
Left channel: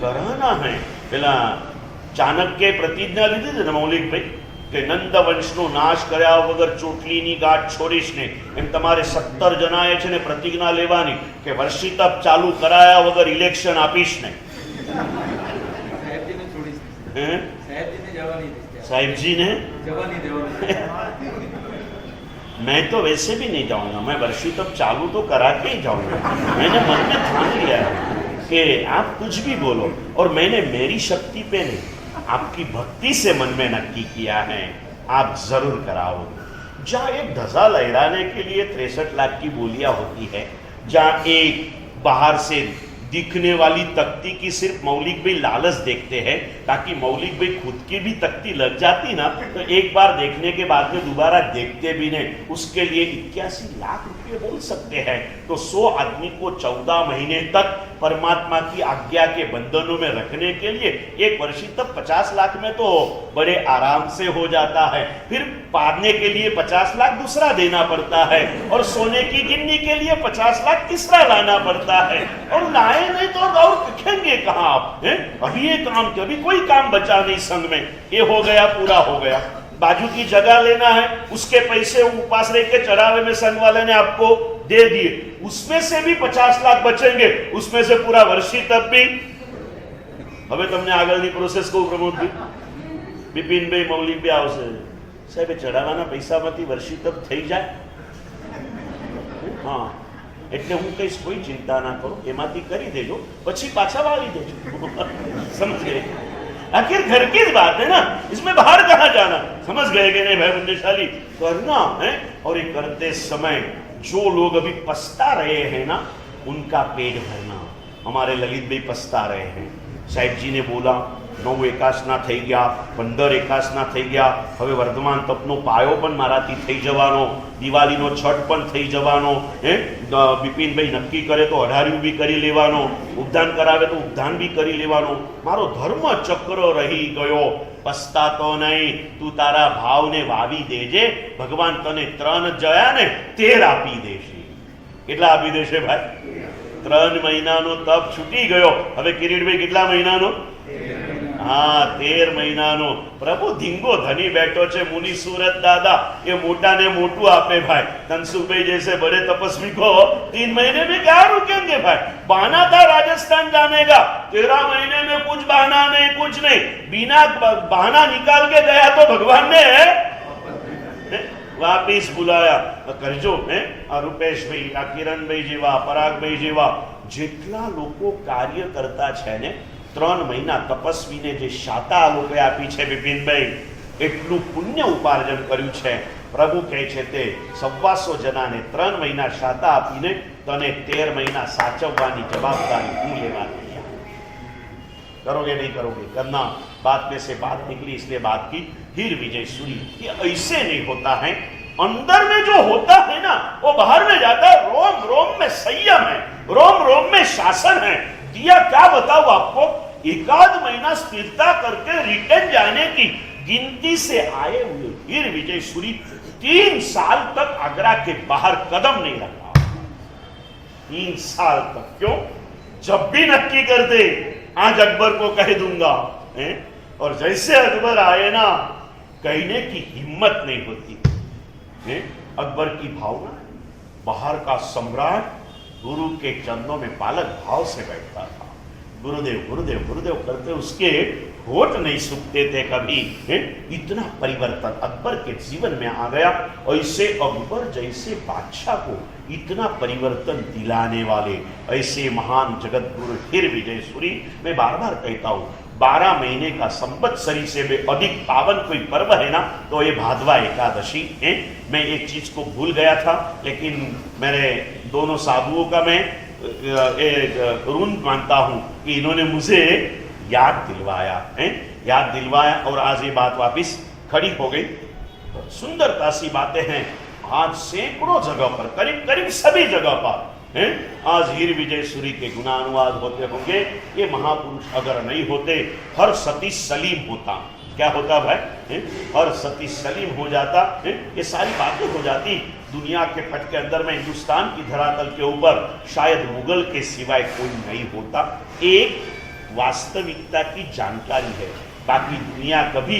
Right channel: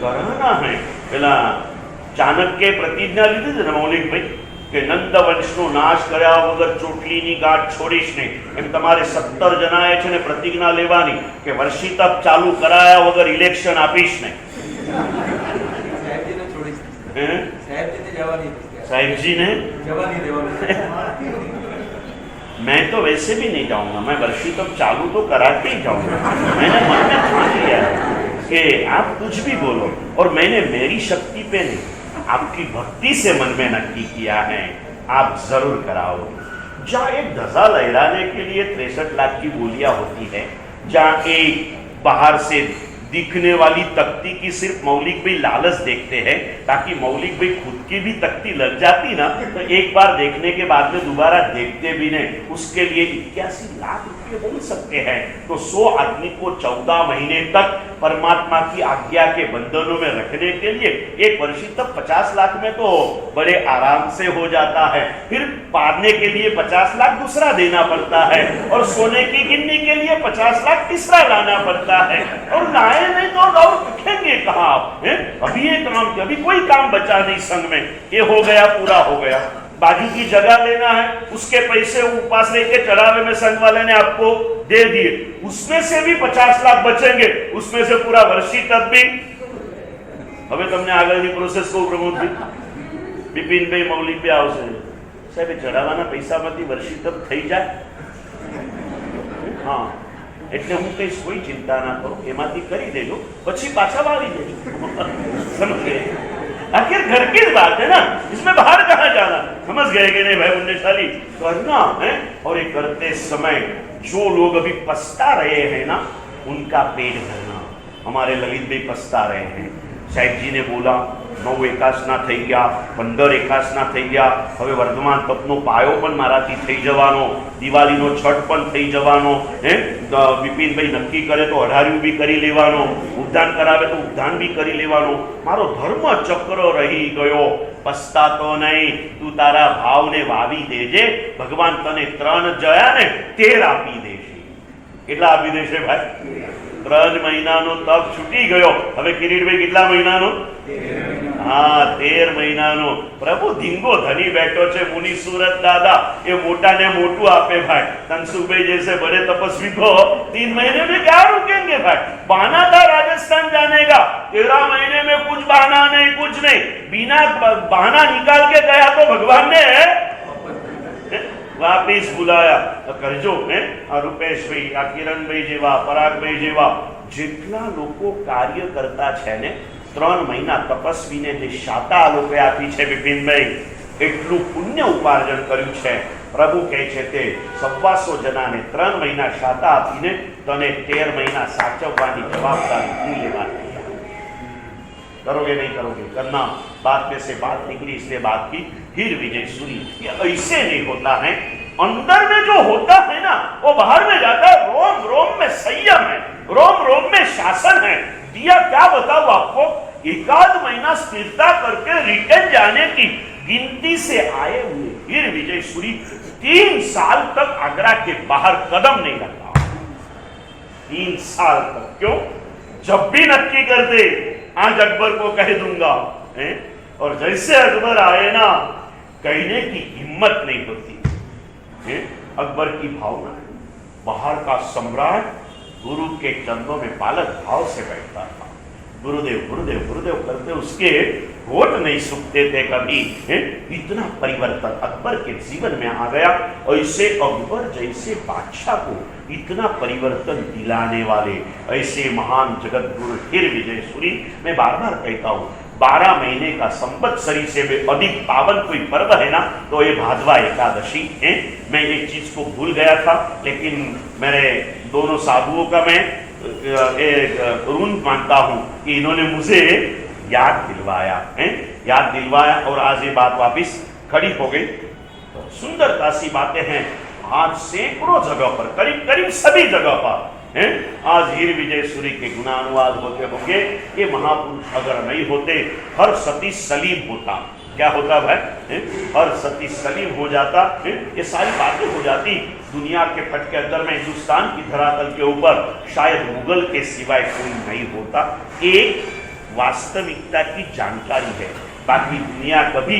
कराना है। પેલા ચાણક્ય પ્રતિજ્ઞા લીધી હતી ને મૌલિકભાઈ કે નંદ વંશનો નાશ કર્યા વગર ચોટલીની ગાંઠ છોડીશ નહીં, એમ તમારે 17 જણાએ છે ને પ્રતિજ્ઞા લેવાની કે વર્ષી તપ ચાલુ કરાયા વગર ઇલેક્શન આપીશ નહીં। સાહેબજીને છોડીશ નહીં, સાહેબજીને જવાની નહીં, સાહેબજીને જવાની દેવાની। मैं तो वैसे भी नहीं जाऊंगा, मैं वर्षी तप चालू तो करा के ही जाऊंगा। मैंने मन में ठान लिया है कि आप कुछ भी बोलो, और मैंने मेरी शक्ति पे नहीं, आपकी भक्ति से मन में नक्की किया है आप जरूर कराओगे। जहाँ एक ध्वजा लहराने के लिए 63 लाख की बोलियां होती है, जहाँ एक बाहर से दिखने वाली तख्ती की सिर्फ मौलिक भाई लालच देखते हैं ताकि मौलिक भाई खुद की भी तख्ती लग जाती ना तो एक बार देखने के बाद में दोबारा देखते भी नहीं, उसके लिए 81 लाख रुपए बोल सकते हैं। तो 100 आदमी को 14 महीने तक परमात्मा की आज्ञा के बंधनों में रखने के लिए एक वर्षी तक 50 लाख में तो बड़े आराम से हो जाता है। फिर पारने के लिए 50 लाख दूसरा देना पड़ता है, और सोने की गिन्नी के लिए 50 लाख तीसरा लाना पड़ता है। और लाए नहीं तो और दिखेंगे कहाँ आप? अभी ये काम के अभी कोई काम बचा नहीं संघ में, ये हो गया पूरा हो गया। बाजू की जगह लेना है, उसके पैसे उपास रह के चढ़ावे में संघ वाले ने आपको दे दिए, उसमें से भी 50 लाख बचेंगे, उसमें से पूरा वर्षी तब भी। હવે તમને આગળની પ્રોસેસ કહું પ્રમોદજી, બિપિનભાઈ મૌલિક पे આવશે, સાહેબ ચઢાવવાના પૈસામાંથી વર્ષી તપ થઈ જાય? હા, એટલે હું કહીશ કોઈ ચિંતા ના કરો, એમાંથી કરી દેજો, પછી પાછા વાળી દેજો। समझ गए? आखिर घर की बात है ना, इसमें बाहर कहाँ जाना। समझ गए कि नहीं भाई पुण्यशाली? करना है। और ये करते समय जो लोग अभी पछता रहे हैं ना, उनका पेट भरना। हमारे ललित भाई पछता रहे हैं, साहिब जी ने बोला 9 एकासना થઈ ગયા, 15 એકાસના થઈ ગયા, હવે વર્ધમાન તપનો પાયો પણ મારાથી થઈ જવાનો, દિવાળીનો છઠ પણ થઈ જવાનો, બિપિનભાઈ નક્કી કરે તો અઢાર્યું બી કરી લેવાનો, ઉદ્ધાન કરાવે તો ઉદ્ધાન બી કરી લેવાનો, મારો ધર્મ ચક્ર રહી ગયો। પસ્તાતો નહીં, તું તારા ભાવને વાવી દેજે, ભગવાન તને 3 જયા ને 13 આપી દેશે। કેટલા આપી દેશે ભાઈ? 3 મહિનાનો તપ છૂટી ગયો। હવે કિરીટભાઈ કેટલા મહિનાનો? हाँ 13 મહિનાનો। प्रभु धींगो धनी बैठो छे, मुनि सूरत दादा ये मोटा ने मोटू आपे भाई। तनसुख भाई जैसे बड़े तपस्वी को 3 महीने में क्या रुकेंगे भाई? बहाना था राजस्थान जाने का, 13 महीने में कुछ बहाना नहीं, कुछ नहीं, बिना बहाना निकाल के गया तो भगवान ने वापिस बुलाया। करजो आ रूपेश भाई, आ किरण भाई जेवा, पराग भाई जेवा जेटला लोको कार्य करता छे ने 3 મહિના તપસ્વીને જે શાતા લોકોએ આપી છે બિપિનભાઈ, એટલું પુણ્ય ઉપાર્જન કર્યું છે। પ્રભુ કહે છે તે 125 જણાને 3 મહિના શાતા આપીને તને 13 મહિના સાચવવાની જવાબદારી હું લેવા તૈયાર। करोगे नहीं करोगे? करना। बात में से बात निकली, इसलिए बात की। हीर विजय सूरी ये ऐसे नहीं होता है, अंदर में जो होता है ना वो बाहर में जाता है। रोम रोम में संयम है, रोम रोम में शासन है। दिया क्या बताऊं आपको, 1 महीना स्थिरता करके रिटर्न जाने की गिनती से आए हुए हीर विजय सूरी 3 साल तक आगरा के बाहर कदम नहीं रखा। 3 साल तक। क्यों? जब भी नक्की कर दे आज अकबर को कह दूंगा, है? और जैसे अकबर आए ना, कहने की हिम्मत नहीं होती है। अकबर की भावना, बाहर का सम्राट गुरु के चरणों में बालक भाव से बैठता था। गुरुदेव गुरुदेव गुरुदेव करते उसके होठ नहीं सूखते थे कभी। इतना परिवर्तन अकबर के जीवन में आ गया। ऐसे अकबर जैसे बादशाह को इतना परिवर्तन दिलाने वाले ऐसे महान जगत गुरु हीर विजय सूरी, मैं बार बार कहता हूँ, 12 महीने का संवत्सरी से भी अधिक पावन कोई पर्व है ना तो ये भादवा एकादशी है। मैं एक चीज को भूल गया था, लेकिन मेरे दोनों साधुओं का मैं ऋण मानता हूं कि इन्होंने मुझे याद दिलवाया है, याद दिलवाया और आज ये बात वापिस खड़ी हो गई। तो सुंदरता सी बातें हैं। आज सैकड़ों जगह पर, करीब करीब सभी जगह पर हैं, आज हीर विजय सूरी के गुणानुवाद होते होंगे। ये महापुरुष अगर नहीं होते, हर सती सलीम होता। क्या होता भाई? हर सती सलीम हो जाता। ये सारी बातें हो जाती। दुनिया के पट के अंदर में हिंदुस्तान की धरातल के ऊपर शायद मुगल के सिवाय कोई नहीं होता। एक वास्तविकता की जानकारी है, बाकी दुनिया कभी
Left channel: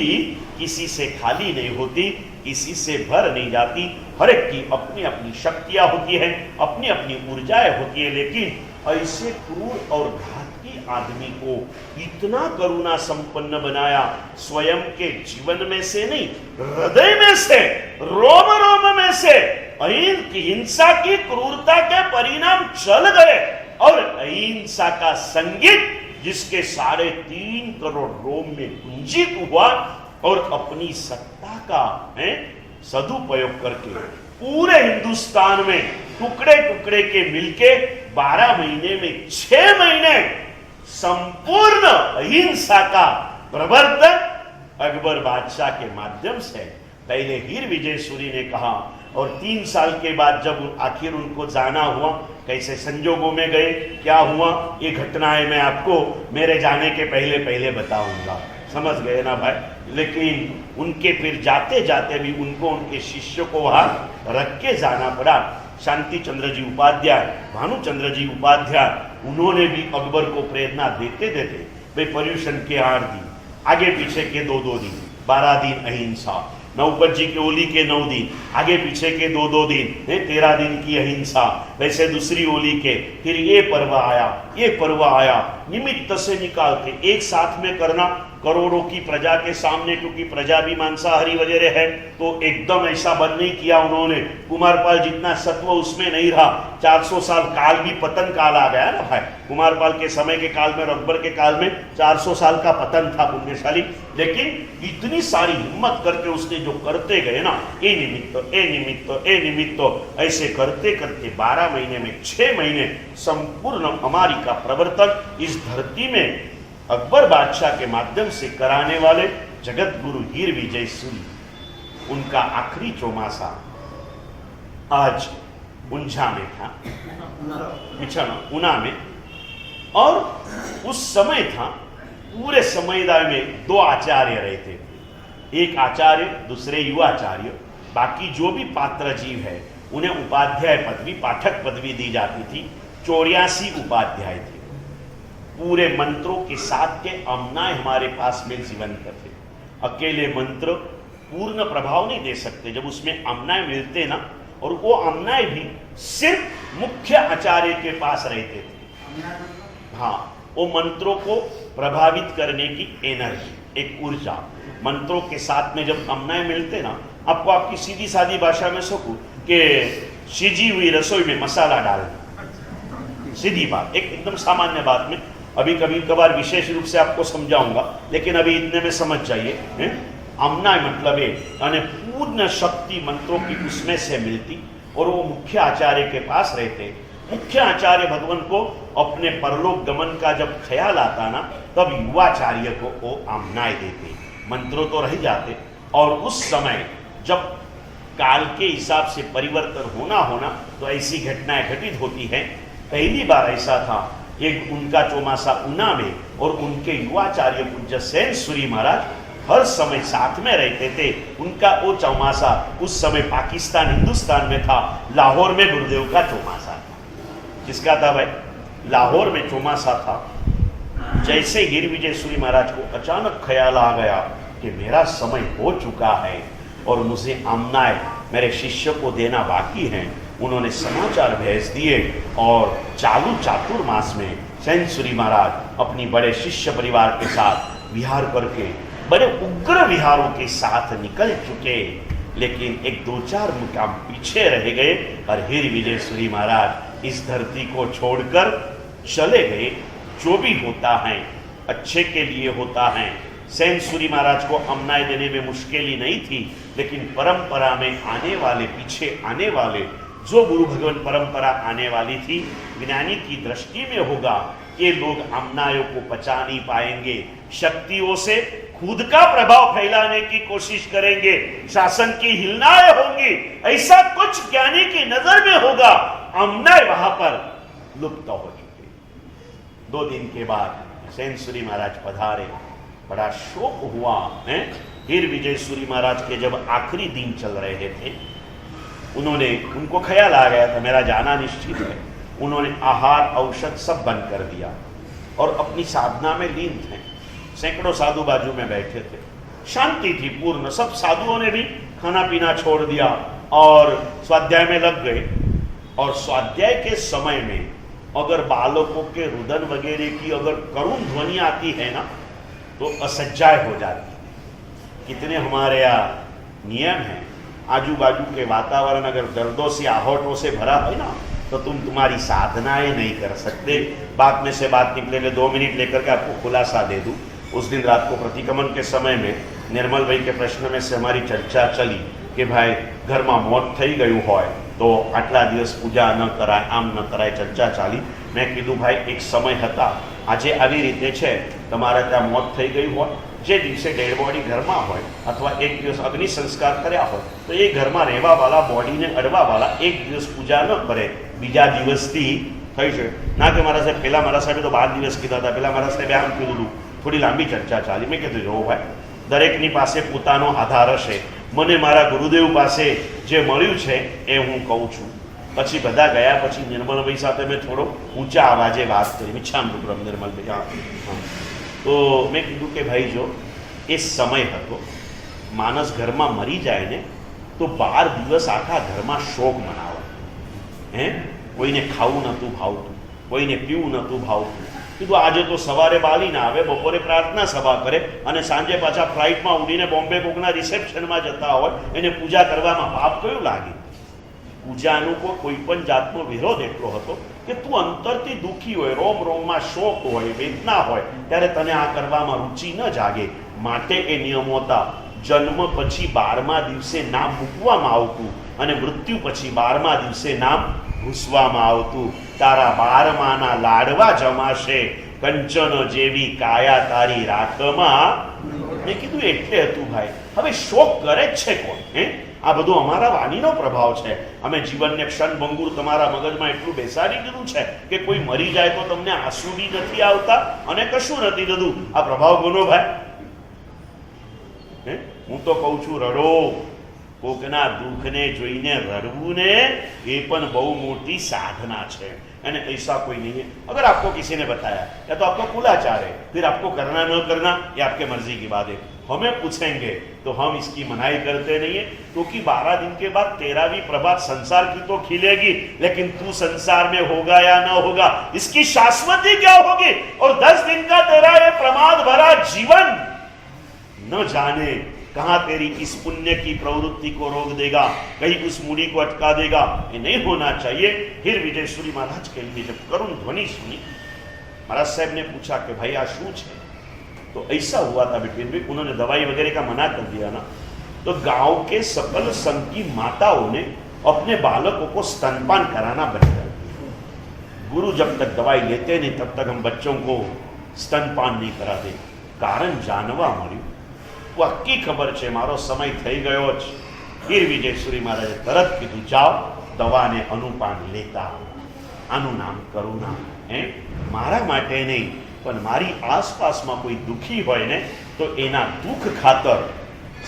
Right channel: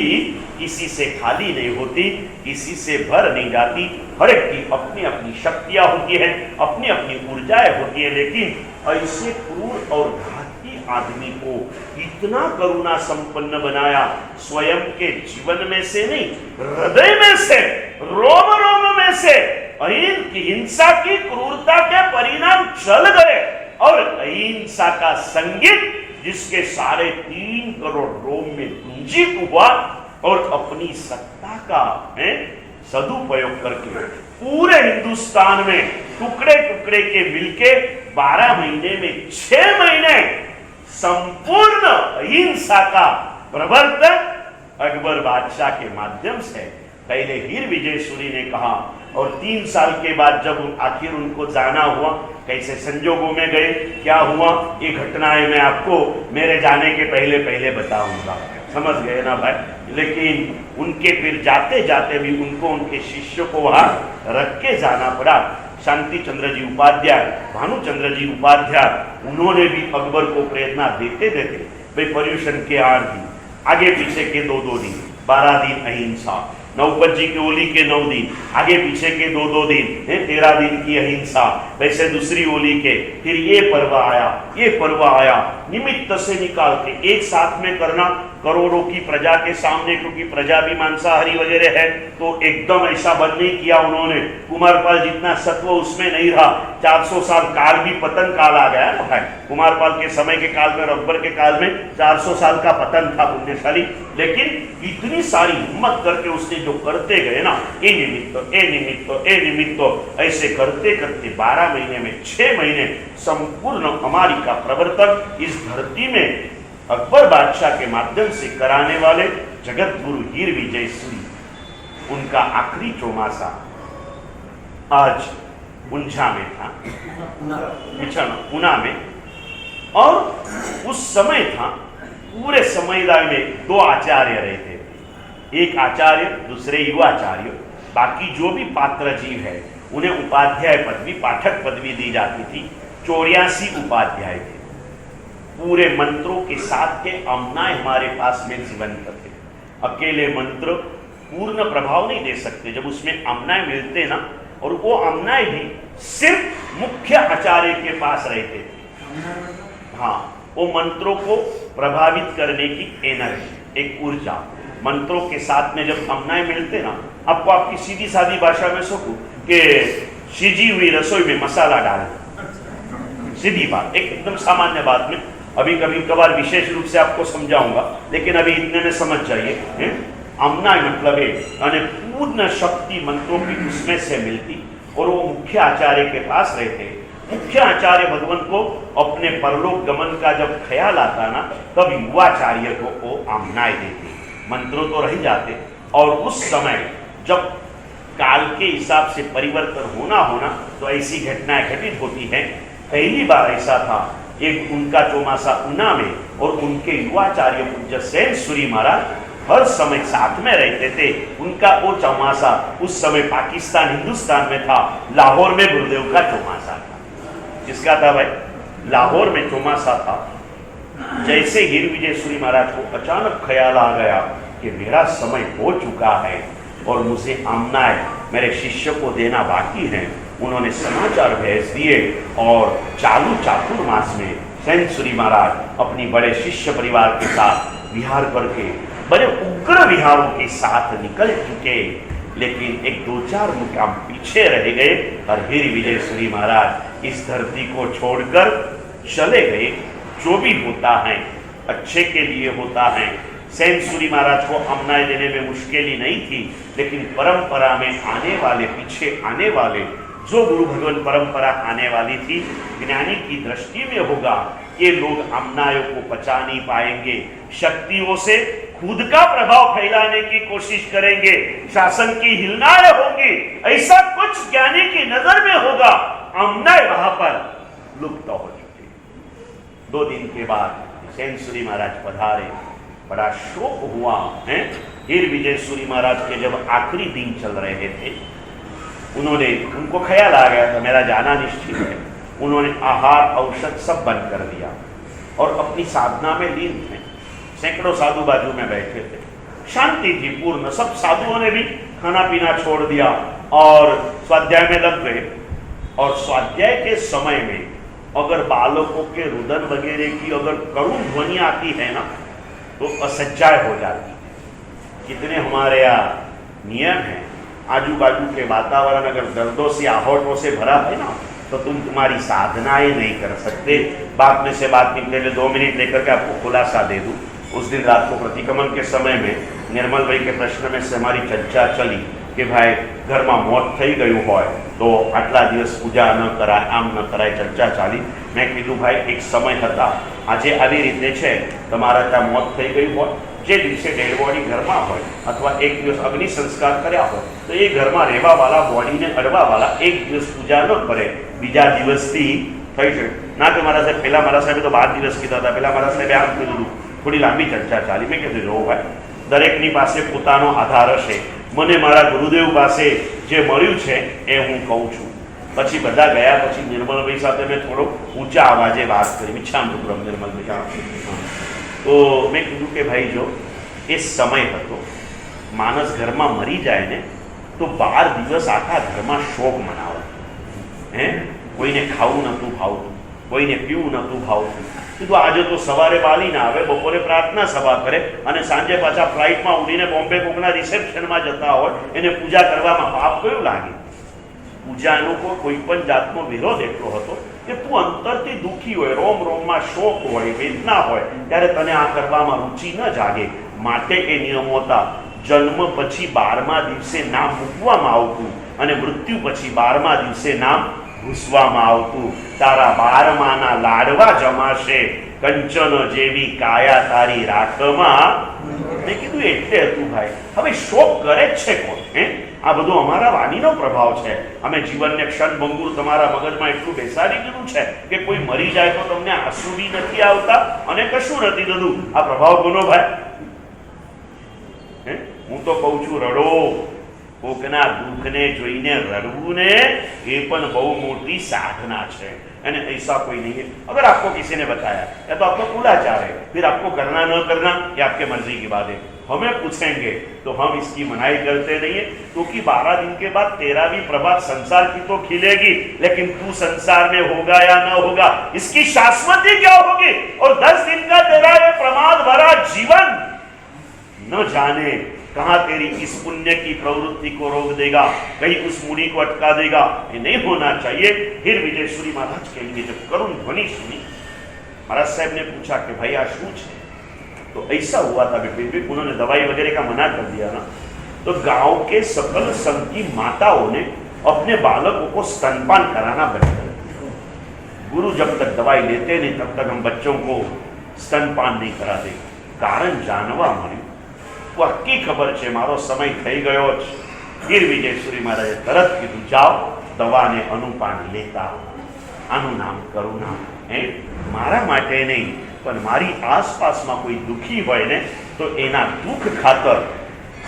किसी से खाली नहीं होती, किसी से भर नहीं जाती। हर एक की अपनी अपनी शक्तियां होती हैं, अपनी अपनी ऊर्जाएं होती है, लेकिन ऐसे क्रूर और घाती आदमी को इतना करुणा संपन्न बनाया, स्वयं के जीवन में से नहीं, हृदय में से, रोम रोम में से हिंसा की क्रूरता के परिणाम चल गए और अहिंसा का संगीत जिसके 3.5 करोड़ रोम में गुंजित हुआ और अपनी सत्ता का सदुपयोग करके पूरे हिंदुस्तान में टुकड़े टुकड़े के मिलके 12 महीने में 6 महीने संपूर्ण अहिंसा का प्रवर्तन अकबर बादशाह के माध्यम से पहले हीर विजय सूरी ने कहा, और 3 साल के बाद जब आखिर उनको जाना हुआ, कैसे संजोगों में गए, क्या हुआ, ये घटनाएं मैं आपको मेरे जाने के पहले पहले बताऊंगा। समझ गए ना भाई? लेकिन उनके फिर जाते जाते भी उनको उनके शिष्यों को वहां रख के जाना पड़ा। शांति चंद्र जी उपाध्याय, भानुचंद्र जी उपाध्याय, उन्होंने भी अकबर को प्रेरणा देते देते भाई पर्यूषण के 8 दिन, आगे पीछे के 2-2 दिन, 12 दिन अहिंसा, नवपत जी के ओली के 9 दिन, आगे पीछे के 2-2 दिन, 13 दिन की अहिंसा, वैसे दूसरी ओली के फिर ये पर्व आया, निमित्त से निकाल के एक साथ में करना करोड़ों की प्रजा के सामने, क्योंकि प्रजा भी मांसाहारी वगैरह है, तो एकदम ऐसा बंद नहीं किया उन्होंने। कुमारपाल जितना सत्व उसमें नहीं रहा। 400 साल काल भी पतन काल आ गया ना भाई। कुमारपाल के समय के काल में और अकबर के काल में 400 साल का पतन था पुण्यशाली, लेकिन इतनी सारी हिम्मत करके उसने जो करते गए ना, ए निमित्त ऐसे करते करते 12 महीने में 6 महीने संपूर्ण हमारी का प्रवर्तन इस धरती में अकबर बादशाह के माध्यम से कराने वाले जगत गुरु हीर विजय सूरी, उनका आखिरी चौमासा आज उंझा में था, ऊना में। और उस समय था, पूरे समुदाय में 2 आचार्य रहते थे, एक आचार्य, दूसरे युवाचार्य, बाकी जो भी पात्र जीव है उन्हें उपाध्याय पदवी, पाठक पदवी दी जाती थी। 84 उपाध्याय थे। पूरे मंत्रों के साथ के अमनाय हमारे पास में जीवंत थे। अकेले मंत्र पूर्ण प्रभाव नहीं दे सकते, जब उसमें अमनाय मिलते ना, और वो अमनाय भी सिर्फ मुख्य आचार्य के पास रहते थे। हाँ, वो मंत्रों को प्रभावित करने की एनर्जी, एक ऊर्जा, मंत्रों के साथ में जब अमनाय मिलते ना, आपको आपकी सीधी सादी भाषा में सकूं कि सिजी हुई रसोई में मसाला डालना, सीधी बात, एक एकदम सामान्य बात में। अभी कभी कभार विशेष रूप से आपको समझाऊंगा, लेकिन अभी इतने में समझ जाइए। अमनाय मतलब है पूर्ण शक्ति मंत्रों की उसमें से मिलती, और वो मुख्य आचार्य के पास रहते। मुख्य आचार्य भगवान को अपने परलोक गमन का जब ख्याल आता ना, तब युवाचार्य को वो अमनाय देते, मंत्रों तो रह जाते। और उस समय जब काल के हिसाब से परिवर्तन होना तो ऐसी घटनाएं घटित होती हैं। पहली बार ऐसा था, एक उनका चौमासा ऊना में, और उनके युवाचार्य पूज्य सेन सूरी महाराज हर समय साथ में रहते थे। उनका वो चौमासा उस समय पाकिस्तान हिंदुस्तान में था, लाहौर में गुरुदेव का चौमासा था। किसका था भाई? लाहौर में चौमासा था। जैसे हीर विजय सूरी महाराज को अचानक ख्याल आ गया कि मेरा समय हो चुका है और मुझे आमनाय मेरे शिष्य को देना बाकी है, उन्होंने समाचार भेज दिए और चालू चातुर्मास में सेन सूरी महाराज अपनी बड़े शिष्य परिवार के साथ विहार करके बड़े उग्र विहारों के साथ निकल चुके। लेकिन एक दो चार मुकाम पीछे रह गए और हीर विजय सूरी महाराज इस धरती को छोड़कर चले गए। जो भी होता है अच्छे के लिए होता है। सेन सूरी महाराज को आमनाय देने में मुश्किल नहीं थी, लेकिन परंपरा में आने वाले, पीछे आने वाले जो गुरु भगवान परंपरा आने वाली थी, ज्ञानी की दृष्टि में होगा ये लोग आमनायों को पचा नहीं पाएंगे, शक्तियों से खुद का प्रभाव फैलाने की कोशिश करेंगे, शासन की हिलनाएं होंगी, ऐसा कुछ ज्ञानी की नजर में होगा। आमनाय वहां पर लुप्त हो चुके। 2 दिन के बाद सेन सूरी महाराज पधारे, बड़ा शोक हुआ है। हीर विजय सूरी महाराज के जब आखिरी दिन चल रहे थे, उनको ख्याल आ गया था मेरा जाना निश्चित है। उन्होंने आहार औषध सब बंद कर दिया और अपनी साधना में लीन थे। सैकड़ों साधु बाजू में बैठे थे, शांति थी पूर्ण। सब साधुओं ने भी खाना पीना छोड़ दिया और स्वाध्याय में लग गए। और स्वाध्याय के समय में अगर बालकों के रुदन वगैरह की अगर करुण ध्वनि आती है ना, तो असज्जाय हो जाती है। कितने हमारे यहाँ नियम है, आजू बाजू के वातावरण अगर दर्दों से, आहटों से भरा है ना, तो तुम्हारी साधनाएं नहीं कर सकते। बात में से बात निकले में 2 मिनट लेकर के आपको खुलासा दे दूं। उस दिन रात को प्रतिक्रमण के समय में निर्मल भाई के प्रश्न में से हमारी चर्चा चली कि भाई घर में मौत थई गયું હોય तो आटला दिवस पूजा न कराय, आम न कराय, चर्चा चाली। मैं कीधुं भाई एक समय हता, આજે આવી રીતે છે, તમારા ત્યાં મોત થઈ ગયું હોય, જે દિવસે ડેડ બોડી ઘરમાં હોય અથવા એક દિવસ અગ્નિ સંસ્કાર કર્યા હોય, તો એ ઘરમાં રહેવાવાળા, બોડીને અડવાવાળા એક દિવસ પૂજા ન કરે, બીજા દિવસથી થઈ શકે ના। કે મારા સાહેબ પહેલાં મારા સાહેબે તો 12 દિવસ કીધા હતા, પહેલાં મારા સાહેબે આમ કીધું હતું। થોડી લાંબી ચર્ચા ચાલી। મેં કીધું જોવું ભાઈ, દરેકની પાસે પોતાનો આધાર હશે। મને મારા ગુરુદેવ પાસે જે મળ્યું છે એ હું કહું છું। પછી બધા ગયા પછી નિર્મલભાઈ સાથે મેં થોડો ઊંચા અવાજે વાત કરી, મિચ્છામૃતમ નિર્મલભાઈ। તો મેં કીધું કે ભાઈ જો એ સમય હતો, માણસ ઘરમાં મરી જાય ને તો 12 દિવસ આખા ઘરમાં શોક મનાવો। હે, કોઈને ખાવું નહોતું ભાવતું, કોઈને પીવું નહોતું ભાવતું। કીધું આજે તો સવારે બાલીને આવે, બપોરે પ્રાર્થના સભા કરે અને સાંજે પાછા ફ્લાઇટમાં ઉડીને બોમ્બે કોકના રિસેપ્શનમાં જતા હોય, એને પૂજા કરવામાં પાપ કયું લાગે? પૂજાનો કોઈ પણ જાતનો વિરોધ એટલો હતો કે તું અંતરથી દુઃખી હોય, રોમ રોમમાં શોક હોય, વેદના હોય, ત્યારે તને આ કરવામાં રુચિ ન જાગે। માટે એ નિયમો હતા। જન્મ પછી 12મા દિવસે નામ મૂકવામાં આવતું અને મૃત્યુ પછી 12મા દિવસે નામ ભૂસવામાં આવતું। તારા 12માના લાડવા જમાશે, કંચન જેવી કાયા તારી રાખમાં। મેં કીધું એટલે હતું ભાઈ। હવે શોક કરે જ છે કોણ? હે, આ બધું અમારા વાણીનો પ્રભાવ છે। અમે જીવનને ક્ષણભંગુર તમારા મગજમાં એટલું બેસાડી દીધું છે કે કોઈ મરી જાય તો તમને આંસુ બી નથી આવતા અને કશું નથી થતું। આ પ્રભાવ કોનો ભાઈ? હું તો કહું છું રડો। કોકના દુઃખને જોઈને રડવું ને એ પણ બહુ મોટી સાધના છે। यानी ऐसा कोई नहीं है। अगर आपको किसी ने बताया या तो आपका कुलाचार है, फिर आपको करना न करना ये आपके मर्जी की बात है। हमें पूछेंगे तो हम इसकी मनाही करते नहीं है, क्योंकि 12 दिन के बाद 13वीं प्रभात संसार की तो खिलेगी, लेकिन तू संसार में होगा या न होगा इसकी शाश्वती क्या होगी? और 10 दिन का तेरा ये प्रमाद भरा जीवन न जाने कहां तेरी इस पुण्य की प्रवृत्ति को रोक देगा, कहीं उस मूड़ी को अटका देगा। ये नहीं होना चाहिए। हीर विजय सूरी महाराज कहेंगे, जब करुण ध्वनि सुनी, महाराज साहब ने पूछा कि भाई आ शू है? तो ऐसा हुआ था बिटवीन, उन्होंने दवाई वगैरह का मना कर दिया ना, तो गांव के सकल संघ की माताओं ने अपने बालकों को स्तनपान कराना बंद कर दिया। गुरु जब तक दवाई लेते नहीं तब तक हम बच्चों को स्तनपान नहीं कराते। कारण जानवा मळ्યું, पक्की खबर है मारो समय थई गयो छ। हीर विजय सूरी महाराजे तरत कीधुं, जाओ दवाने अनुपान लेता। आनु नाम करुणा है। मारा माटे नहीं पण मारी आसपास में कोई दुखी होय ने तो एना दुख खातर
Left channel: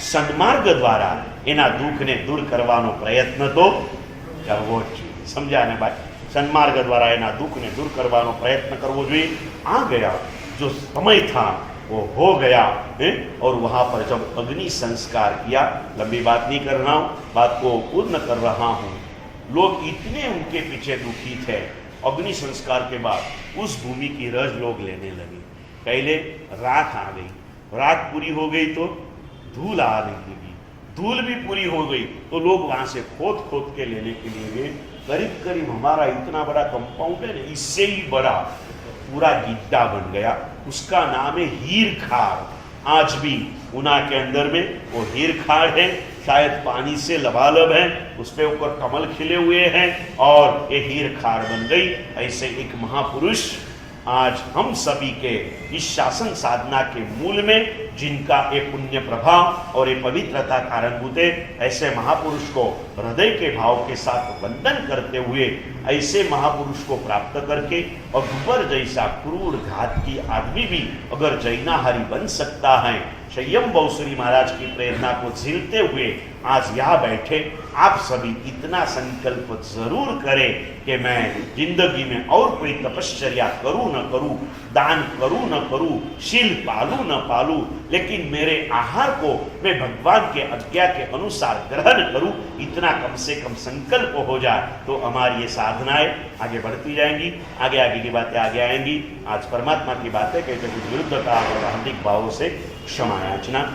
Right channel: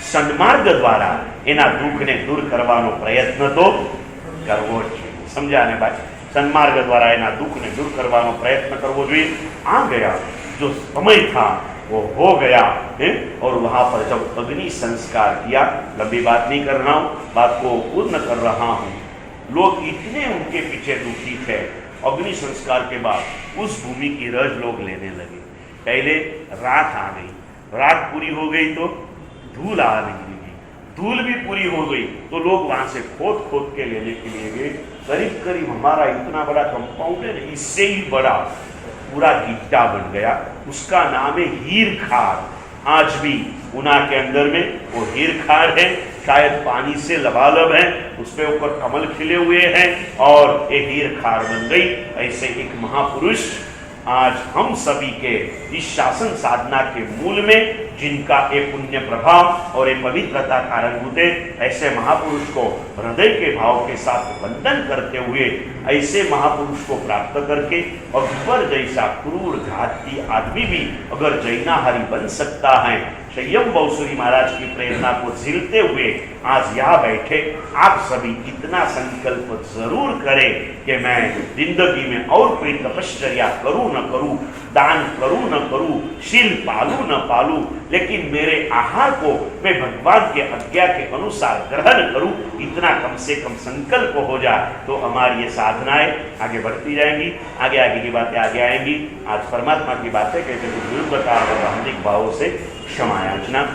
सन्मार्ग द्वारा एना दुख ने दूर करवानो प्रयत्न तो करवो ज। समझा ने भाई? સન્માર્ગ દ્વારા એના દુઃખને દૂર કરવાનો પ્રયત્ન કરવો જોઈએ. आ गया जो समय था वो हो गया है. और वहाँ पर जब अग्नि संस्कार किया, लंबी बात नहीं कर रहा हूँ, बात को पूर्ण कर रहा हूँ. लोग इतने उनके पीछे दुखी थे, अग्नि संस्कार के बाद उस भूमि की रज लोग लेने लगे. पहले राख आ गई, राख पूरी हो गई तो धूल आ रही, धूल भी पूरी हो गई तो लोग वहां से खोद खोद के लेने के लिए गए. करीब करीब हमारा इतना बड़ा कंपाउंड है, इससे ही बड़ा पूरा गिड्ढा बन गया. उसका नाम है हीर खार. आज भी ऊना के अंदर में वो हीर खार है, शायद पानी से लबालब है, उस पे ऊपर कमल खिले हुए हैं और ये हीर खार बन गई. ऐसे एक महापुरुष आज हम सभी के इस शासन साधना के मूल में जिनका ये पुण्य प्रभाव और ये पवित्रता कारणभूत है, ऐसे महापुरुष को हृदय के भाव के साथ वंदन करते हुए ऐसे महापुरुष को प्राप्त करके अकबर जैसा क्रूर घातकी आदमी भी अगर जैनाहारी बन सकता है, संयम बहुसुरी महाराज की प्रेरणा को झेलते हुए आज यहाँ बैठे आप सभी इतना संकल्प जरूर करें कि मैं जिंदगी में और कोई तपश्चर्या करूं न करूं, दान करूं न करूं, शील पालू न पालू, लेकिन मेरे आहार को मैं भगवान के आज्ञा के अनुसार ग्रहण करूं, इतना कम से कम संकल्प हो जाए तो हमारी ये साधनाएं आगे बढ़ती जाएंगी. आगे आगे की बातें आगे आएंगी. आज परमात्मा की बातें कहते कुछ विरुद्धता और अहंदिक भावों से क्षमा याचना.